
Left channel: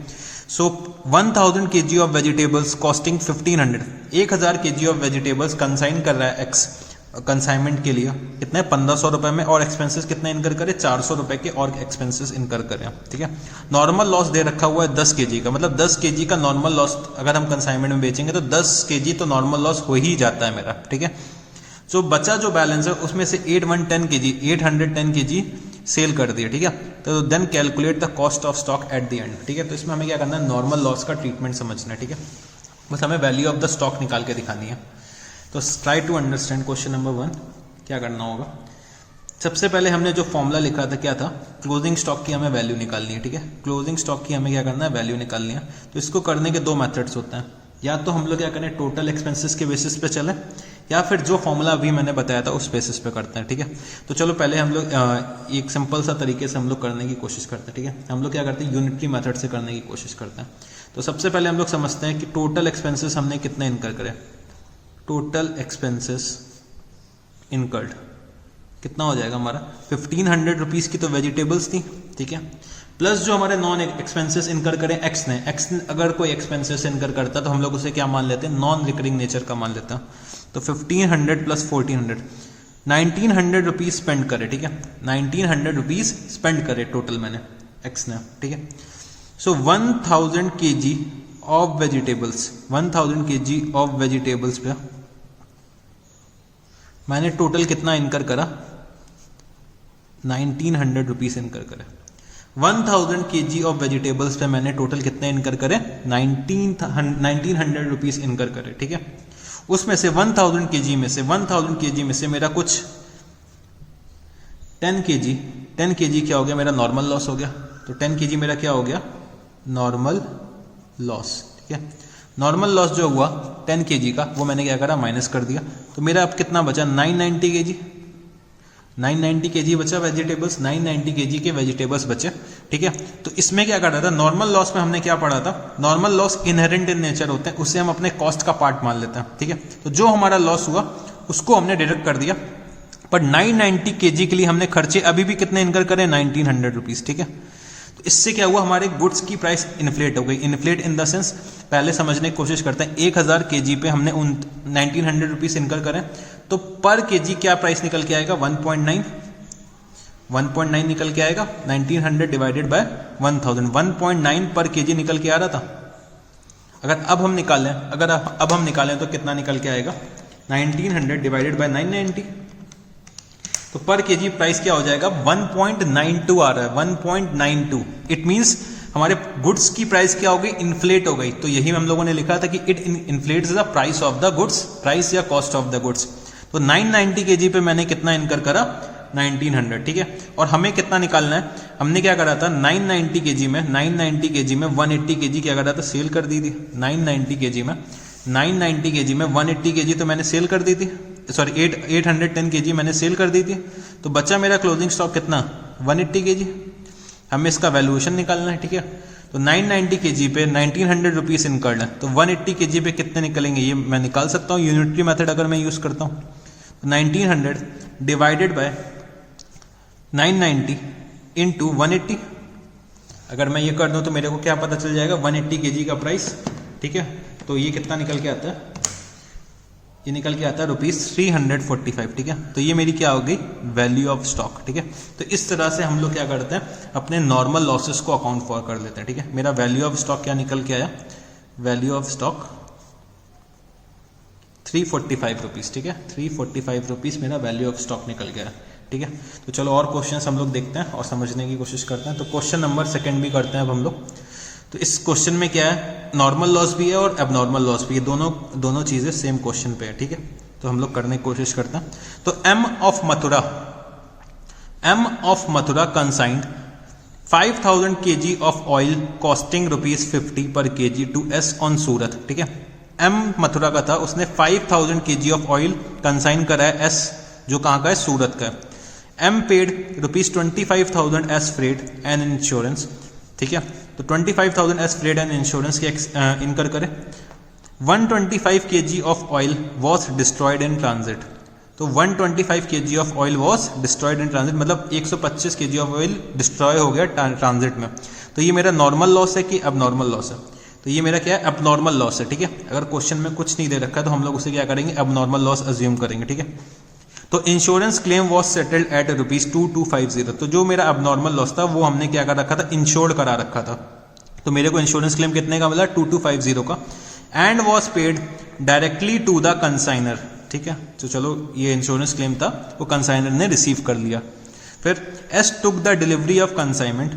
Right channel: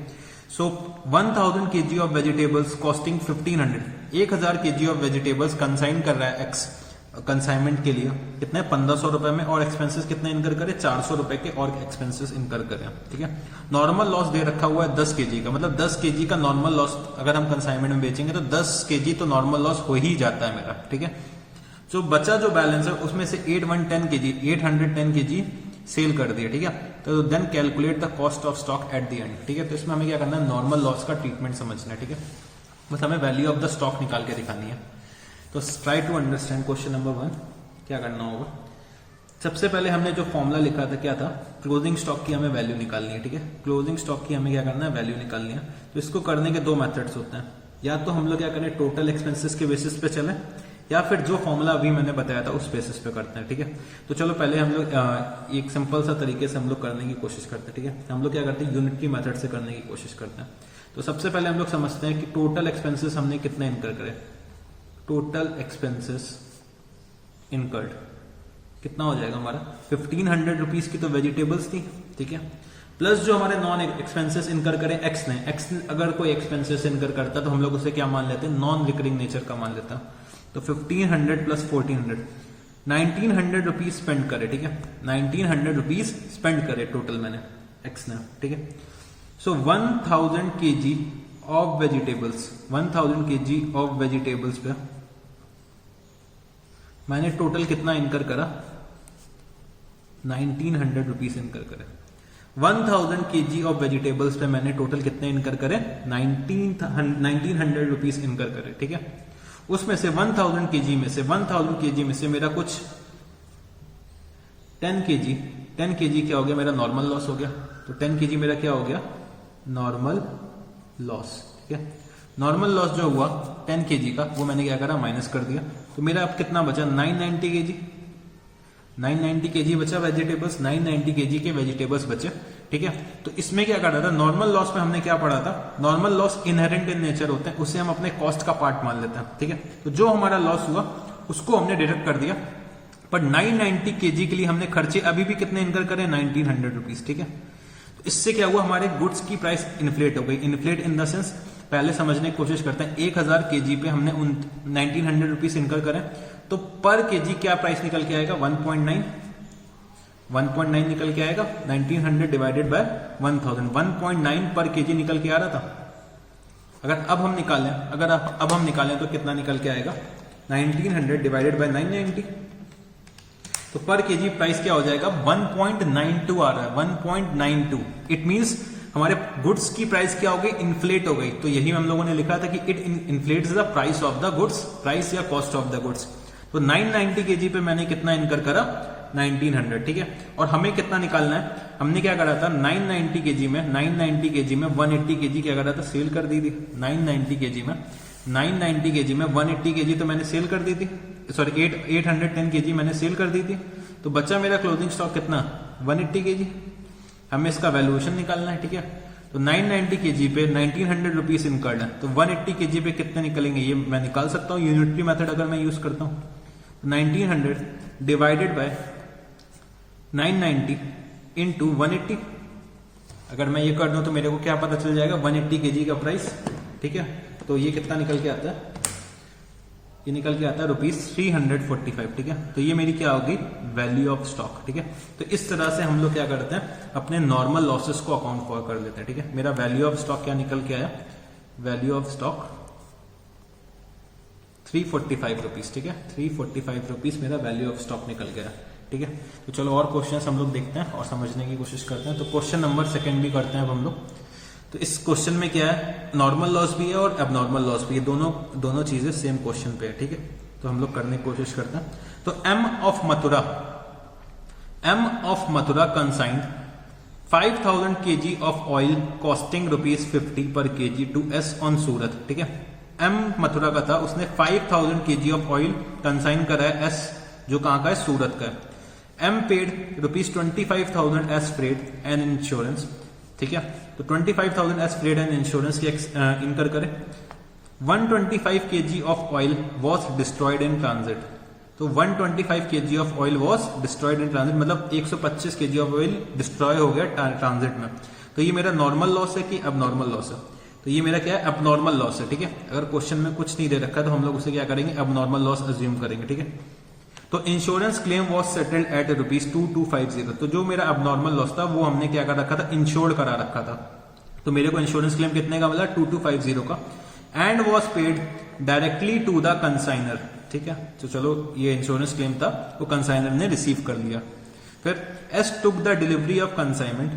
So 1000 kg of vegetables costing 1500, 1000 kg of vegetables consign कर रहा है x, consignment के लिए कितने 1500 रुपए में, और एक्सपेंसेस कितने इनकर करे, 400 रुपए के और एक्सपेंसेस इनकर करें, ठीक है। नॉर्मल लॉस दे रखा हुआ है 10 kg का, मतलब 10 kg का नॉर्मल लॉस अगर हम कंसाइनमेंट में बेचेंगे तो 10 kg तो नॉर्मल लॉस हो ही जाता है मेरा, ठीक है। जो बचा जो बैलेंस है उसमें से 810 kg सेल कर दिया, ठीक है। तो then calculate the cost of stock at the end, ठीक है। तो इसमें हमें क्या करना है, नॉर्मल लॉस का ट्रीटमेंट समझना है, ठीक है। बस हमें वैल्यू ऑफ द स्टॉक निकाल के दिखानी है। तो try to understand question number 1, क्या करना होगा। सबसे पहले हमने जो फॉर्मूला लिखा था क्या था, क्लोजिंग स्टॉक की हमें वैल्यू निकालनी है, ठीक है। क्लोजिंग स्टॉक की हमें क्या करना है, वैल्यू निकालनी है। तो इसको करने के दो मेथड्स होते हैं, या तो हम लोग क्या करें, टोटल एक्सपेंसेस के बेसिस पे चले, या फिर जो फॉर्मूला अभी मैंने बताया था उस बेसिस पे करते हैं, ठीक है। तो चलो पहले हम लोग एक सिंपल सा तरीके से हम लोग करने की कोशिश करते हैं, ठीक है। हम लोग क्या करते हैं, यूनिटरी मेथड से करने की कोशिश करते हैं। तो सबसे पहले हम लोग समझते हैं कि टोटल एक्सपेंसेस हमने कितने इनकर करे, टोटल एक्सपेंसेस इनकर्ड कितना हो जाएगा हमारा, 1500 रुपीज की तो वेजिटेबल्स थी, ठीक है, प्लस जो हमारे नॉन एक्सपेंसेस इनकर करे एक्स ने अगर कोई एक्सपेंसेस इनकर करता तो हम लोग उसे क्या मान लेते हैं, नॉन रिकरिंग नेचर का मान लेते हैं। तो 1500 प्लस 1400, 1900 रुपीज स्पेंड करे, ठीक है, 1900 रुपीज स्पेंड करे टोटल मैंने एक्स ने, ठीक है। सो 1000 kg of vegetables, 1000 kg of vegetables पे मैंने टोटल कितना इनकर करा, 1900 रुपीज इनकर करे। 1000 kg ऑफ वेजिटेबल्स पे मैंने टोटल कितने इनकर करे, 1900 रुपीज इनकर करे, ठीक है। उसमें से 1000 kg में से मेरा कुछ 10 kg क्या हो गया, मेरा नॉर्मल लॉस हो गया। तो 10 kg मेरा क्या हो गया, नॉर्मल लॉस, ठीक है। नॉर्मल लॉस जो हुआ 10 kg का वो मैंने क्या करा, माइनस कर दिया। तो मेरा अब कितना बचा, 990 kg, 990 kg बचा वेजिटेबल्स, 990 kg के वेजिटेबल्स बचे, ठीक है। तो इसमें क्या कर रहा था, नॉर्मल लॉस में हमने क्या पढ़ा था, normal loss inherent in nature होते हैं, उसे हम अपने कॉस्ट का पार्ट मान लेते हैं, ठीक है। तो जो हमारा लॉस हुआ उसको हमने डिडक्ट कर दिया, पर 990 kg के लिए हमने खर्चे अभी भी कितने इनकर करे, 1900 रुपीज, ठीक है। तो तो इससे क्या हुआ, हमारे गुड्स की प्राइस इन्फ्लेट हो गई। इन्फ्लेट इन द सेंस, पहले समझने की कोशिश करते हैं, 1000 kg पे हमने 1900 रुपीज इनकर करें, तो पर केजी क्या प्राइस निकल के आएगा, 1.9 निकल के आएगा। 1900 डिवाइडेड बाय 1000, 1.9 पर केजी निकल के आ रहा था। अगर अब हम निकालें तो कितना निकल के आएगा, 1900 डिवाइडेड बाय 990, तो पर केजी प्राइस क्या हो जाएगा, 1.92 आ रहा है, 1.92। इट मींस हमारे गुड्स की प्राइस क्या हो गई, इन्फ्लेट हो गई। तो यही हम लोगों ने लिखा था कि it inflates the price of the goods, price या कॉस्ट ऑफ द गुड्स। तो 990 केजी पे मैंने कितना इनकर करा, 1900, ठीक है। और हमें कितना निकालना है, हमने क्या करा था, 990 केजी में 180 केजी क्या करा था, सेल कर दी थी। 990 केजी में 180 केजी तो मैंने सेल कर दी थी, सॉरी 810 केजी मैंने सेल कर दी थी। तो बचा मेरा क्लोजिंग स्टॉक कितना, 180 केजी। हमें इसका वैल्यूएशन निकालना है, ठीक है। तो 990 केजी पे 1900 रुपीज इनकर्ड है, तो 180 केजी पे कितने निकलेंगे, ये मैं निकाल सकता हूँ यूनिटरी मेथड अगर मैं यूज करता हूँ। 1900 डिवाइडेड बाय 990 इंटू 180, अगर मैं ये कर दूं तो मेरे को क्या पता चल जाएगा, 180 केजी का प्राइस, ठीक है। तो ये कितना निकल के आता है, ये निकल के आता है ₹345, ठीक है। तो ये मेरी क्या हो गई, वैल्यू ऑफ स्टॉक, ठीक है। तो इस तरह से हम लोग क्या करते हैं, अपने नॉर्मल लॉसेस को अकाउंट फॉर कर लेते हैं, ठीक है। मेरा वैल्यू ऑफ स्टॉक क्या निकल के आया, वैल्यू ऑफ स्टॉक 345 रुपीज, ठीक है। 345 रुपीज मेरा वैल्यू ऑफ स्टॉक निकल गया, ठीक है। तो चलो और क्वेश्चंस हम लोग देखते हैं और समझने की कोशिश करते हैं। तो क्वेश्चन नंबर 2 भी करते हैं अब हम लोग। तो इस क्वेश्चन में क्या है, नॉर्मल लॉस भी है और एबनॉर्मल लॉस भी है, दोनों चीजें सेम क्वेश्चन पे है, ठीक है। तो हम लोग करने की कोशिश करते हैं। तो M of Mathura consigned 5000 kg of oil costing ₹50 per kg to S on Surat, ठीक है। एम मथुरा का था, उसने 5000 kg ऑफ ऑयल कंसाइन करा है एस, जो कहां का है, सूरत का है। M paid ₹25,000 S freight and insurance, ठीक है। तो 25,000 एस फ्रेट एंड इंश्योरेंस के इनकर करें। 125 kg of oil was destroyed in transit, तो 125 kg of oil was destroyed in transit, मतलब 125 kg ऑफ ऑयल डिस्ट्रॉय हो गया ट्रांजिट में। तो ये मेरा नॉर्मल लॉस है कि एबनॉर्मल लॉस है, तो ये मेरा क्या है, एबनॉर्मल लॉस है, ठीक है। अगर क्वेश्चन में कुछ नहीं दे रखा है तो हम लोग उसे क्या करेंगे, एबनॉर्मल लॉस अज्यूम करेंगे, ठीक है। तो insurance claim was settled at ₹2250, तो जो मेरा एबनॉर्मल लॉस था वो हमने क्या कर रखा था, इंश्योर्ड करा रखा था। तो मेरे को इंश्योरेंस क्लेम कितने का मिला, 2250 का, and was paid directly to the consignor, ठीक है। तो चलो ये इंश्योरेंस क्लेम था, वो कंसाइनर ने रिसीव कर लिया। फिर S took the delivery of consignment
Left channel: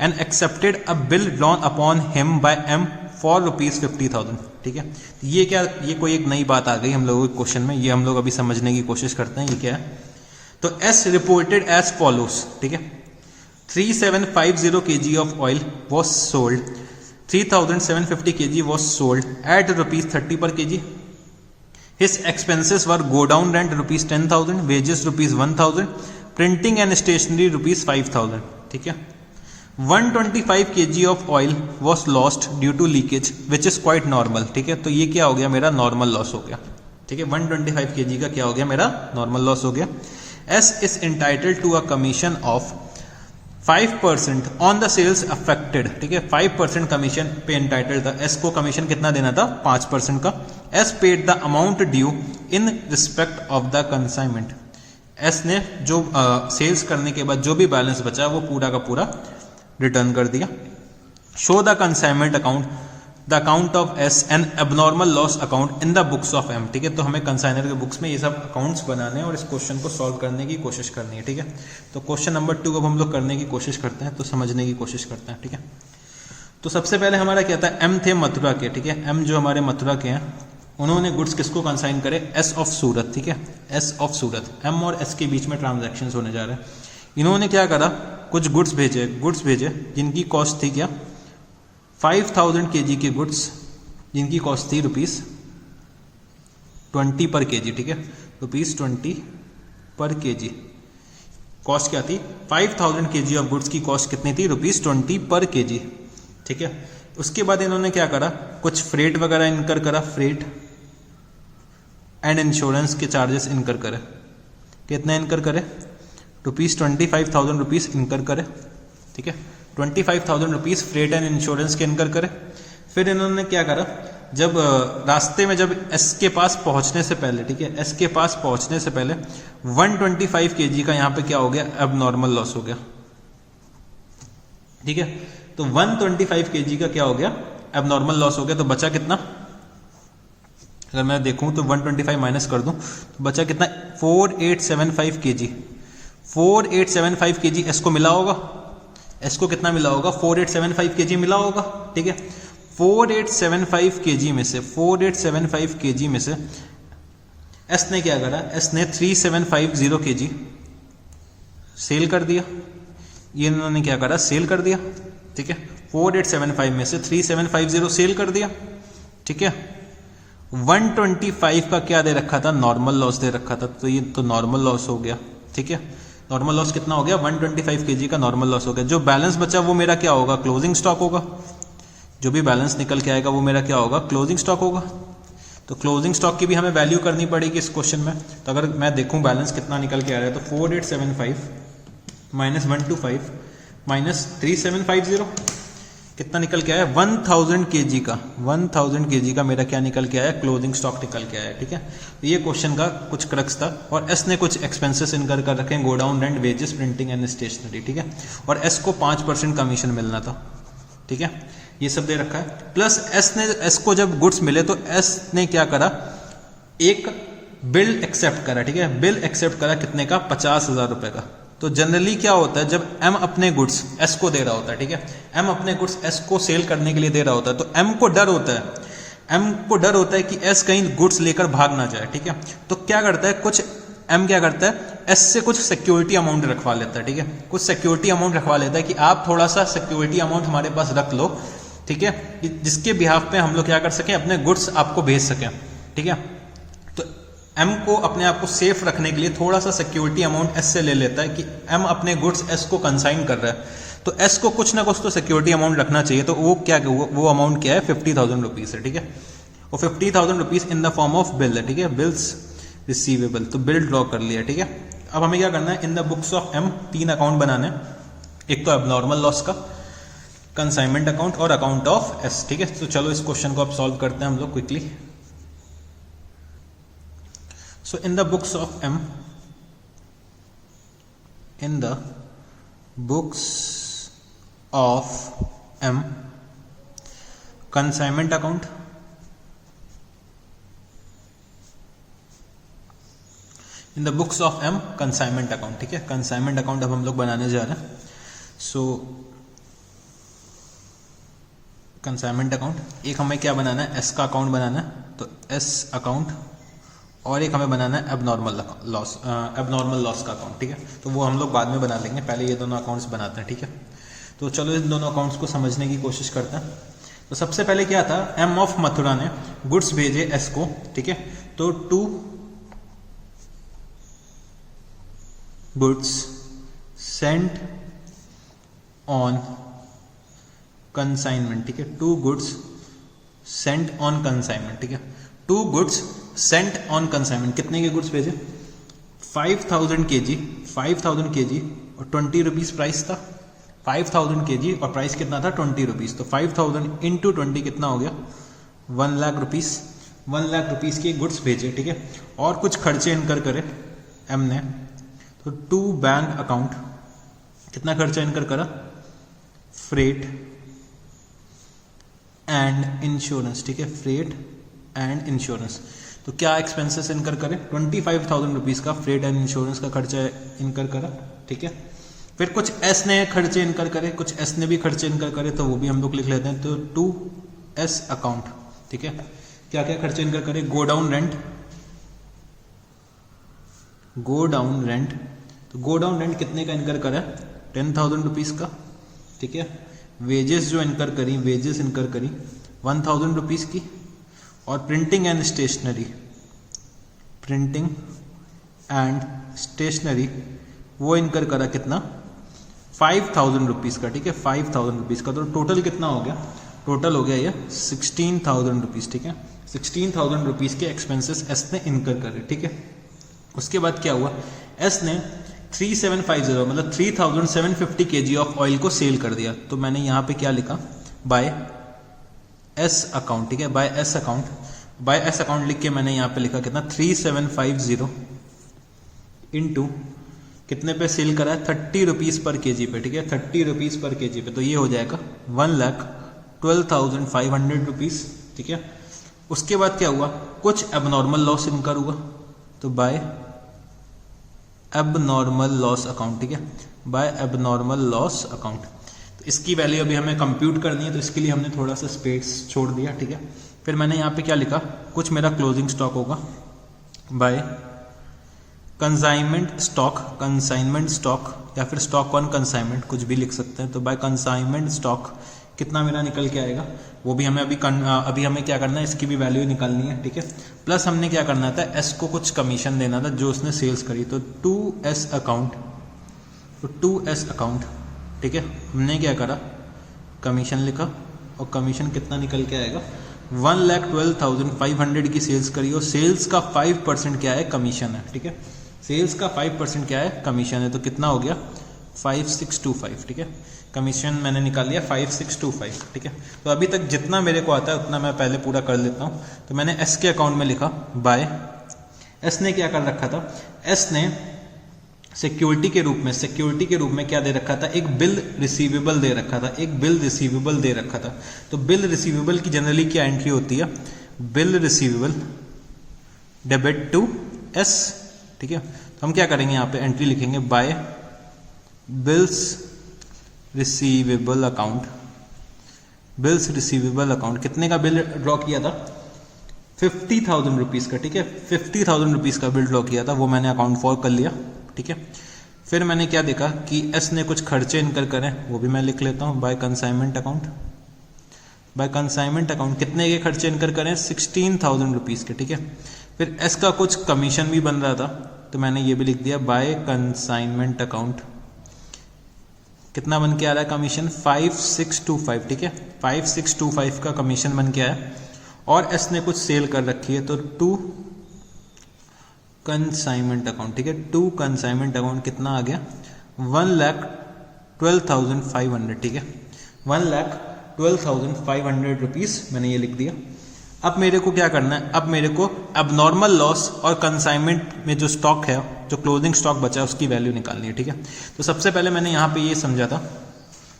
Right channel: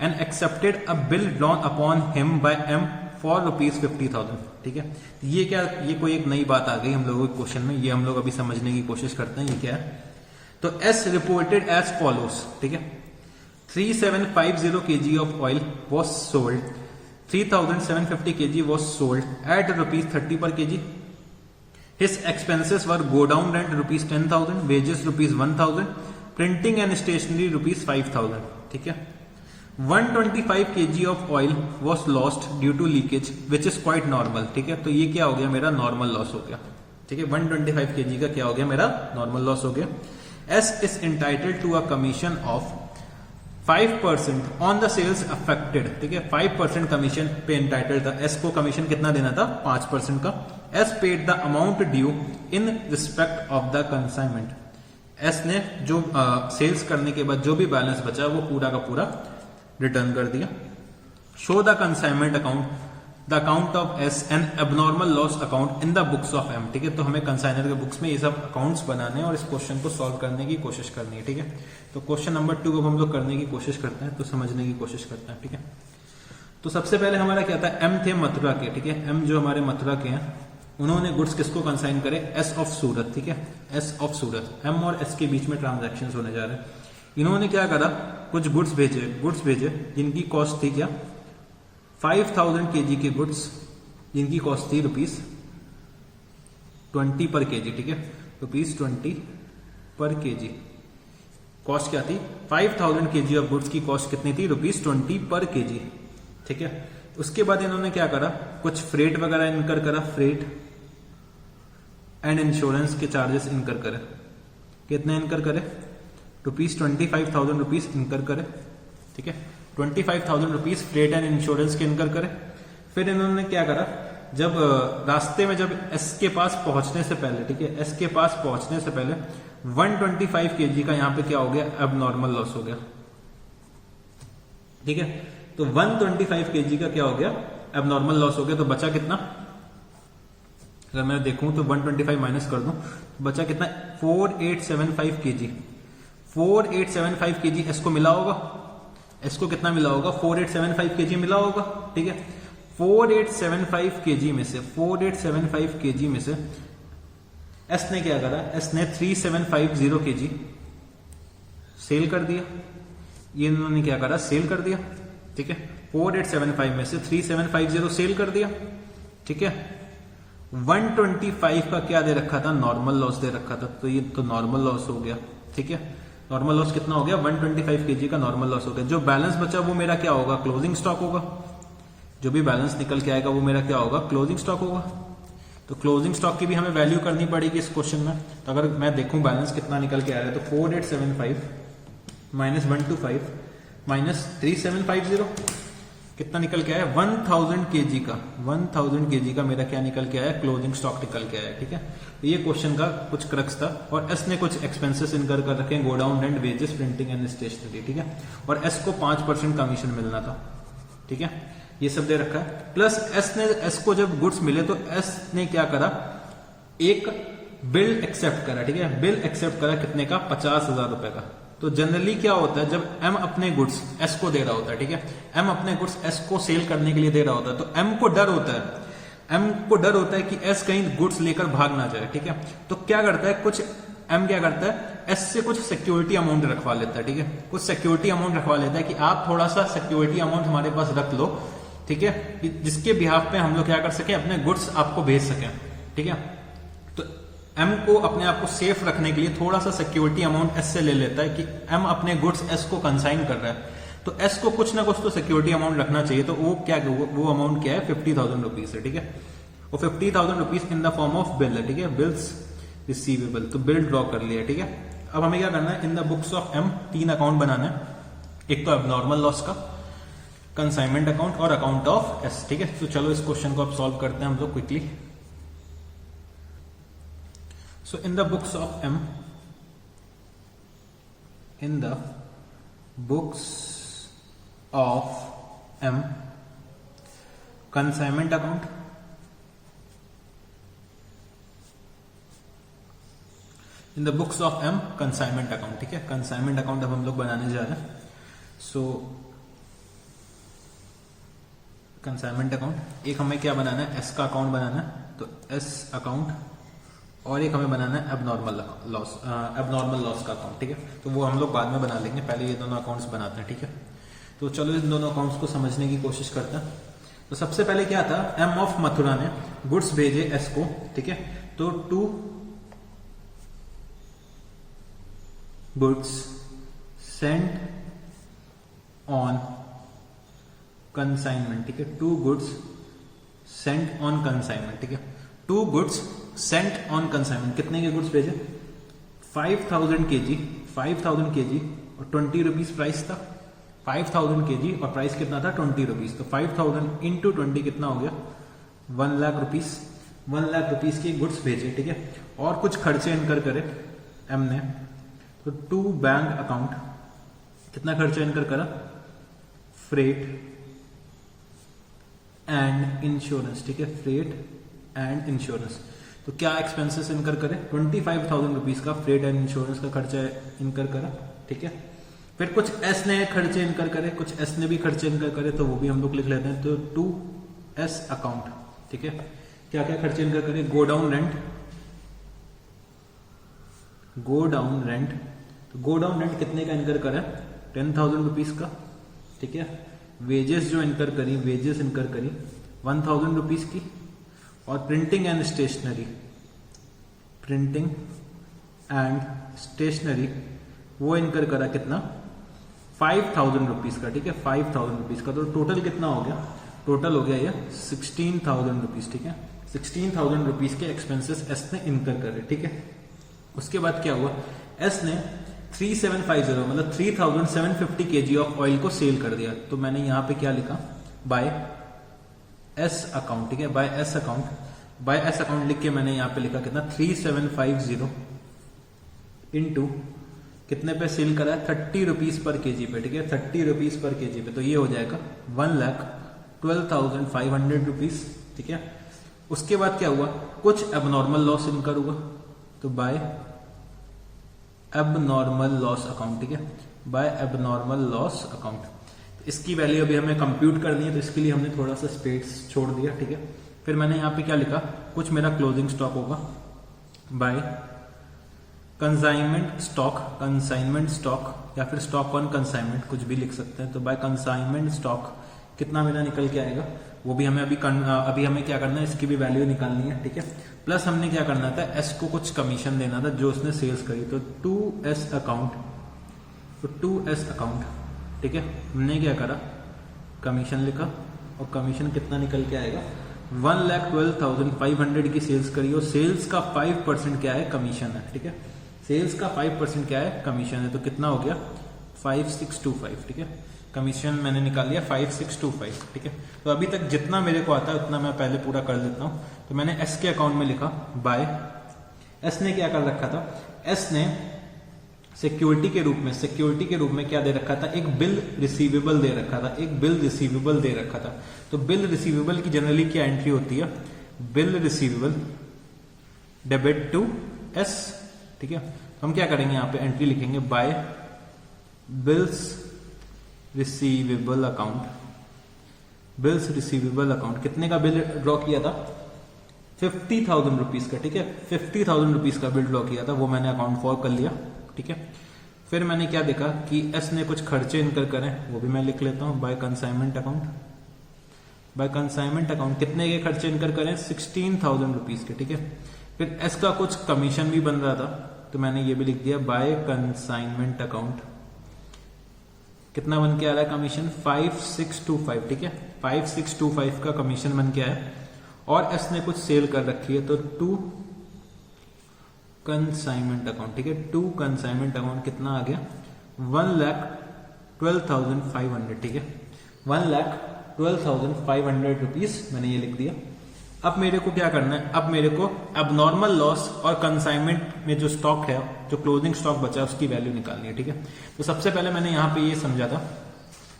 and accepted a bill drawn upon him by M for ₹50,000, ठीक है। ये क्या, ये कोई एक नई बात आ गई हम लोगों के क्वेश्चन में, ये हम लोग अभी समझने की कोशिश करते हैं ये क्या है। तो एस रिपोर्टेड एज फॉलोस, ठीक है। 3750 kg of oil was sold, 3750 kg was sold at ₹30 per kg. His expenses were go down rent ₹10,000, wages ₹1,000, printing and stationery ₹5,000, ठीक है। 125 kg of oil was lost due to leakage which is quite normal, ठीक है। तो ये क्या हो गया, मेरा नॉर्मल लॉस हो गया, ठीक है। 125 kg का क्या हो गया, मेरा नॉर्मल लॉस हो गया। S is entitled to a commission of 5% on the sales affected, ठीक है। 5% कमीशन पे एंटाइटल्ड था। एस को कमीशन कितना देना था, 5% का। S paid the amount due in respect of the consignment, S ने जो सेल्स करने के बाद जो भी बैलेंस बचा वो पूरा का पूरा रिटर्न कर दिया। Show the consignment account, the account of S and abnormal loss account in the books of M, ठीक है। तो हमें कंसाइनर के बुक्स में ये सब अकाउंट्स बनाने हैं और इस क्वेश्चन को सॉल्व करने की कोशिश करनी है, ठीक है। तो क्वेश्चन नंबर 2 को हम लोग करने की कोशिश करते हैं, तो समझने की कोशिश करते हैं, ठीक है। तो सबसे पहले हमारा क्या था, एम थे मथुरा के, ठीक है। एम जो हमारे मथुरा के हैं, उन्होंने गुड्स किसको कंसाइन करे, एस ऑफ सूरत, ठीक है। एस ऑफ सूरत, एम और एस के बीच में ट्रांजैक्शंस होने जा रहे हैं। इन्होंने क्या करा, कुछ गुड्स भेजे जिनकी कॉस्ट थी क्या, 5000 kg के गुड्स जिनकी कॉस्ट थी ₹20 पर kg, ठीक है। ₹20 पर kg कॉस्ट क्या थी, 5000 kg ऑफ गुड्स की कॉस्ट कितनी थी, ₹20 पर kg, ठीक है। उसके बाद इन्होंने क्या करा, कुछ फ्रेट वगैरह इनकर करा, फ्रेट एंड इंश्योरेंस के चार्जेस इनकर करे। कितना इनकर करे, ₹25,000 इनकर करे, ठीक है। 25,000 रुपीज फ्रेट एंड इंश्योरेंस के इनकर करे। फिर इन्होंने क्या करा, जब रास्ते में जब एस के पास पहुंचने से पहले, ठीक है, एस के पास पहुंचने से पहले 125 kg का यहाँ पे क्या हो गया, अब नॉर्मल लॉस हो गया, ठीक है। तो 125 kg का क्या हो गया, अब नॉर्मल लॉस हो गया। तो बचा कितना, अगर मैं देखूं तो 125 माइनस कर दूं तो बचा कितना, 4875 kg। 4875 kg एस को मिला होगा, एस को कितना मिला होगा, 4875 kg मिला होगा, ठीक है। 4875 kg में से 4875 kg में से एस ने क्या करा, एस ने 3750 kg सेल कर दिया। ये इन्होंने क्या करा, सेल कर दिया, ठीक है। 4875 में से 3750 सेल कर दिया, ठीक है। 125 का क्या दे रखा था, नॉर्मल लॉस दे रखा था, तो ये तो नॉर्मल लॉस हो गया, ठीक है। नॉर्मल लॉस कितना हो गया, 125 kg का नॉर्मल लॉस हो गया। जो बैलेंस बचा वो मेरा क्या होगा, क्लोजिंग स्टॉक होगा। जो भी बैलेंस निकल के आएगा वो मेरा क्या होगा, क्लोजिंग स्टॉक होगा। तो क्लोजिंग स्टॉक की भी हमें वैल्यू करनी पड़ेगी इस क्वेश्चन में। तो अगर मैं देखूं बैलेंस कितना निकल के आ रहा है, तो 4875 माइनस 125 माइनस 3750 कितना निकल के आया, 1000 kg का, 1000 kg का मेरा क्या निकल के आया, क्लोजिंग स्टॉक निकल के आया, ठीक है। तो ये क्वेश्चन का कुछ क्रक्स था। और एस ने कुछ एक्सपेंसेस इनकर कर रखे हैं, godown rent, wages, printing and stationery, ठीक है। और एस को 5% कमीशन मिलना था, ठीक है। ये सब दे रखा है। प्लस एस को जब गुड्स मिले तो एस ने क्या करा, एक बिल एक्सेप्ट करा, ठीक है। बिल एक्सेप्ट करा कितने का, 50,000 रुपए का। तो जनरली क्या होता है, जब एम अपने गुड्स एस को दे रहा होता है, ठीक है, एम अपने गुड्स एस को सेल करने के लिए दे रहा होता है, तो एम को डर होता है, एम को डर होता है कि एस कहीं गुड्स लेकर भाग ना जाए, ठीक है। तो क्या करता है, कुछ एम क्या करता है, एस से कुछ सिक्योरिटी अमाउंट रखवा लेता है, ठीक है। कुछ सिक्योरिटी अमाउंट रखवा लेता है कि आप थोड़ा सा सिक्योरिटी अमाउंट हमारे पास रख लो, ठीक है, जिसके बिहाफ पे हम लोग क्या कर सके, अपने गुड्स आपको भेज सके, ठीक है। तो एम को अपने आप को सेफ रखने के लिए थोड़ा सा सिक्योरिटी अमाउंट एस से ले लेता है कि एम अपने गुड्स एस को कंसाइन कर रहा है, तो एस को कुछ ना कुछ तो सिक्योरिटी अमाउंट रखना चाहिए। तो वो क्या, वो अमाउंट क्या है, 50,000 रुपीज है, ठीक है। वो 50,000 rupees in the form of bill है, ठीक है, बिल्स रिसीवेबल। तो बिल ड्रॉ कर लिया, ठीक है। अब हमें क्या करना है, in the books of M 3 account बनाने हैं, एक तो एबनॉर्मल लॉस का, कंसाइनमेंट अकाउंट और अकाउंट ऑफ एस, ठीक है। तो चलो इस क्वेश्चन को अब सॉल्व करते हैं हम लोग quickly. So in the books of M, in the books of M, consignment account, in the books of M consignment account, ठीक है। consignment account अब हम लोग बनाने जा रहे हैं। So कंसाइनमेंट अकाउंट, एक हमें क्या बनाना है, एस का अकाउंट बनाना है, तो एस अकाउंट, और एक हमें बनाना है एबनॉर्मल लॉस का अकाउंट, ठीक है। तो वो हम लोग बाद में बना लेंगे, पहले ये दोनों अकाउंट्स बनाते हैं, ठीक है। तो चलो इन दोनों अकाउंट्स को समझने की कोशिश करते हैं। तो सबसे पहले क्या था, एम ऑफ मथुरा ने गुड्स भेजे एस को, ठीक है। तो 2 गुड्स सेंट ऑन कंसाइनमेंट, ठीक है। 2 गुड्स सेंट ऑन कंसाइनमेंट, ठीक है। 2 गुड्स सेंट ऑन कंसाइनमेंट, कितने के गुड्स भेजे, 5000 kg, 5000 kg और 20 रुपीज प्राइस था, 5000 kg और प्राइस कितना था, 20 रुपीज। तो 5000 इंटू 20 कितना हो गया, 1 लाख रुपीज। 1 लाख रुपीज के गुड्स भेजे, ठीक है। और कुछ खर्चे इनकर करे एम ने, तो 2 बैंक अकाउंट, कितना खर्चा इनकर करा, फ्रेट एंड इंश्योरेंस, ठीक है, फ्रेट एंड इंश्योरेंस। तो क्या एक्सपेंसेस इनकर करें, 25,000 रुपीज का फ्रेट एंड इंश्योरेंस का खर्चा इनकर करा, ठीक है। फिर कुछ एस ने खर्चे इनकर करे, कुछ एस ने भी खर्चे इनकर करे, तो वो भी हम लोग लिख लेते हैं। तो 2 एस अकाउंट, ठीक है, क्या क्या खर्चे इनकर करे, गोडाउन रेंट, गोडाउन रेंट, तो गोडाउन रेंट कितने का इनकर करा, 10,000 रुपीज का, ठीक है। वेजेस जो इनकर करी, वेजेस इनकर करी 1,000 रुपीज की। और printing and stationery, printing and stationery वो इनकर करा कितना, 5,000 रुपीज का, ठीक है, 5,000 रुपीज का। तो टोटल कितना हो गया, टोटल हो गया ये 16,000 रुपीज, ठीक है। 16,000 रुपीज के एक्सपेंसेस एस ने इनकर करे, ठीक है। उसके बाद क्या हुआ, एस ने 3750 मतलब 3750 kg ऑफ ऑयल को सेल कर दिया। तो मैंने यहां पे क्या लिखा, बाय एस अकाउंट, ठीक है, by S account, by S account लिख के मैंने यहां पे लिखा कितना 3750 इंटू कितने पे सेल करा है 30 रुपीज पर केजी पे, ठीक है, 30 रुपीज पर केजी पे, तो ये हो जाएगा 1,12,500 रुपीज, ठीक है। उसके बाद क्या हुआ, कुछ एबनॉर्मल लॉस इनकर हुआ, तो बाय एबनॉर्मल लॉस अकाउंट, ठीक है, बाय एबनॉर्मल लॉस अकाउंट। तो इसकी वैल्यू अभी हमें कंप्यूट करनी है, तो इसके लिए हमने थोड़ा सा स्पेस छोड़ दिया, ठीक है। फिर मैंने यहाँ पे क्या लिखा, कुछ मेरा क्लोजिंग स्टॉक होगा by consignment stock, consignment stock या फिर स्टॉक ऑन कंसाइनमेंट, कुछ भी लिख सकते हैं। तो बाय कंसाइनमेंट स्टॉक कितना मेरा निकल के आएगा, वो भी हमें अभी हमें क्या करना है, इसकी भी वैल्यू निकालनी है, ठीक है। प्लस हमने क्या करना था, एस को कुछ कमीशन देना था जो उसने सेल्स करी, तो 2S अकाउंट, तो 2S अकाउंट, ठीक है। हमने क्या करा, कमीशन लिखा और कमीशन कितना निकल के आएगा 1,12,500 की सेल्स करी और सेल्स का 5% क्या है, कमीशन है, ठीक है। सेल्स का 5% क्या है, कमीशन है, तो कितना हो गया 5625, ठीक है। कमीशन मैंने निकाल लिया 5625, ठीक है। तो अभी तक जितना मेरे को आता है उतना मैं पहले पूरा कर लेता हूँ। तो मैंने एस के अकाउंट में लिखा बाय, एस ने क्या कर रखा था, एस ने सिक्योरिटी के रूप में क्या दे रखा था, एक बिल रिसीवेबल दे रखा था, एक बिल रिसीवेबल दे रखा था। तो बिल रिसीवेबल की जनरली क्या एंट्री होती है, bill receivable debit to S, ठीक है। तो हम क्या करेंगे, यहाँ पे एंट्री लिखेंगे by bills receivable account, bills receivable account, कितने का बिल ड्रॉ किया था 50,000 रुपीज का, ठीक है, 50,000 रुपीज का बिल ड्रॉ किया था, वो मैंने अकाउंट फॉर कर लिया, ठीक है। फिर मैंने क्या देखा कि एस ने कुछ खर्चे इनकर करे, वो भी मैं लिख लेता हूं by consignment account, by consignment account कितने के खर्चे इनकर करें 16,000 रुपीज के, ठीक है। फिर एस का कुछ कमीशन भी बन रहा था, तो मैंने ये भी लिख दिया बाय कंसाइनमेंट अकाउंट, कितना बन के आ रहा है कमीशन 5625, ठीक है, 5625 का कमीशन बन के आया। और एस ने कुछ सेल कर रखी है, तो 2 कंसाइनमेंट अकाउंट, ठीक है, 2 कंसाइनमेंट अकाउंट कितना आ गया 1,12,500, ठीक है, 1,12,500 रुपीज मैंने ये लिख दिया। अब मेरे को क्या करना है, अब मेरे को एबनॉर्मल लॉस और कंसाइनमेंट में जो स्टॉक है, जो क्लोजिंग स्टॉक बचा है, उसकी वैल्यू निकालनी है, ठीक है। तो सबसे पहले मैंने यहाँ पे ये समझा था,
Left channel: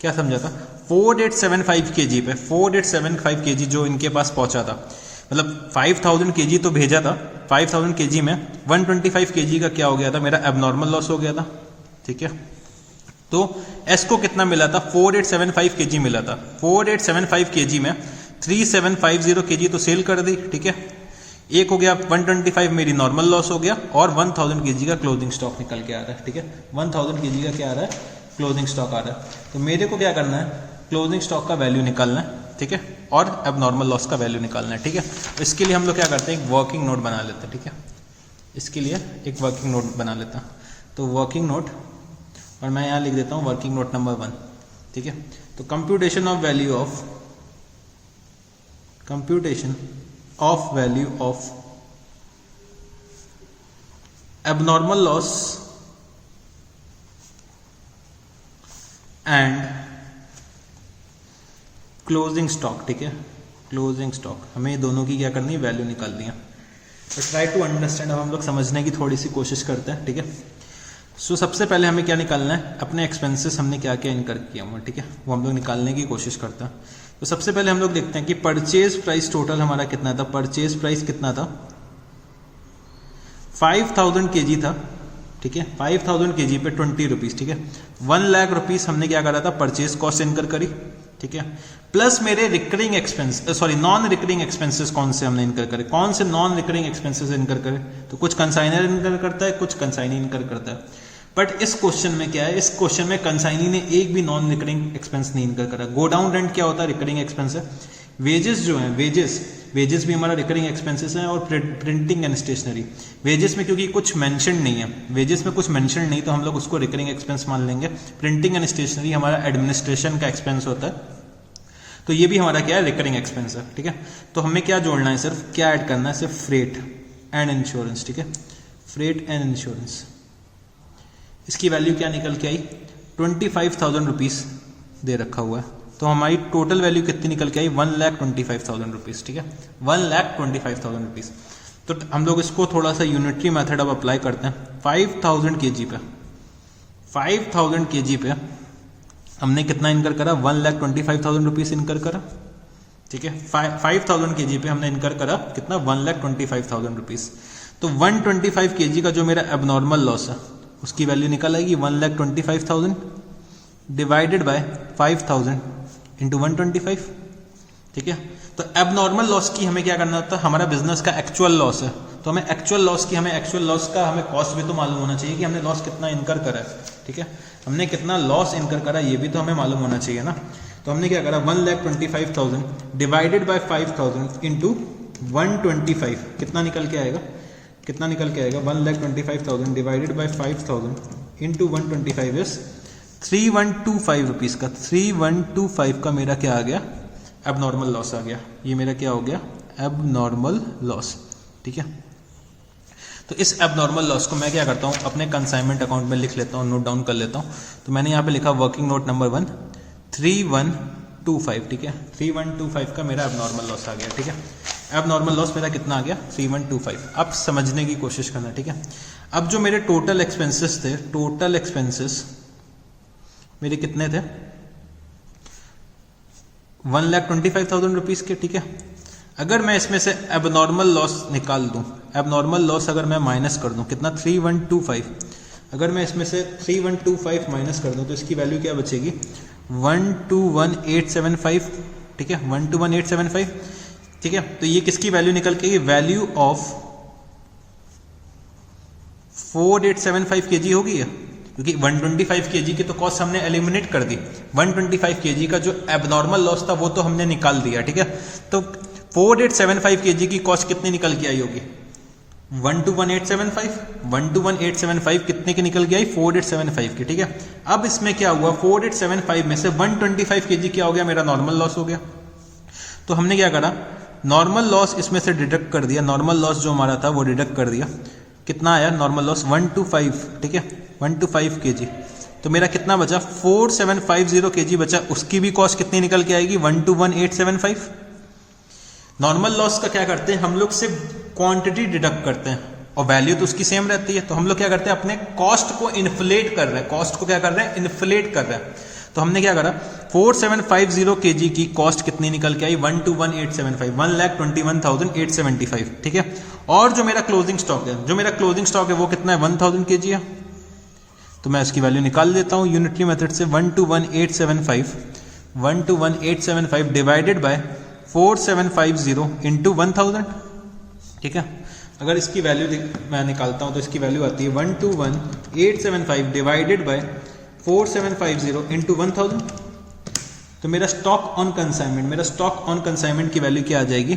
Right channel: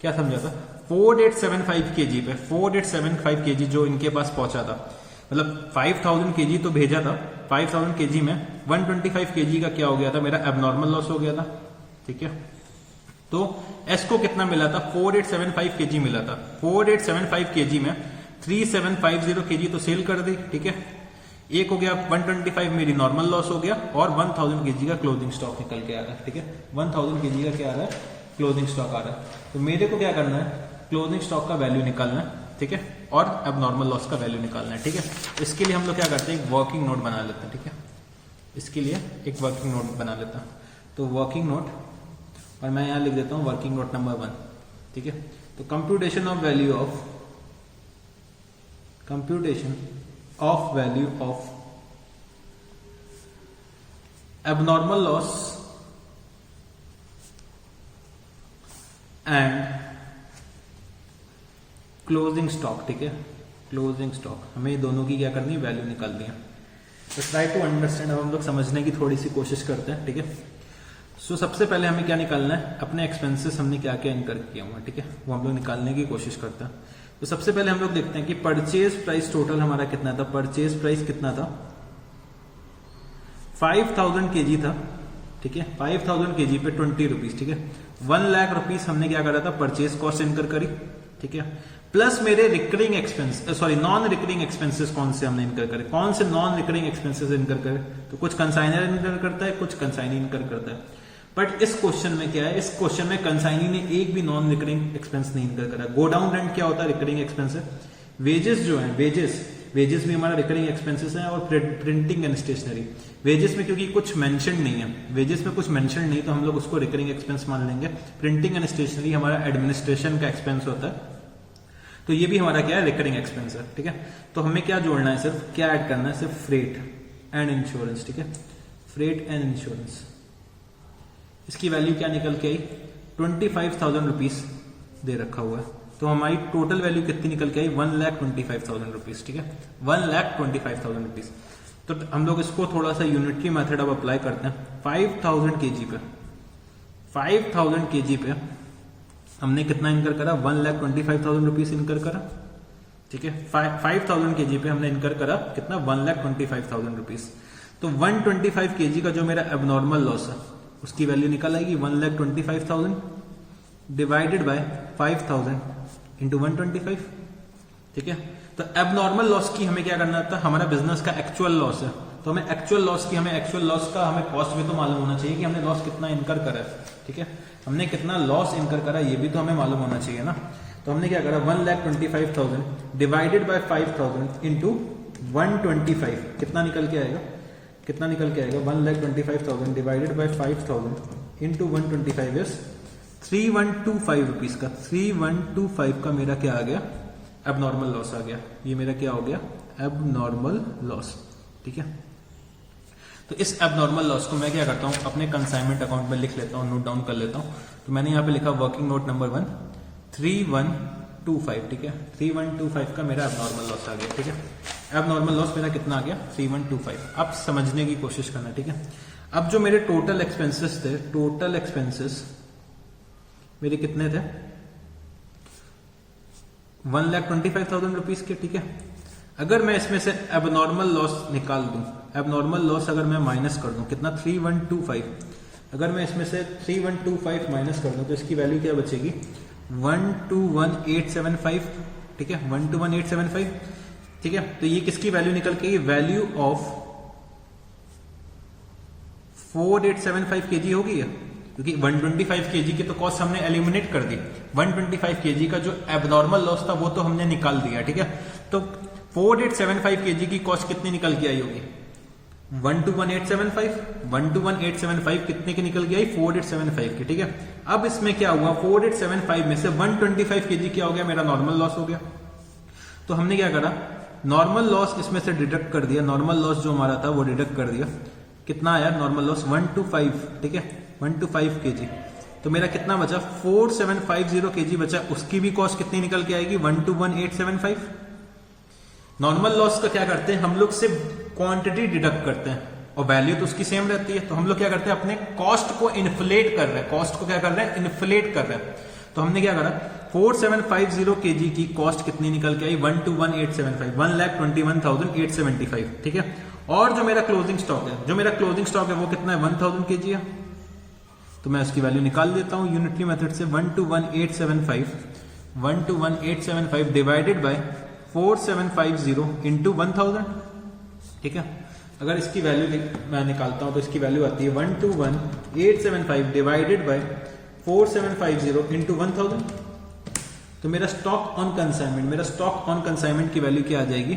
क्या समझा था, 4875 kg पे 4875 kg जो इनके पास पहुंचा था, मतलब 5000 kg तो भेजा था, 5000 kg में 125 kg का क्या हो गया था, मेरा एबनॉर्मल लॉस हो गया था, ठीक है। तो एस को कितना मिला था 4875 kg मिला था, 4875 kg में 3750 kg तो सेल कर दी, ठीक है। एक हो गया 125 मेरी नॉर्मल लॉस हो गया और 1000 kg का क्लोजिंग स्टॉक निकल के आ रहा है, ठीक है, 1000 kg का क्या आ रहा है, क्लोजिंग स्टॉक आ रहा है। तो मेरे को क्या करना है, क्लोजिंग स्टॉक का वैल्यू निकालना है, ठीक है, और एबनॉर्मल लॉस का वैल्यू निकालना है, ठीक है। तो इसके लिए हम लोग क्या करते हैं, एक वर्किंग नोट बना लेते हैं, ठीक है, इसके लिए एक वर्किंग नोट बना लेता हूं। तो वर्किंग नोट, और मैं यहां लिख देता हूं वर्किंग नोट नंबर 1, ठीक है। तो computation of value of abnormal loss and closing stock, ठीक है, क्लोजिंग स्टॉक, हमें दोनों की क्या करनी है, वैल्यू निकालनी है। तो ट्राई टू अंडरस्टैंड, अब हम लोग समझने की थोड़ी सी कोशिश करते हैं, ठीक है। सो सबसे पहले हमें क्या निकालना है, अपने एक्सपेंसेस हमने क्या क्या इनकर किए हुए, ठीक है, वो हम लोग निकालने की कोशिश करते हैं। तो सबसे पहले हम लोग देखते हैं कि परचेज प्राइस टोटल हमारा कितना था, परचेज प्राइस कितना था 5000 kg था, ठीक है, 5000 kg पे 20 रुपीज, ठीक है, 1 लाख रुपीज हमने क्या करा था, परचेज कॉस्ट इनकर करी, ठीक है, प्लस मेरे recurring expense, sorry non recurring expenses कौन से हमने इनकर करे, कौन से नॉन रिकरिंग एक्सपेंसेस इनकर करे, तो कुछ कंसाइनर इनकर करता है, कुछ कंसाइनी इनकर करता है। बट इस क्वेश्चन में क्या है, इस क्वेश्चन में कंसाइनी ने एक भी नॉन रिकरिंग एक्सपेंस नहीं इनकर करा। गो डाउन रेंट क्या होता है, रिकरिंग एक्सपेंस है। वेजेस जो है, वेजेस भी हमारा रिकरिंग एक्सपेंसेस है। और प्रिंटिंग एंड स्टेशनरी, वेजेस में क्योंकि कुछ मेंशन नहीं है, वेजेस में कुछ मेंशन नहीं, तो हम लोग उसको रिकरिंग एक्सपेंस मान लेंगे। प्रिंटिंग एंड स्टेशनरी हमारा एडमिनिस्ट्रेशन का एक्सपेंस होता है, तो ये भी हमारा क्या है, रिकरिंग एक्सपेंस है, ठीक है। तो हमें क्या जोड़ना है, सिर्फ क्या ऐड करना है, सिर्फ फ्रेट एंड इंश्योरेंस, ठीक है, फ्रेट एंड इंश्योरेंस, इसकी वैल्यू क्या निकल के आई, 25,000 रुपीज दे रखा हुआ है, तो हमारी टोटल वैल्यू कितनी निकल के आई, 1,25,000 रुपीज, ठीक है, 1,25,000 रुपीज। तो हम लोग इसको थोड़ा सा यूनिटरी मेथड अब अप्लाई करते हैं। 5,000 kg पे 5,000 kg पे हमने कितना इनकर करा, 1,25,000 रुपीज इनकर करा, ठीक है। 5,000 kg पे हमने इनकर करा कितना, 1,25,000 रुपीज। तो 125 kg का जो मेरा एबनॉर्मल लॉस है उसकी वैल्यू निकल आएगी 1,25,000 डिवाइडेड बाय 5,000 इंटू 125, ठीक है। तो एबनॉर्मल लॉस की हमें क्या करना था, हमारा बिजनेस का एक्चुअल लॉस है, तो हमें एक्चुअल लॉस का हमें कॉस्ट भी तो मालूम होना चाहिए कि हमने लॉस कितना इनकर करा है, ठीक है। हमने कितना लॉस इनकर करा ये भी तो हमें मालूम होना चाहिए ना। तो हमने क्या करा, 1,25,000 डिवाइडेड बाय 5,000 इंटू 125, कितना निकल के आएगा, 1,25,000 divided by 5,000 into 125 is 3,125 rupees का, 3,125 का मेरा क्या आ गया, एबनॉर्मल लॉस आ गया। ये मेरा क्या हो गया, एबनॉर्मल लॉस, ठीक है। तो इस एबनॉर्मल लॉस को मैं क्या करता हूँ, अपने कंसाइनमेंट अकाउंट में लिख लेता हूँ, नोट डाउन कर लेता हूँ। तो मैंने यहाँ पे लिखा वर्किंग नोट नंबर 1 3,125, ठीक है, 3,125 का मेरा एबनॉर्मल लॉस आ गया, ठीक है। एबनॉर्मल लॉस मेरा कितना आ गया, 3,125। अब समझने की कोशिश करना, ठीक है। अब जो मेरे टोटल एक्सपेंसेस थे, टोटल एक्सपेंसेस मेरे कितने थे, 1,25,000 रुपीज के, ठीक है। अगर मैं इसमें से एबनॉर्मल लॉस निकाल दूं, एबनॉर्मल लॉस अगर मैं माइनस कर दूं, कितना, 3,125, अगर मैं इसमें से 3,125 माइनस कर दूं तो इसकी वैल्यू क्या बचेगी, 121,875, ठीक है, 121,875, ठीक है। तो ये किसकी वैल्यू निकल के, वैल्यू ऑफ 4,875 kg होगी है, क्योंकि 125 kg की तो कॉस्ट हमने एलिमिनेट कर दी, 125 kg का जो एबनॉर्मल लॉस था वो तो हमने निकाल दिया, ठीक है। तो 4,875 kg की कॉस्ट कितनी निकल के आई होगी, 121,875, 121,875 कितने की निकल के आई, 4,875 की, ठीक है। अब इसमें क्या हुआ, 4,875 में से 125 kg क्या हो गया, मेरा नॉर्मल लॉस हो गया। तो हमने क्या करा, नॉर्मल लॉस इसमें से डिडक्ट कर दिया, नॉर्मल लॉस जो हमारा था वो डिडक्ट कर दिया, कितना आया नॉर्मल लॉस, 125, ठीक है, 125 kg। तो मेरा कितना बचा, 4,750 kg बचा, उसकी भी कॉस्ट कितनी निकल के आएगी, 121,875। नॉर्मल लॉस का क्या करते हैं हम लोग, सिर्फ क्वांटिटी डिडक्ट करते हैं और वैल्यू तो उसकी सेम रहती है। तो हम लोग क्या करते हैं, अपने कॉस्ट को इन्फ्लेट कर रहे हैं, कॉस्ट को क्या कर रहे हैं, इन्फ्लेट कर रहे हैं। तो हमने क्या करा, 4,750 kg की कॉस्ट कितनी निकल के आई, 121,875, 1,21,875, ठीक है। और जो मेरा क्लोजिंग स्टॉक है, वो कितना है, 1,000 kg है। तो मैं इसकी वैल्यू निकाल देता हूं यूनिटरी मेथड से, 121,875 डिवाइडेड बाय 4,750 इंटू 1,000, ठीक है। अगर इसकी वैल्यू मैं निकालता हूं तो इसकी वैल्यू आती है 121,875 डिवाइडेड बाय 4,750 इंटू 1,000। तो मेरा स्टॉक ऑन कंसाइनमेंट की वैल्यू क्या आ जाएगी,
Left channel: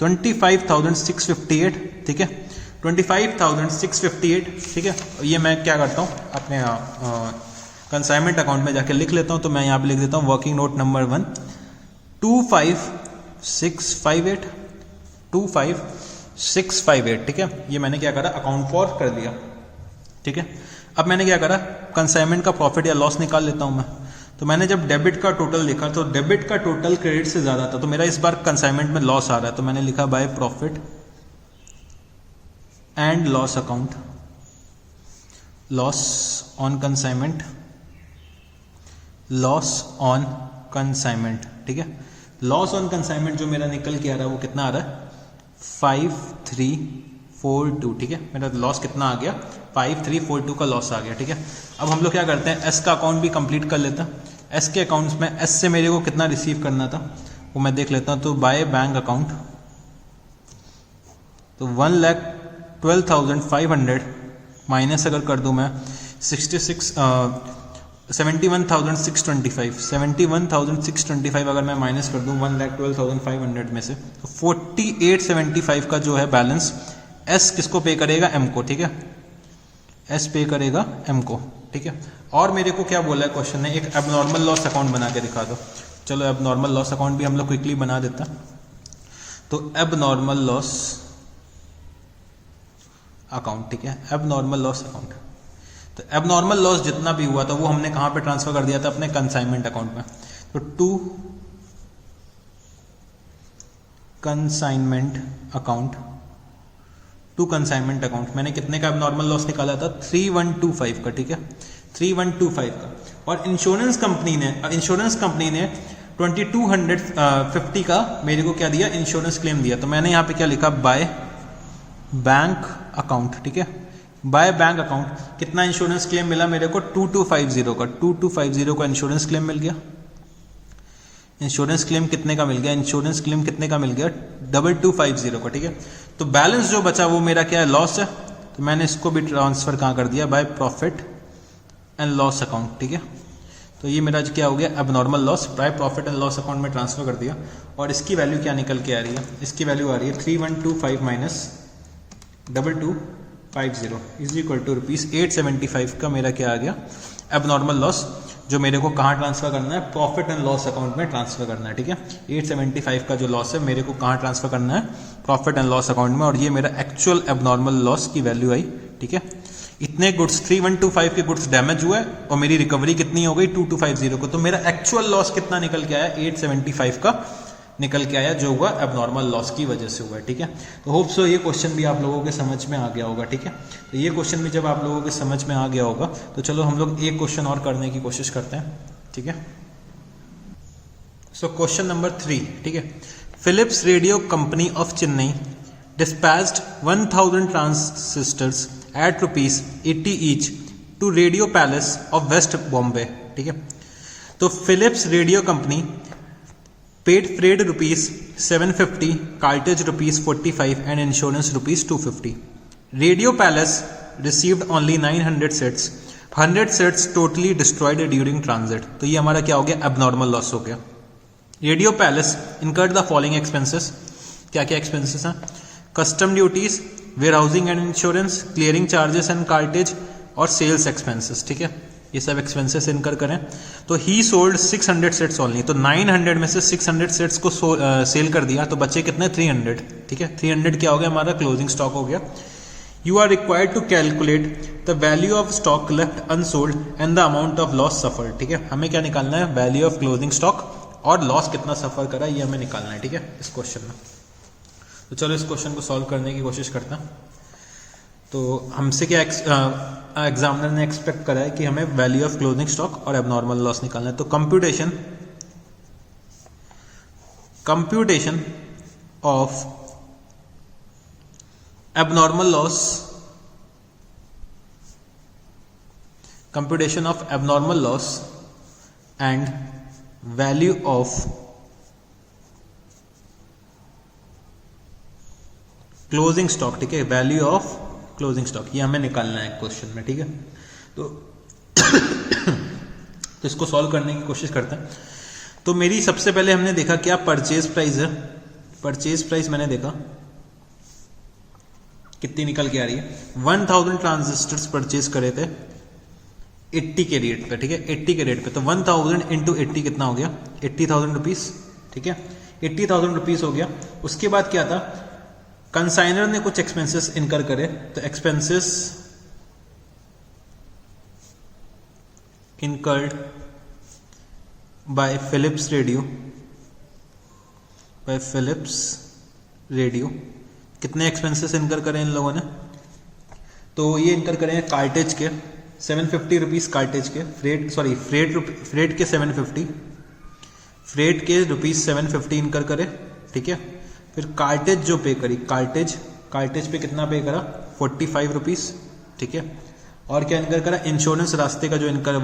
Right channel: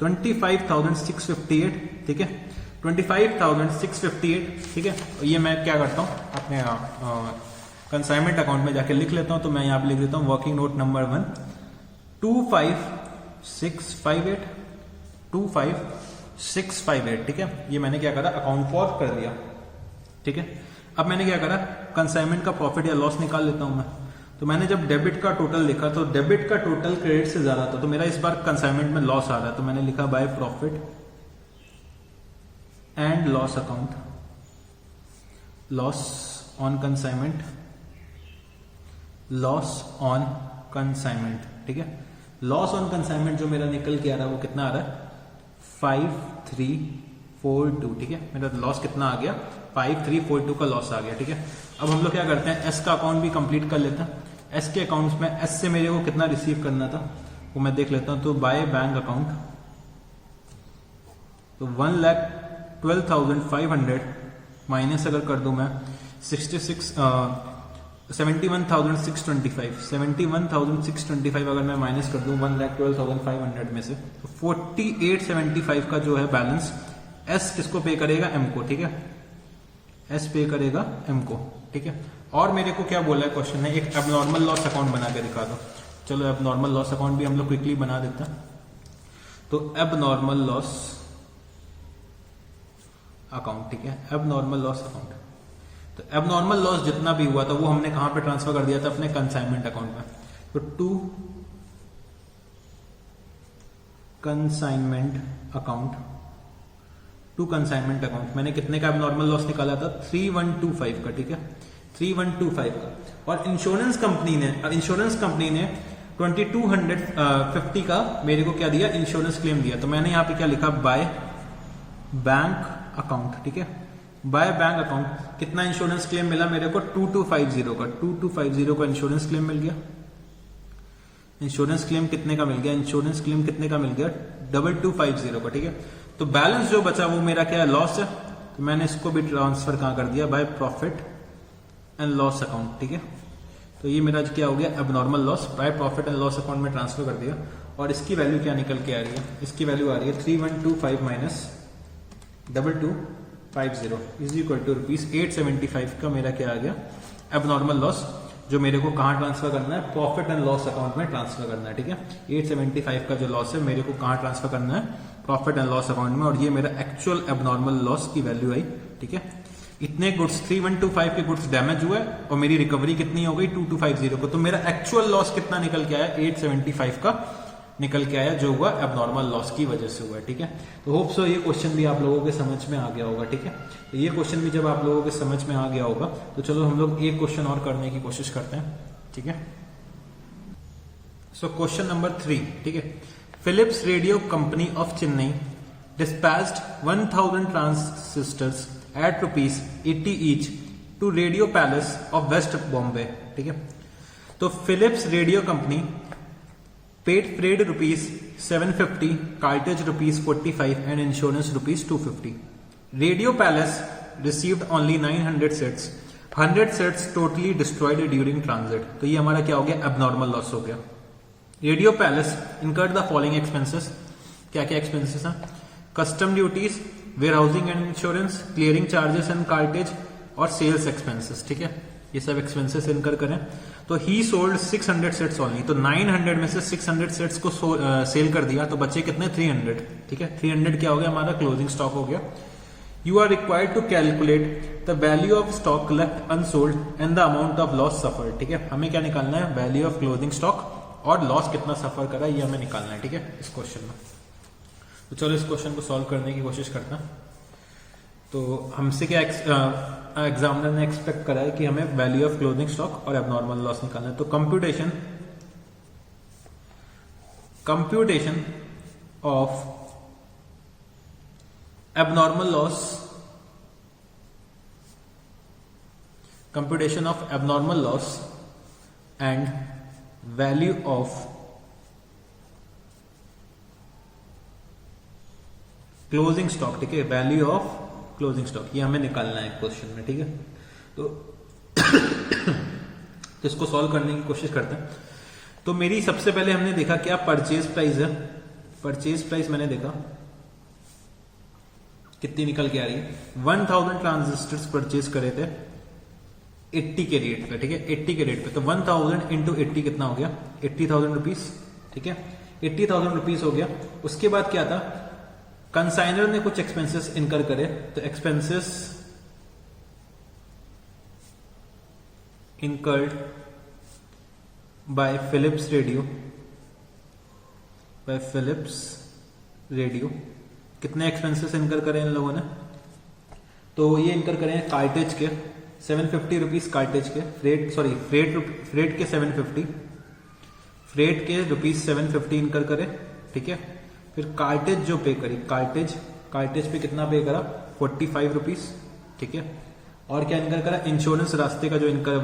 25,658, ठीक है, 25,658, ठीक है। ये मैं क्या करता हूँ, अपने कंसाइनमेंट अकाउंट में जाके लिख लेता हूँ। तो मैं यहाँ पे लिख देता हूँ वर्किंग नोट नंबर 1 25,658, ठीक है। ये मैंने क्या करा, अकाउंट फॉर कर दिया, ठीक है। अब मैंने क्या करा, कंसाइनमेंट का प्रॉफिट या लॉस निकाल लेता हूं मैं। तो मैंने जब डेबिट का टोटल लिखा तो डेबिट का टोटल क्रेडिट से ज्यादा था, तो मेरा इस बार कंसाइनमेंट में लॉस आ रहा है। तो मैंने लिखा by profit and loss account, loss on consignment, ठीक है। लॉस ऑन कंसाइनमेंट जो मेरा निकल के आ रहा है वो कितना आ रहा है, 5,342, ठीक है। मेरा लॉस कितना आ गया, 5,342 का लॉस आ गया, ठीक है। अब हम लोग क्या करते हैं, एस का अकाउंट भी कंप्लीट कर लेते हैं। एस के अकाउंट्स में एस से मेरे को कितना रिसीव करना था वो मैं देख लेता हूं। तो बाय बैंक अकाउंट, तो 1,12,500 माइनस अगर कर दूं मैं 71,625 अगर मैं माइनस कर दूं 1,12,500 में से, तो 4875 का जो है बैलेंस एस किसको पे करेगा, एम को, ठीक है। एस पे करेगा एम को, ठीक है। और मेरे को क्या बोला है क्वेश्चन ने, एक एबनॉर्मल लॉस अकाउंट बना के दिखा दो। चलो एबनॉर्मल लॉस अकाउंट भी हम लोग क्विकली बना देते हैं। तो एबनॉर्मल लॉस अकाउंट, ठीक है, एबनॉर्मल लॉस अकाउंट। तो एबनॉर्मल लॉस जितना भी हुआ था वो हमने कहां पे ट्रांसफर कर दिया था, अपने कंसाइनमेंट अकाउंट में। तो टू कंसाइनमेंट अकाउंट मैंने कितने का एबनॉर्मल लॉस निकाला था, 3125 का, ठीक है, 3125 का। और इंश्योरेंस कंपनी ने 2250 का मेरे को क्या दिया, इंश्योरेंस क्लेम दिया। तो मैंने यहाँ पे क्या लिखा, बाय बैंक अकाउंट, ठीक है, बाय बैंक अकाउंट कितना इंश्योरेंस क्लेम मिला मेरे को, 2250 का, 2250 का इंश्योरेंस क्लेम मिल गया। इंश्योरेंस क्लेम कितने का मिल गया, 2250 का, ठीक है। तो बैलेंस जो बचा वो मेरा क्या है, लॉस है। तो मैंने इसको भी ट्रांसफर कहाँ कर दिया, by profit and loss account, ठीक है। तो ये मेरा क्या हो गया, abnormal loss by profit and loss account में ट्रांसफर कर दिया। और इसकी वैल्यू क्या निकल के आ रही है, इसकी वैल्यू आ रही है 3125 माइनस 2250 इज इक्वल टू ₹875 का मेरा क्या आ गया, एबनॉर्मल लॉस, जो मेरे को कहाँ ट्रांसफर करना है, प्रॉफिट एंड लॉस अकाउंट में ट्रांसफर करना है, ठीक है। 875 का जो लॉस है मेरे को कहाँ ट्रांसफर करना है, प्रॉफिट एंड लॉस अकाउंट में। और ये मेरा एक्चुअल एबनॉर्मल लॉस की वैल्यू आई, ठीक है। इतने गुड्स 3125 के गुड्स डैमेज हुए और मेरी रिकवरी कितनी हो गई 2250 को। तो मेरा एक्चुअल लॉस कितना निकल के आया, 875 का निकल के आया, जो हुआ एबनॉर्मल लॉस की वजह से हुआ, ठीक है। तो होप सो ये क्वेश्चन भी आप लोगों के समझ में आ गया होगा, ठीक है। तो ये क्वेश्चन भी जब आप लोगों के समझ में आ गया होगा तो चलो हम लोग एक क्वेश्चन और करने की कोशिश करते हैं, ठीक है। सो क्वेश्चन नंबर 3, ठीक है। Philips radio company of Chennai dispatched 1000 transistors at ₹80 each to Radio Palace of West Bombay, ठीक है। तो Philips radio company paid freight ₹750, cartage ₹45 and insurance ₹250। Radio palace received only 900 sets, 100 sets totally destroyed during transit. तो ये हमारा क्या हो गया, abnormal loss हो गया। Radio palace incurred the following expenses, क्या क्या एक्सपेंसेस हैं, custom duties, warehousing and insurance, clearing charges and cartage और सेल्स एक्सपेंसेस, ठीक है। ये सब एक्सपेंसेस इनकर करें। तो ही सोल्ड 600 सेट्स ओनली, तो 900 में से 600 सेट्स को सेल कर दिया, तो बचे कितने, 300, ठीक है। 300 क्या हो गया, हमारा क्लोजिंग स्टॉक हो गया। You are required to calculate the value of stock left unsold and the amount of loss suffer, ठीक है। हमें क्या निकालना है, वैल्यू ऑफ क्लोजिंग स्टॉक और लॉस कितना सफर करा ये हमें निकालना है, ठीक है, इस क्वेश्चन में। तो चलो इस क्वेश्चन को सॉल्व करने की कोशिश करते हैं। तो हमसे क्या एग्जामिनर ने एक्सपेक्ट करा है कि हमें वैल्यू ऑफ क्लोजिंग स्टॉक और एबनॉर्मल लॉस निकालना है। तो computation of abnormal loss, computation of abnormal loss and value of closing stock, ठीक है, वैल्यू ऑफ क्लोजिंग स्टॉक, ये हमें निकालना है क्वेश्चन में, ठीक है। तो इसको सॉल्व करने की कोशिश करते हैं। तो मेरी सबसे पहले हमने देखा क्या, परचेज प्राइस है। परचेज प्राइस मैंने देखा कितनी निकल के आ रही है, 1000 ट्रांजिस्टर्स परचेज करे थे 80 के रेट पे, ठीक है, 80 के रेट पे। तो 1000 इंटू 80 कितना हो गया, 80,000 रुपीज, ठीक है, 80,000 रुपीज हो गया। उसके बाद क्या था, कंसाइनर ने कुछ एक्सपेंसेस इनकर करे, तो expenses incurred by Philips radio, कितने एक्सपेंसेस इनकर करें इन लोगों ने, तो ये इनकर करें कार्टेज के 750 रुपीज, कार्टेज के फ्रेट के 750, फ्रेट के ₹750 इनकर करे, ठीक है। फिर कार्टेज जो पे करी, कार्टेज पे कितना पे करा, 45 रुपीज, ठीक है। और क्या इनकर करा, इंश्योरेंस रास्ते का जो इनकर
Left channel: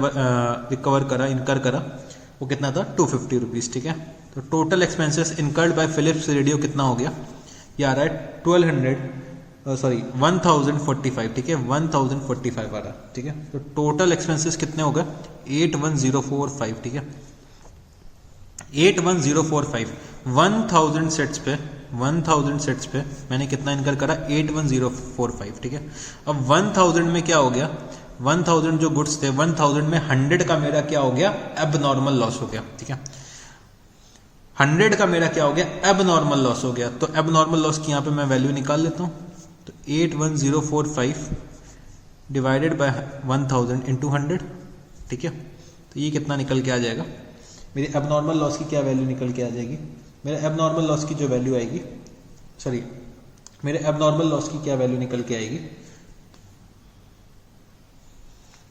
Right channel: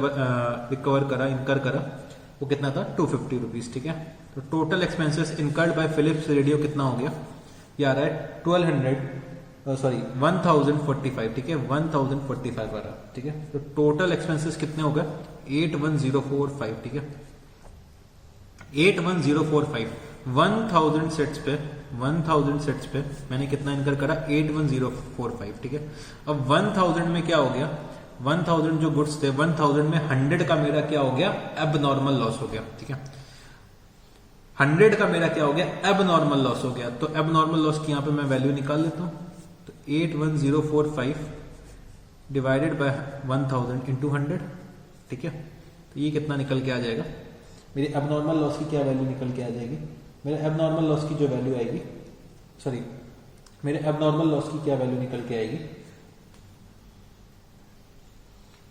इनकर करा वो कितना था, 250 रुपीज, ठीक है। तो total expenses incurred by Philips radio कितना हो गया, ये आ रहा है 1045, ठीक है, 1045 आ रहा, ठीक है। तो टोटल एक्सपेंसेस कितने हो गए, 81045, ठीक है, 81045। 1000 सेट्स पे मैंने कितना इनकर करा, 81045, ठीक है। अब 1000 में क्या हो गया, 1000 जो गुड्स थे 1000 में 100 का मेरा क्या हो गया, एबनॉर्मल लॉस हो गया, ठीक है। 100 का मेरा क्या हो गया, एबनॉर्मल लॉस हो गया। तो एबनॉर्मल लॉस की यहां पे मैं वैल्यू निकाल लेता हूं। तो 81045 डिवाइडेड बाय 1000 इंटू 100, ठीक है। तो ये कितना निकल के आ जाएगा, मेरी एबनॉर्मल लॉस की क्या वैल्यू निकल के आ जाएगी, मेरे एबनॉर्मल लॉस की जो वैल्यू आएगी, सॉरी मेरे एबनॉर्मल लॉस की क्या वैल्यू निकल के आएगी,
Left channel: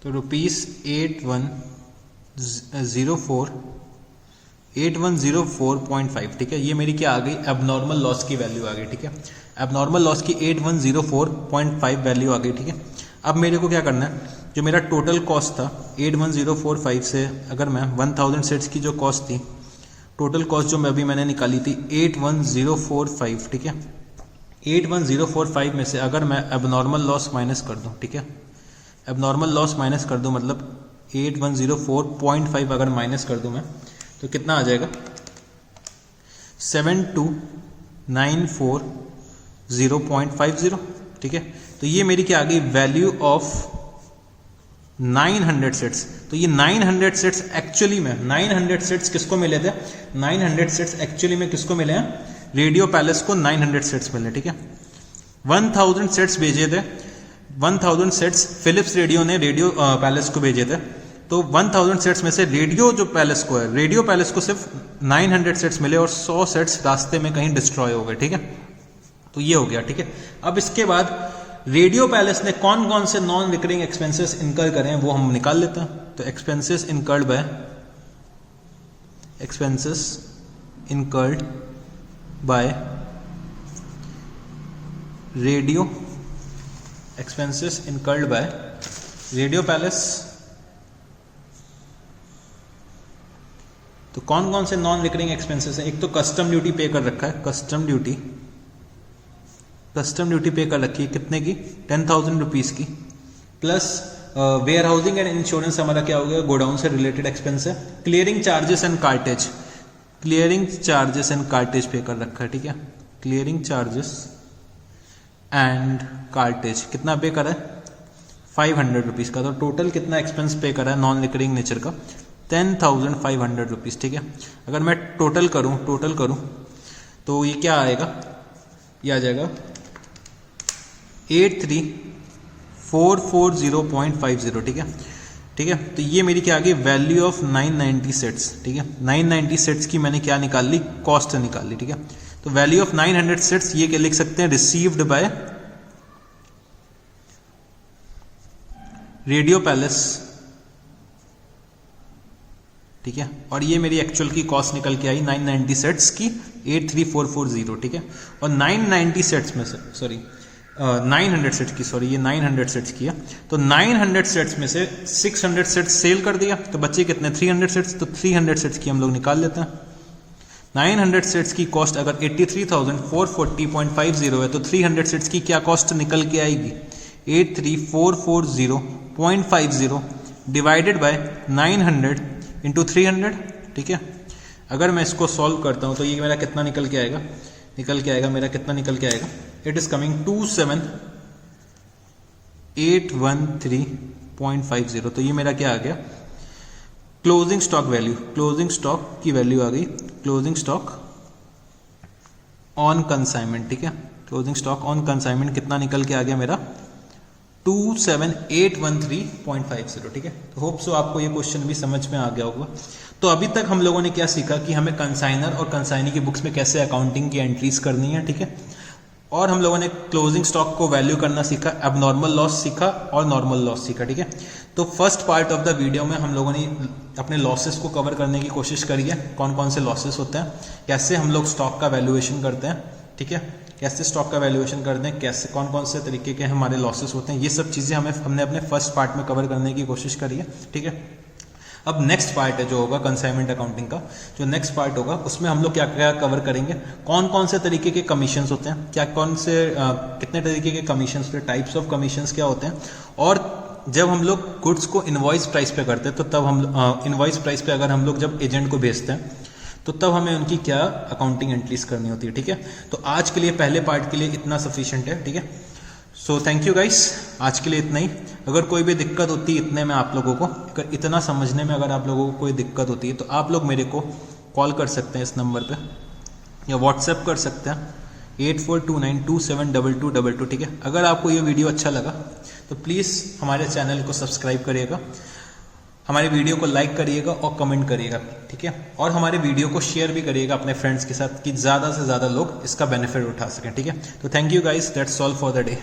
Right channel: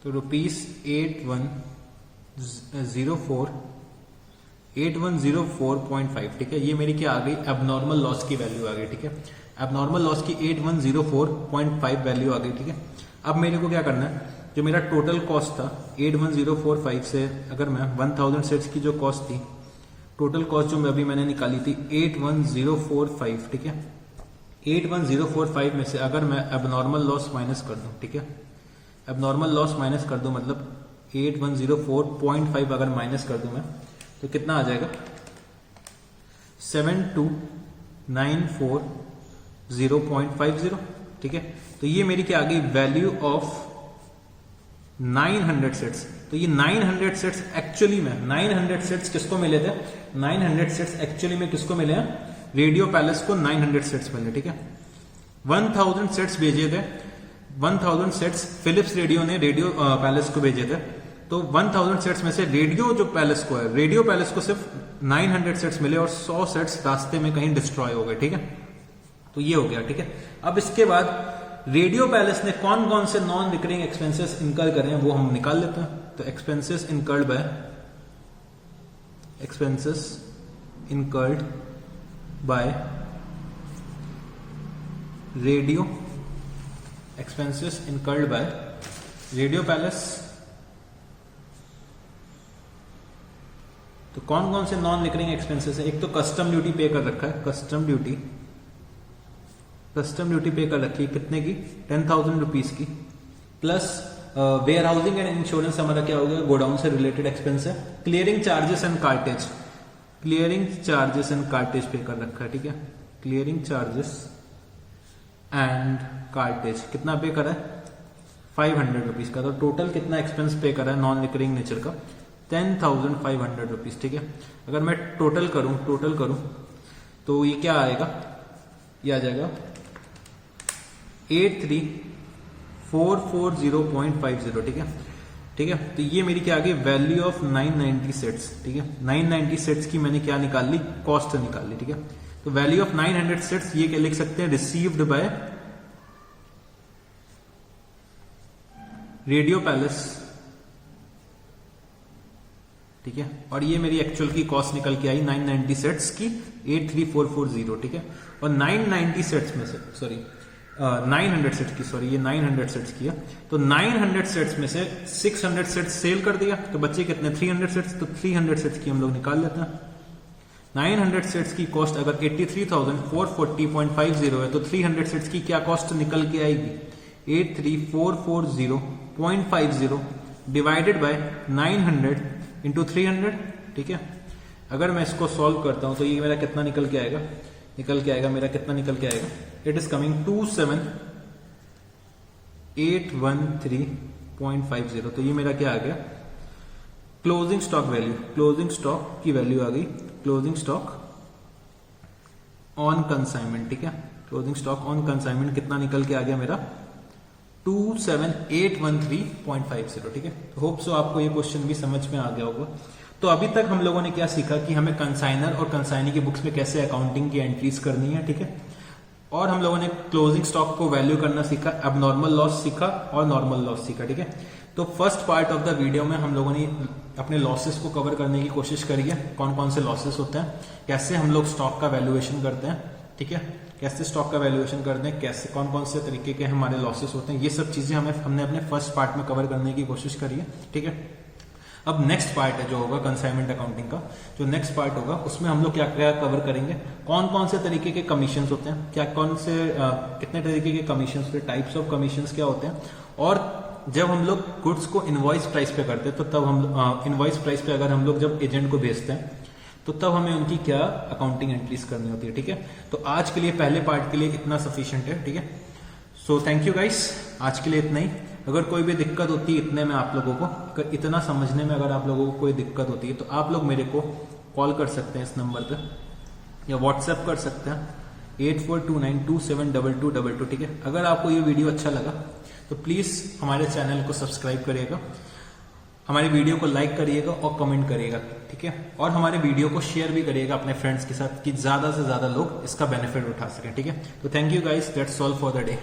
तो ₹8104.5, ठीक है। ये मेरी क्या आ गई, एबनॉर्मल लॉस की वैल्यू आ गई, ठीक है। एबनॉर्मल लॉस की 8104.5 वैल्यू आ गई, ठीक है। अब मेरे को क्या करना है, जो मेरा टोटल कॉस्ट था 81,045 से अगर मैं 1000 सेट्स की जो कॉस्ट थी, टोटल कॉस्ट जो मैंने निकाली थी 81,045, ठीक है। 81,045 में से अगर मैं एबनॉर्मल लॉस माइनस कर दूं, ठीक है, एबनॉर्मल लॉस माइनस कर दूं मतलब 8104.5 अगर माइनस कर दूं मैं, तो कितना आ जाएगा 72,940.50, ठीक है। तो ये मेरी क्या आ गई, वैल्यू ऑफ 900 सेट्स। तो ये 900 सेट्स एक्चुअली में 900 सेट्स किसको मिले थे, 900 सेट्स एक्चुअली में किसको मिले हैं, रेडियो पैलेस को 900 सेट्स मिले, ठीक है। 1000 सेट्स भेजे थे, 1000 सेट्स फिलिप्स रेडियो ने रेडियो पैलेस को भेजे थे। तो 1000 सेट्स में से रेडियो जो पैलेस को है, रेडियो पैलेस को सिर्फ 900 सेट्स मिले और 100 सेट्स रास्ते में कहीं डिस्ट्रॉय हो गए, ठीक है। तो ये हो गया, ठीक है। अब इसके बाद रेडियो पैलेस ने कौन कौन से नॉन रिकरिंग एक्सपेंसेस इनकर करें हैं वो हम निकाल लेते हैं। तो expenses incurred bye radio, expenses incurred bye radio palace. तो कौन कौन से नॉन रिकरिंग एक्सपेंसेस है, एक तो कस्टम ड्यूटी पे कर रखा है, कस्टम ड्यूटी पे कर रखी है कितने की, 10,000 रुपीज की, plus warehousing and insurance हमारा क्या हो गया, गोडाउन से रिलेटेड एक्सपेंस है। Clearing charges and cartage pay कर रखा है, ठीक है। क्लियरिंग चार्जेस एंड कार्टेज कितना पे करा है, 500 रुपीज का। तो टोटल कितना एक्सपेंस पे करा है नॉन रिकरिंग नेचर का, 10,500 रुपीज, ठीक है। अगर मैं टोटल करूं तो ये क्या आएगा, ये आ जाएगा 83,440.50, ठीक है। तो ये मेरी क्या आ गई, वैल्यू ऑफ 990 सेट्स, ठीक है। 990 सेट्स की मैंने क्या निकाल ली, कॉस्ट निकाल ली, ठीक है। तो वैल्यू ऑफ 900 सेट्स ये क्या लिख सकते हैं, रिसीव्ड बाय रेडियो पैलेस, ठीक है। और ये मेरी एक्चुअल की कॉस्ट निकल के आई 990 सेट्स की 83,440, ठीक है। और 990 सेट्स में से 900 सेट्स की, ये 900 सेट्स की है। तो 900 सेट्स में से 600 सेट्स सेल कर दिया, तो बच्चे कितने, 300 सेट्स। तो 300 सेट्स की हम लोग निकाल लेते हैं। 900 सेट्स की कॉस्ट अगर 83,440.50 है, तो 300 सेट्स की क्या कॉस्ट निकल के आएगी, 83,440.50 डिवाइडेड बाय 900 इंटू 300, ठीक है। अगर मैं इसको सॉल्व करता हूं तो ये मेरा कितना निकल के आएगा, इट इज कमिंग 27,813.50। तो ये मेरा क्या आ गया, क्लोजिंग स्टॉक की वैल्यू आ गई, क्लोजिंग स्टॉक ऑन कंसाइनमेंट, ठीक है। क्लोजिंग स्टॉक ऑन कंसाइनमेंट कितना निकल के आ गया मेरा, 27,813.50, ठीक है। होप सो आपको ये क्वेश्चन भी समझ में आ गया होगा। तो अभी तक हम लोगों ने क्या सीखा कि हमें कंसाइनर और कंसाइनी की बुक्स में कैसे अकाउंटिंग की एंट्रीज करनी है, ठीक है। और हम लोगों ने क्लोजिंग स्टॉक को वैल्यू करना सीखा, एबनॉर्मल लॉस सीखा और नॉर्मल लॉस सीखा, ठीक है। तो first part of the video में हम लोगों ने अपने लॉसेस को कवर करने की कोशिश करी है, कौन कौन से लॉसेस होते हैं, कैसे हम लोग स्टॉक का वैल्यूएशन करते हैं, ठीक है, कैसे स्टॉक का वैल्यूएशन करते हैं, कैसे कौन कौन से तरीके के हमारे लॉसेस होते हैं, ये सब चीजें हमने अपने फर्स्ट पार्ट में कवर करने की कोशिश करी है, ठीक है। अब नेक्स्ट पार्ट है जो होगा कंसाइनमेंट अकाउंटिंग का, जो नेक्स्ट पार्ट होगा उसमें हम लोग क्या क्या कवर करेंगे, कौन कौन से तरीके के कमीशंस होते हैं, कितने तरीके के कमीशंस होते हैं, टाइप्स ऑफ कमीशंस क्या होते हैं, और जब हम लोग गुड्स को इनवॉइस प्राइस पे करते हैं तो तब हम इनवॉइस प्राइस पे अगर हम लोग जब एजेंट को भेजते हैं तो तब हमें उनकी क्या अकाउंटिंग एंट्रीज करनी होती है, ठीक है। तो आज के लिए पहले पार्ट के लिए इतना सफिशिएंट है, ठीक है। सो थैंक यू गाइस, आज के लिए इतना ही। अगर कोई भी दिक्कत होती है इतने में आप लोगों को, अगर इतना समझने में अगर आप लोगों को कोई दिक्कत होती है तो आप लोग मेरे को कॉल कर सकते हैं इस नंबर पे, या व्हाट्सएप कर सकते हैं, 8429272222। ठीक है, अगर आपको ये वीडियो अच्छा लगा तो प्लीज़ हमारे चैनल को सब्सक्राइब करिएगा, हमारी वीडियो को लाइक करिएगा और कमेंट करिएगा। ठीक है, और हमारे वीडियो को शेयर भी करिएगा अपने फ्रेंड्स के साथ कि ज़्यादा से ज़्यादा लोग इसका बेनिफिट उठा सकें। ठीक है, तो thank you guys, that's all for the day.